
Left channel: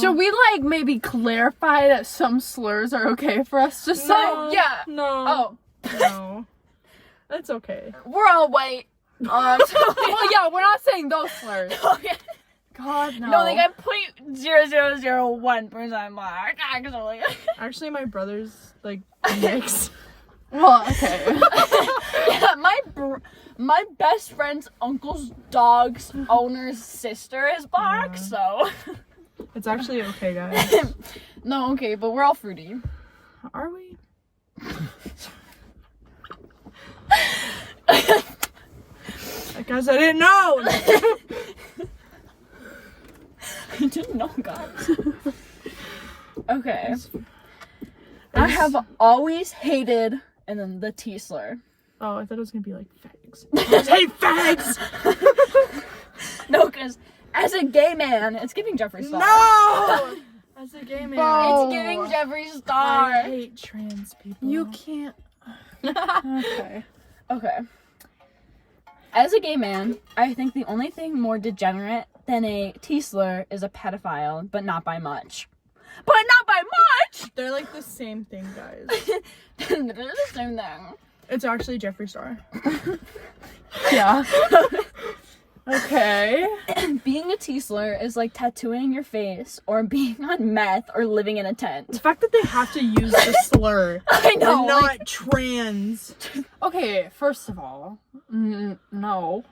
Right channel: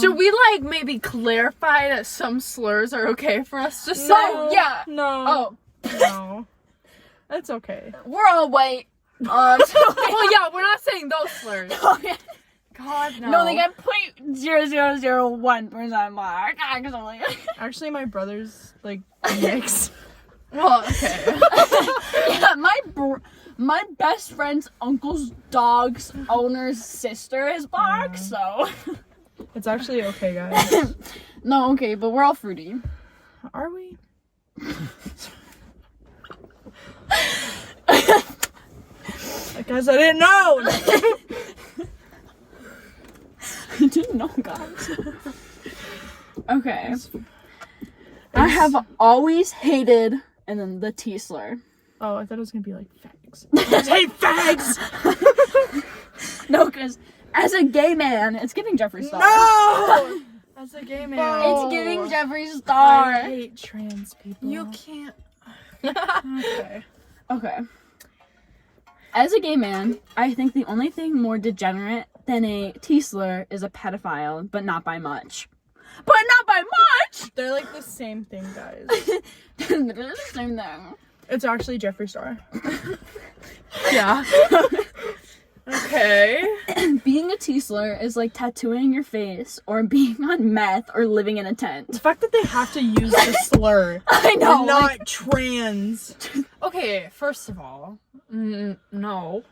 Should we like maybe clarify that some slurs are okay for us to say? No. Yeah. No. Oh, No. That's okay. we're all white. Well, yeah, we're not saying those slurs. God, no. No, they got 0.0001% mark, actually. Actually, my brother's like mixed. Well, okay. Yeah, My best friend's uncle's dog's owner's sister is black, so. It's actually okay, guys. No, okay, but we're all fruity. Are we? Guys, I didn't know! I didn't know, guys. Okay. I have always hated, and then the T slur. Oh, I thought it was gonna be like fags. I hate fags! No, because as a gay man, it's giving Jeffree Star. No! As a gay man. It's giving Jeffree Star. I hate trans people. You can't. Okay. As a gay man, I think the only thing more degenerate than a T slur is a pedophile, but not by much. But not by much! They're like the same thing, guys. They're the same thing. It's actually Jeffree Star. Yeah. Okay. Being a T slur is like tattooing your face or being on meth or living in a tent. The fact that they have to use the slur. I know. They're not trans. Okay, first of all, no.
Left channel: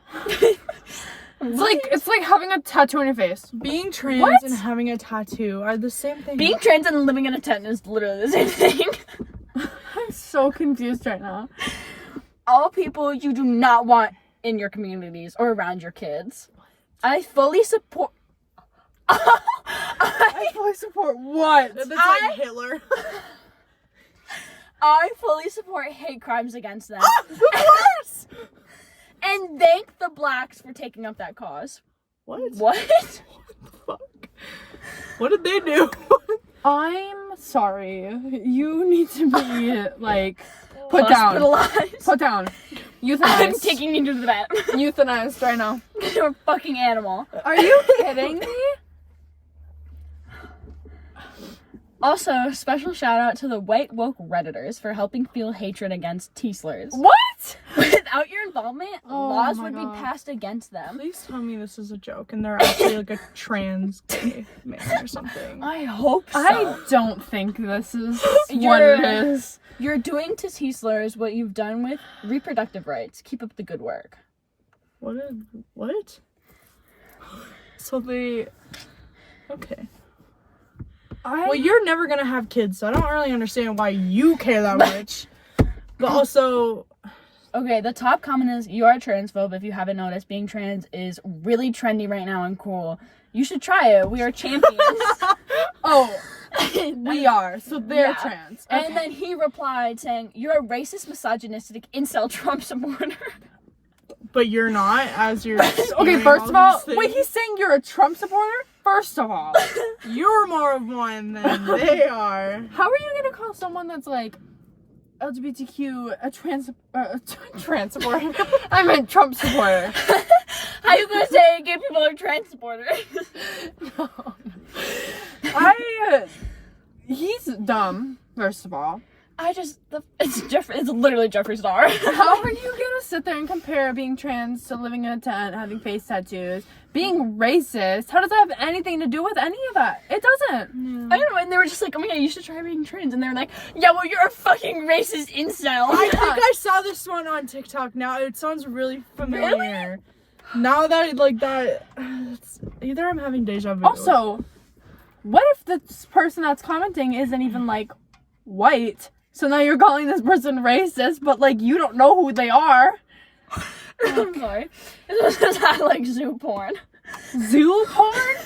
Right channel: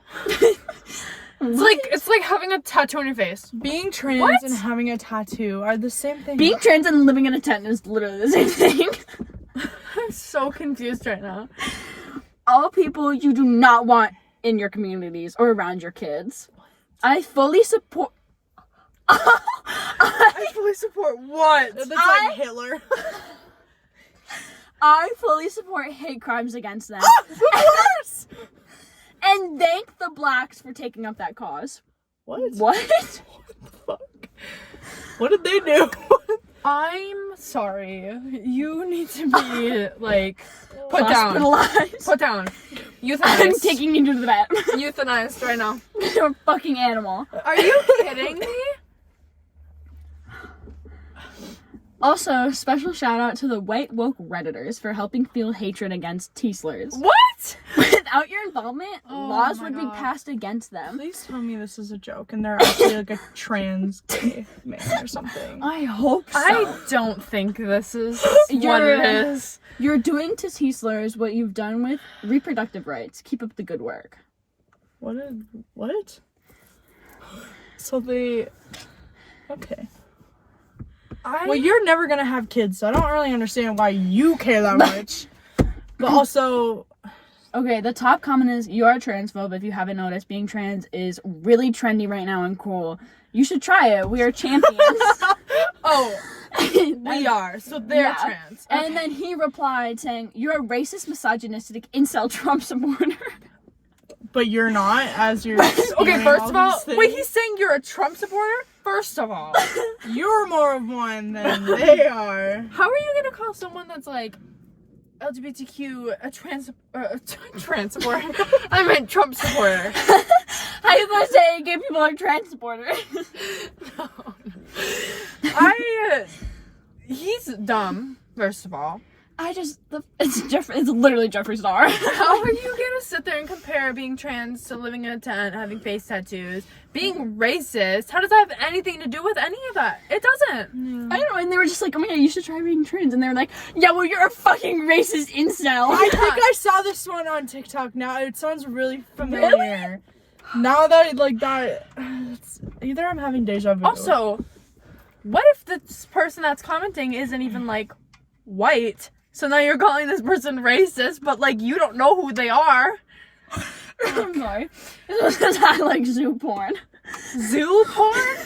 It's like having a tattoo on your face. Being trans What? and having a tattoo are the same thing. Being trans and living in a tent is literally the same thing. I'm so confused right now. All people you do not want in your communities or around your kids. I fully support. I fully support what? That's like Hitler. I fully support hate crimes against them. Of course! And thank the blacks for taking up that cause. What? What? What the fuck? What did they do? I'm sorry. You need to be like put down. Hospitalized. Put down. I'm Euthanized. taking you to the vet. Euthanized right now. You're a fucking animal. Are you kidding me? Also, special shout out to the white woke Redditors for helping fuel hatred against T-slurs. What? Without your involvement, Oh laws my would be God. passed against them. Please tell me this is a joke and they're actually like a trans gay man or something. I hope so. I don't think this is what You're- it is. You're doing to T-slurs what you've done with reproductive rights. Keep up the good work. What? So they... Okay. Well, you're never gonna have kids, so I don't really understand why you care that much. But also... Okay, the top comment is, you are a transphobe. If you haven't noticed, being trans is really trendy right now and cool. You should try it. We are champions. Oh, we are. So they're Yeah. trans. And then he replied saying, you're a racist, misogynistic, incel Trump supporter. But you're not, as you're... Okay, spewing first of all, these things. wait, he's saying you're a Trump supporter? First of all, You're more of one than they are. how are you gonna call someone that's like LGBTQ a trans supporter? I meant Trump supporter. How you gonna say gay people are trans supporters? No. He's dumb, first of all. It's literally Jeffree Star. How are you gonna sit there and compare being trans to living in a tent, having face tattoos, being racist? How does that have anything to do with any of that? It doesn't. I know, and they were just like, oh my god, you should try being trans. And they're like, yeah, well, you're a fucking racist incel. I think I saw this one on TikTok. Now it sounds really familiar. Now that it's either I'm having deja vu. Also, what if this person that's commenting isn't even like white? So now you're calling this person racist, but like you don't know who they are. I'm sorry. This is I like zoo porn. Zoo porn?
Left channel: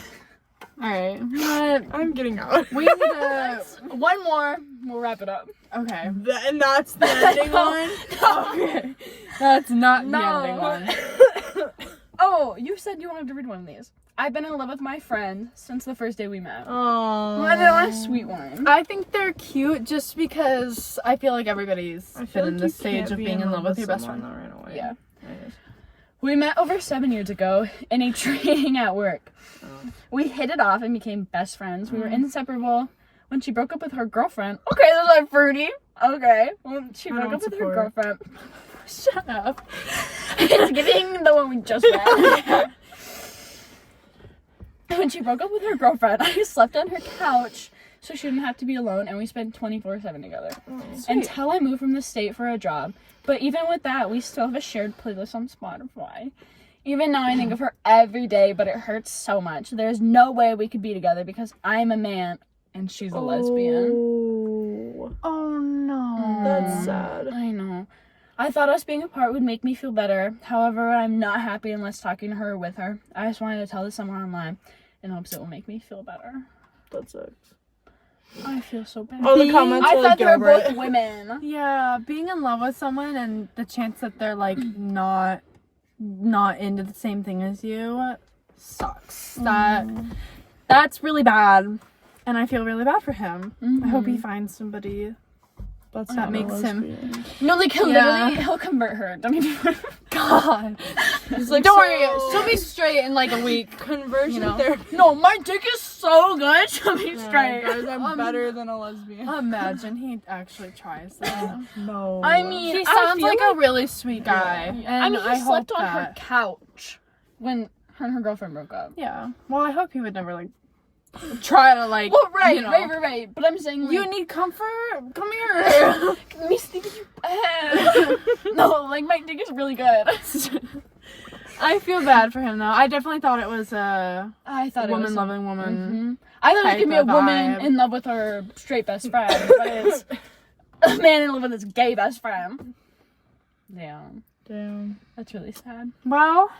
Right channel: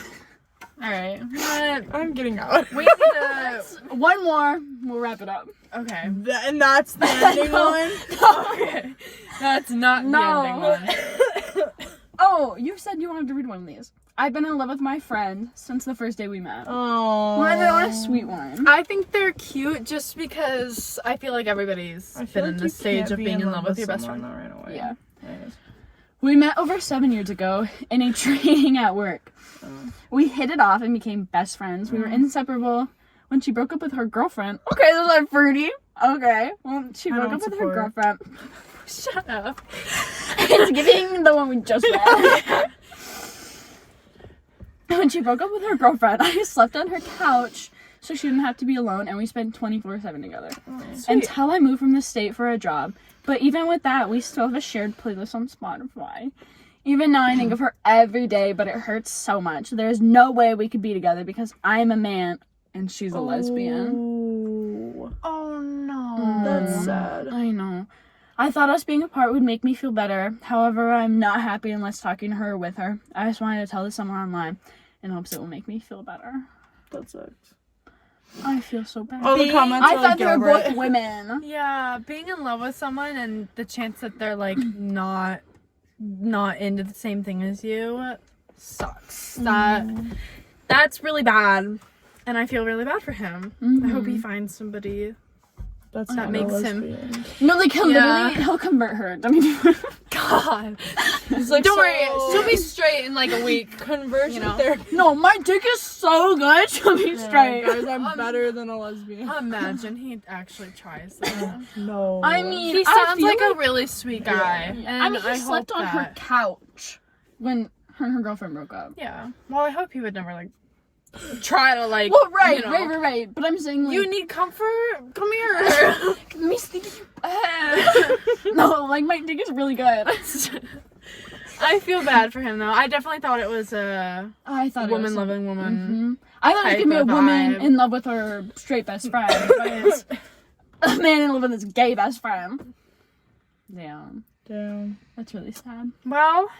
Alright. I'm getting out. We need to. One more, we'll wrap it up. Okay. And that's the ending one. Okay. That's not the ending one. Oh, you said you wanted to read one of these. I've been in love with my friend since the first day we met. Oh. What a sweet one. I think they're cute just because I feel like everybody's I feel been like in the you stage can't of be being in love with your best someone friend. though right away. Yeah. Anyways. We met over 7 years ago in a training at work. We hit it off and became best friends. We were inseparable. When she broke up with her girlfriend. Okay, those are fruity. Okay. When she I broke don't up with her support. girlfriend. Shut up. It's giving the one we just met. When she broke up with her girlfriend, I slept on her couch so she didn't have to be alone, and we spent 24/7 together. Sweet. Until I moved from the state for a job. But even with that, we still have a shared playlist on Spotify. Even now, I think of her every day, but it hurts so much. There's no way we could be together because I'm a man and she's a lesbian. Oh no. That's sad. I know. I thought us being apart would make me feel better. However, I'm not happy unless talking to her or with her. I just wanted to tell this someone online in hopes it will make me feel better. That sucks. I feel so bad. All the comments I are like, thought they get were over both it. women. Yeah, being in love with someone and the chance that they're like not into the same thing as you sucks. That's really bad. And I feel really bad for him. I hope he finds somebody That's that not makes a him- lesbian. No, like he'll Yeah. literally he'll convert her. I mean, God. He's like, Don't worry, so- she'll be straight in like a week. conversion you know. therapy. no, my dick is so good. She'll be straight. Guys, I'm better than a lesbian. Imagine he actually tries that. No. I mean, He I sounds feel like a really sweet guy. Yeah. And I mean, he slept hope on her that- couch when her and her girlfriend broke up. Yeah. Well, I hope he would never like try to like. Well, right, you know, right. But I'm saying, like, You need comfort? Come here. me stinky. No, like my dick is really good. I feel bad for him though. I definitely thought it was a I thought woman loving woman. I thought it type could be a of woman vibe. in love with her straight best friend, but it's a man in love with his gay best friend. Damn, Damn. that's really sad. Well,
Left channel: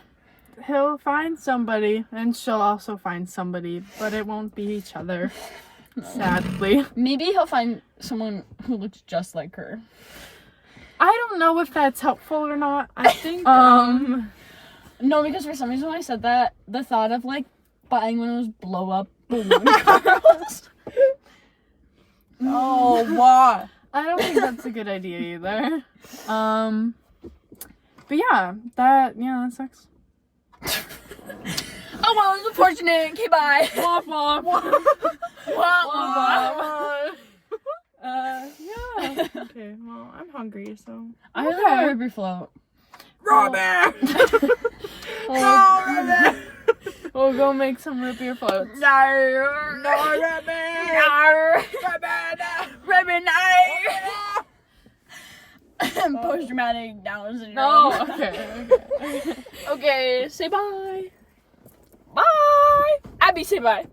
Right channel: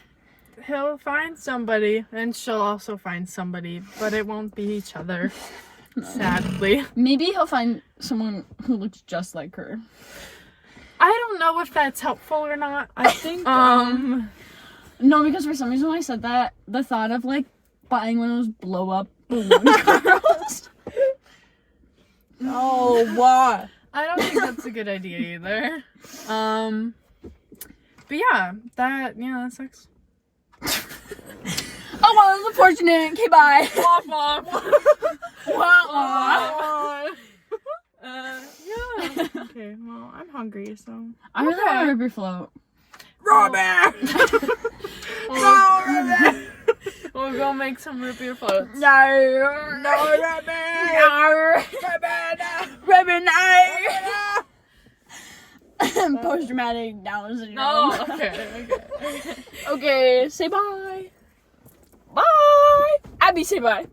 he'll find somebody, and she'll also find somebody, but it won't be each other. Sadly. Maybe he'll find someone who looks just like her. I don't know if that's helpful or not. I think No, because for some reason when I said that, the thought of like buying one of those blow up balloon girls. oh, why? I don't think that's a good idea either. But yeah, that sucks. Oh well, it was unfortunate. Okay, bye. Yeah. Okay, well, I'm hungry, so. I really want a river float. Robert! No, Robert! We'll go make some root beer floats. No, Robert! River night. Post dramatic Down syndrome. No, okay. Okay, say bye. Bye. Abby, say bye.